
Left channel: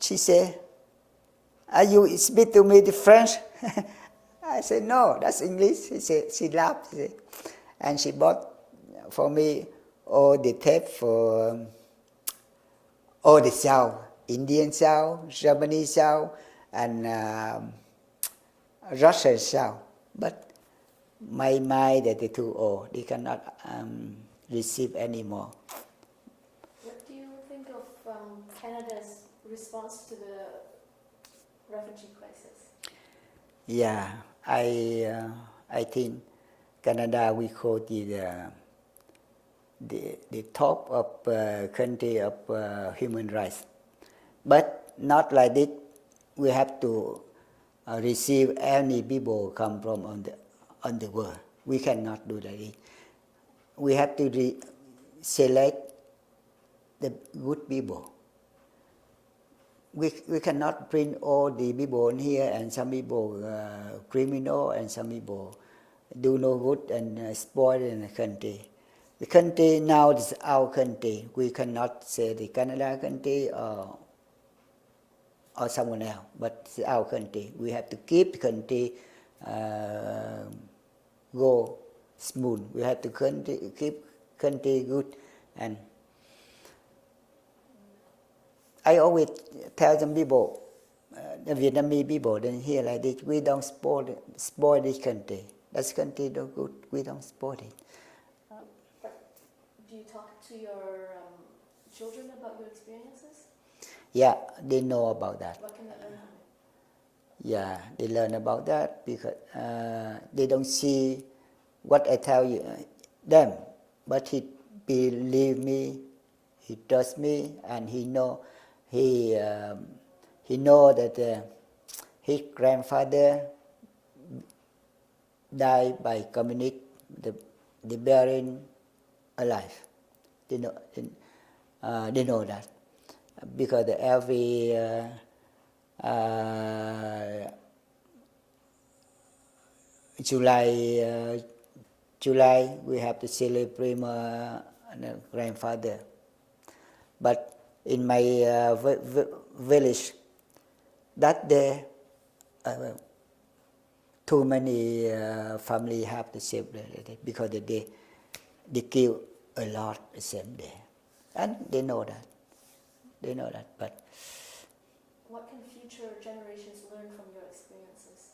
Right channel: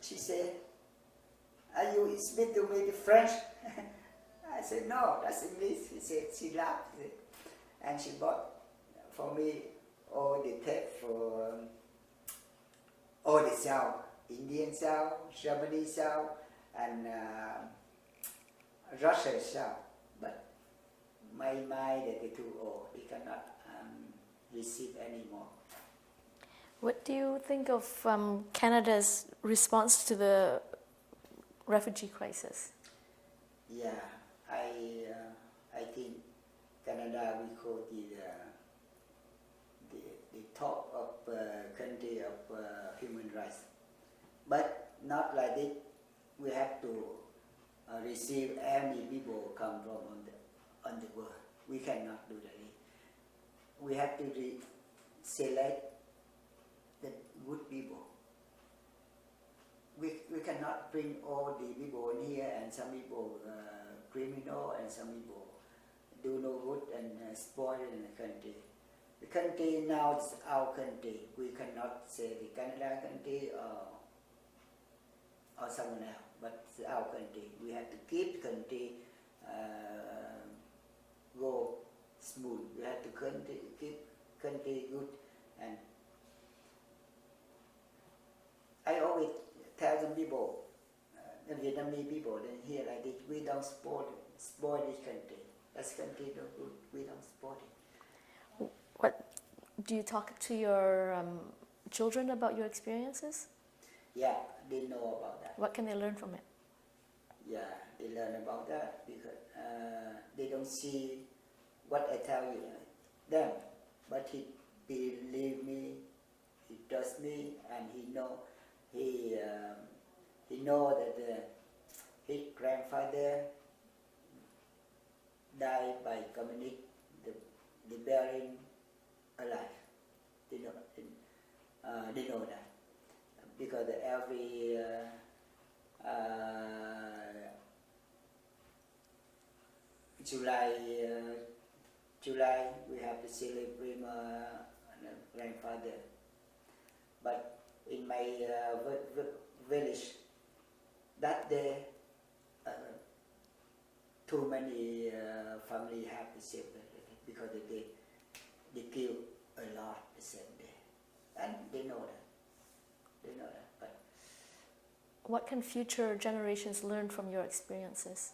she said, are you speak to me the French? I said, no, that's English. She laughed. And she bought for me all the tape for all the sound, Indian sound, Germany sound, and Russian sound. But my mind that is too old. They cannot receive anymore. What do you think of Canada's response to the refugee crisis? Yeah, I I think Canada we call the top of country of human rights. But not like this. We have to receive any people come from on the world. We cannot do that. We have to select the good people. We cannot bring all the people in here and some people criminal and some people do no good and spoil in the country. The country now is our country. We cannot say the Canada country or someone else, but it's our country. We have to keep the country go smooth. We have to keep country good. And I always tell some people, the Vietnamese people, then here like this, we don't spoil this country. This country don't good. We don't spoil it. What do you talk to your children about your experiences? Yeah, they know about that. What can they learn from it? Yeah, they learn about that because they don't see what I tell you them, but he believe me, he trust me, and he know that his grandfather died by communist, the buried alive. They know that. Because every July we have to celebrate my grandfather. But in my village, that day, too many family have to celebrate it because they kill a lot the same day, and they know that. They know that, but what can future generations learn from your experiences?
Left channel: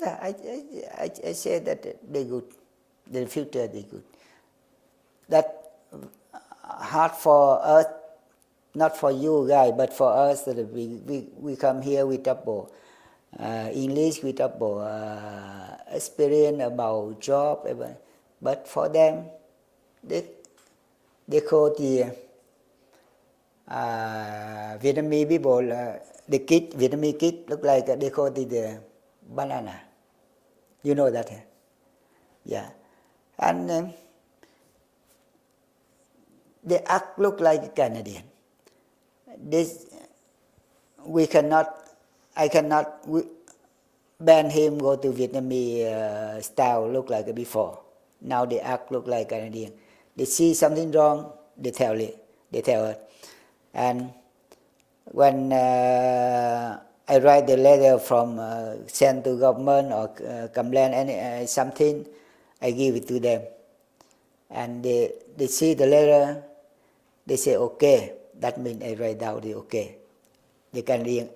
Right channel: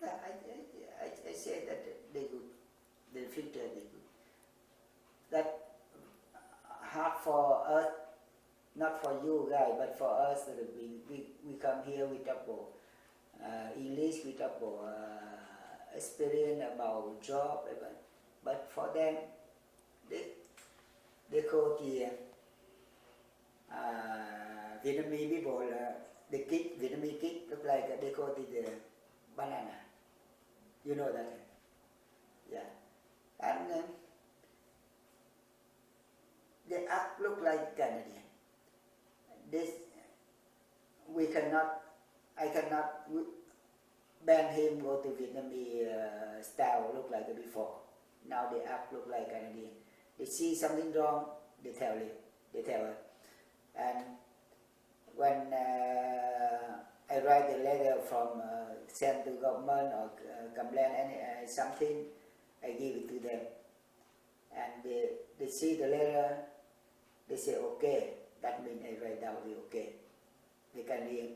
Yeah, I say that they're good. The future they're good. That hard for us, not for you guys, but for us that we come here with double English, with double experience about job, but for them, they call the Vietnamese people, the Vietnamese kid look like they call it the banana. You know that? Yeah. And they act look like Canadian. I cannot ban him go to Vietnamese style look like before. Now they act look like Canadian. They see something wrong, they tell us. And when I write the letter from send to government or complain something, I give it to them. And they see the letter, they say okay. That means I write down the okay. They can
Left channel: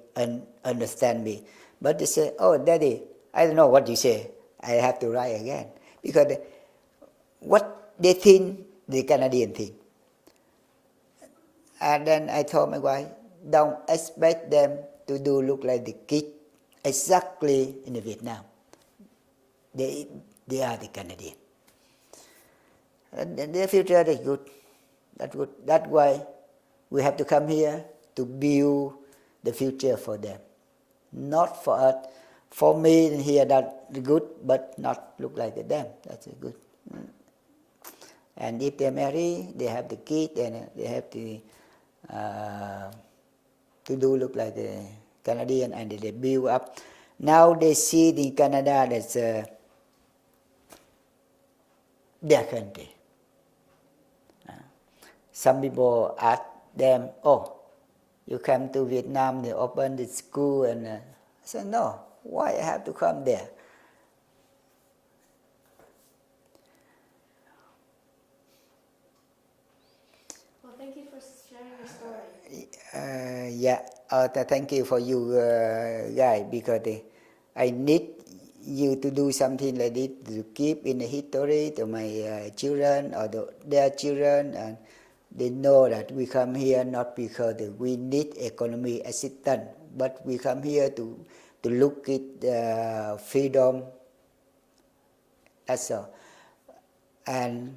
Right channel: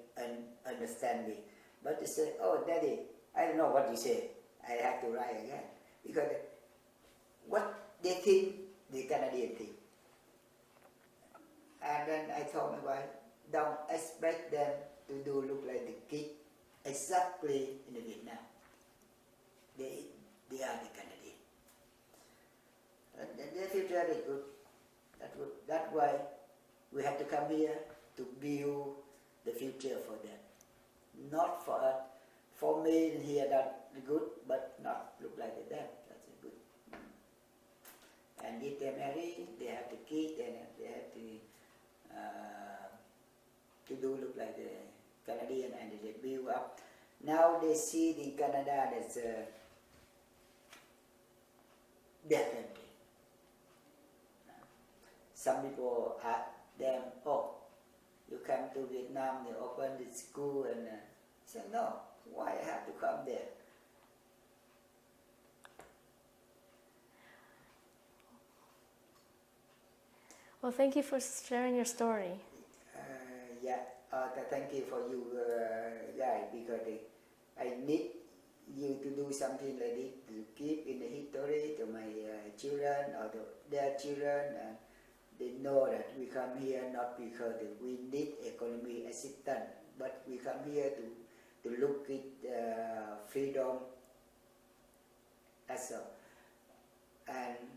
understand me. But they say, oh, Daddy, I don't know what you say. I have to write again. Because what they think, the Canadian think. And then I told my wife, don't expect them to do look like the kid exactly in Vietnam. They are the Canadian. And their future is good. That's good. That's why we have to come here to build the future for them. Not for us. For me here that's good, but not look like them. That's good. And if they marry, they have the kid and they have to do look like the Canadian and they build up. Now they see in Canada that's their country. Some people ask them, oh, you come to Vietnam, they open the school, and I said, no, why I have to come there? Well, thank you for sharing your story. Thank you for you guys, because I need you to do something like this to keep in the history to my children or their children, and they know that we come here not because we need economic assistance, but we come here to to look at freedom. That's all. And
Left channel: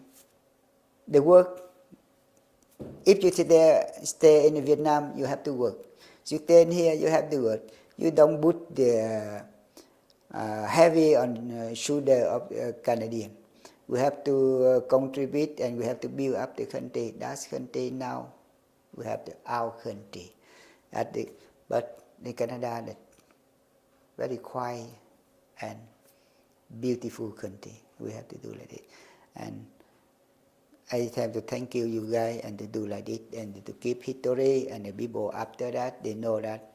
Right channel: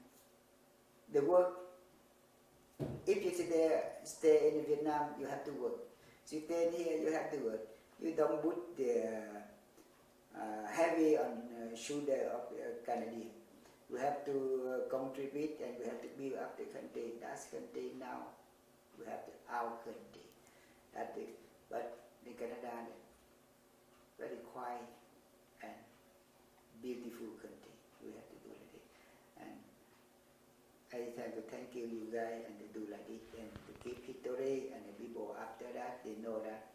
the work, if you stay in Vietnam, you have to work. You stay in here, you have to work. You don't put the heavy on shoulder of Canadian. We have to contribute and we have to build up the country. That's country now. We have our country. But the Canada, that very quiet and beautiful country. We have to do like this. And I have to thank you guys, and to do like this, and to keep history, and the people after that, they know that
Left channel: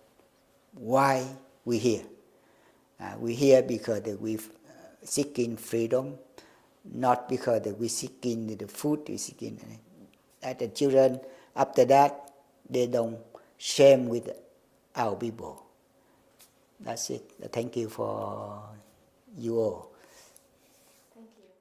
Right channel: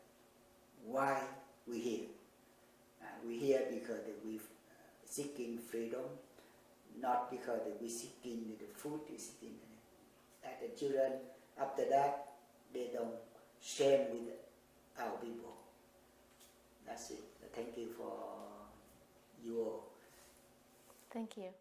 why we here. We here because we seeking freedom, not because we seeking the food, we seeking that the children after that, they don't shame with our people. That's it. Thank you for you all. Thank you.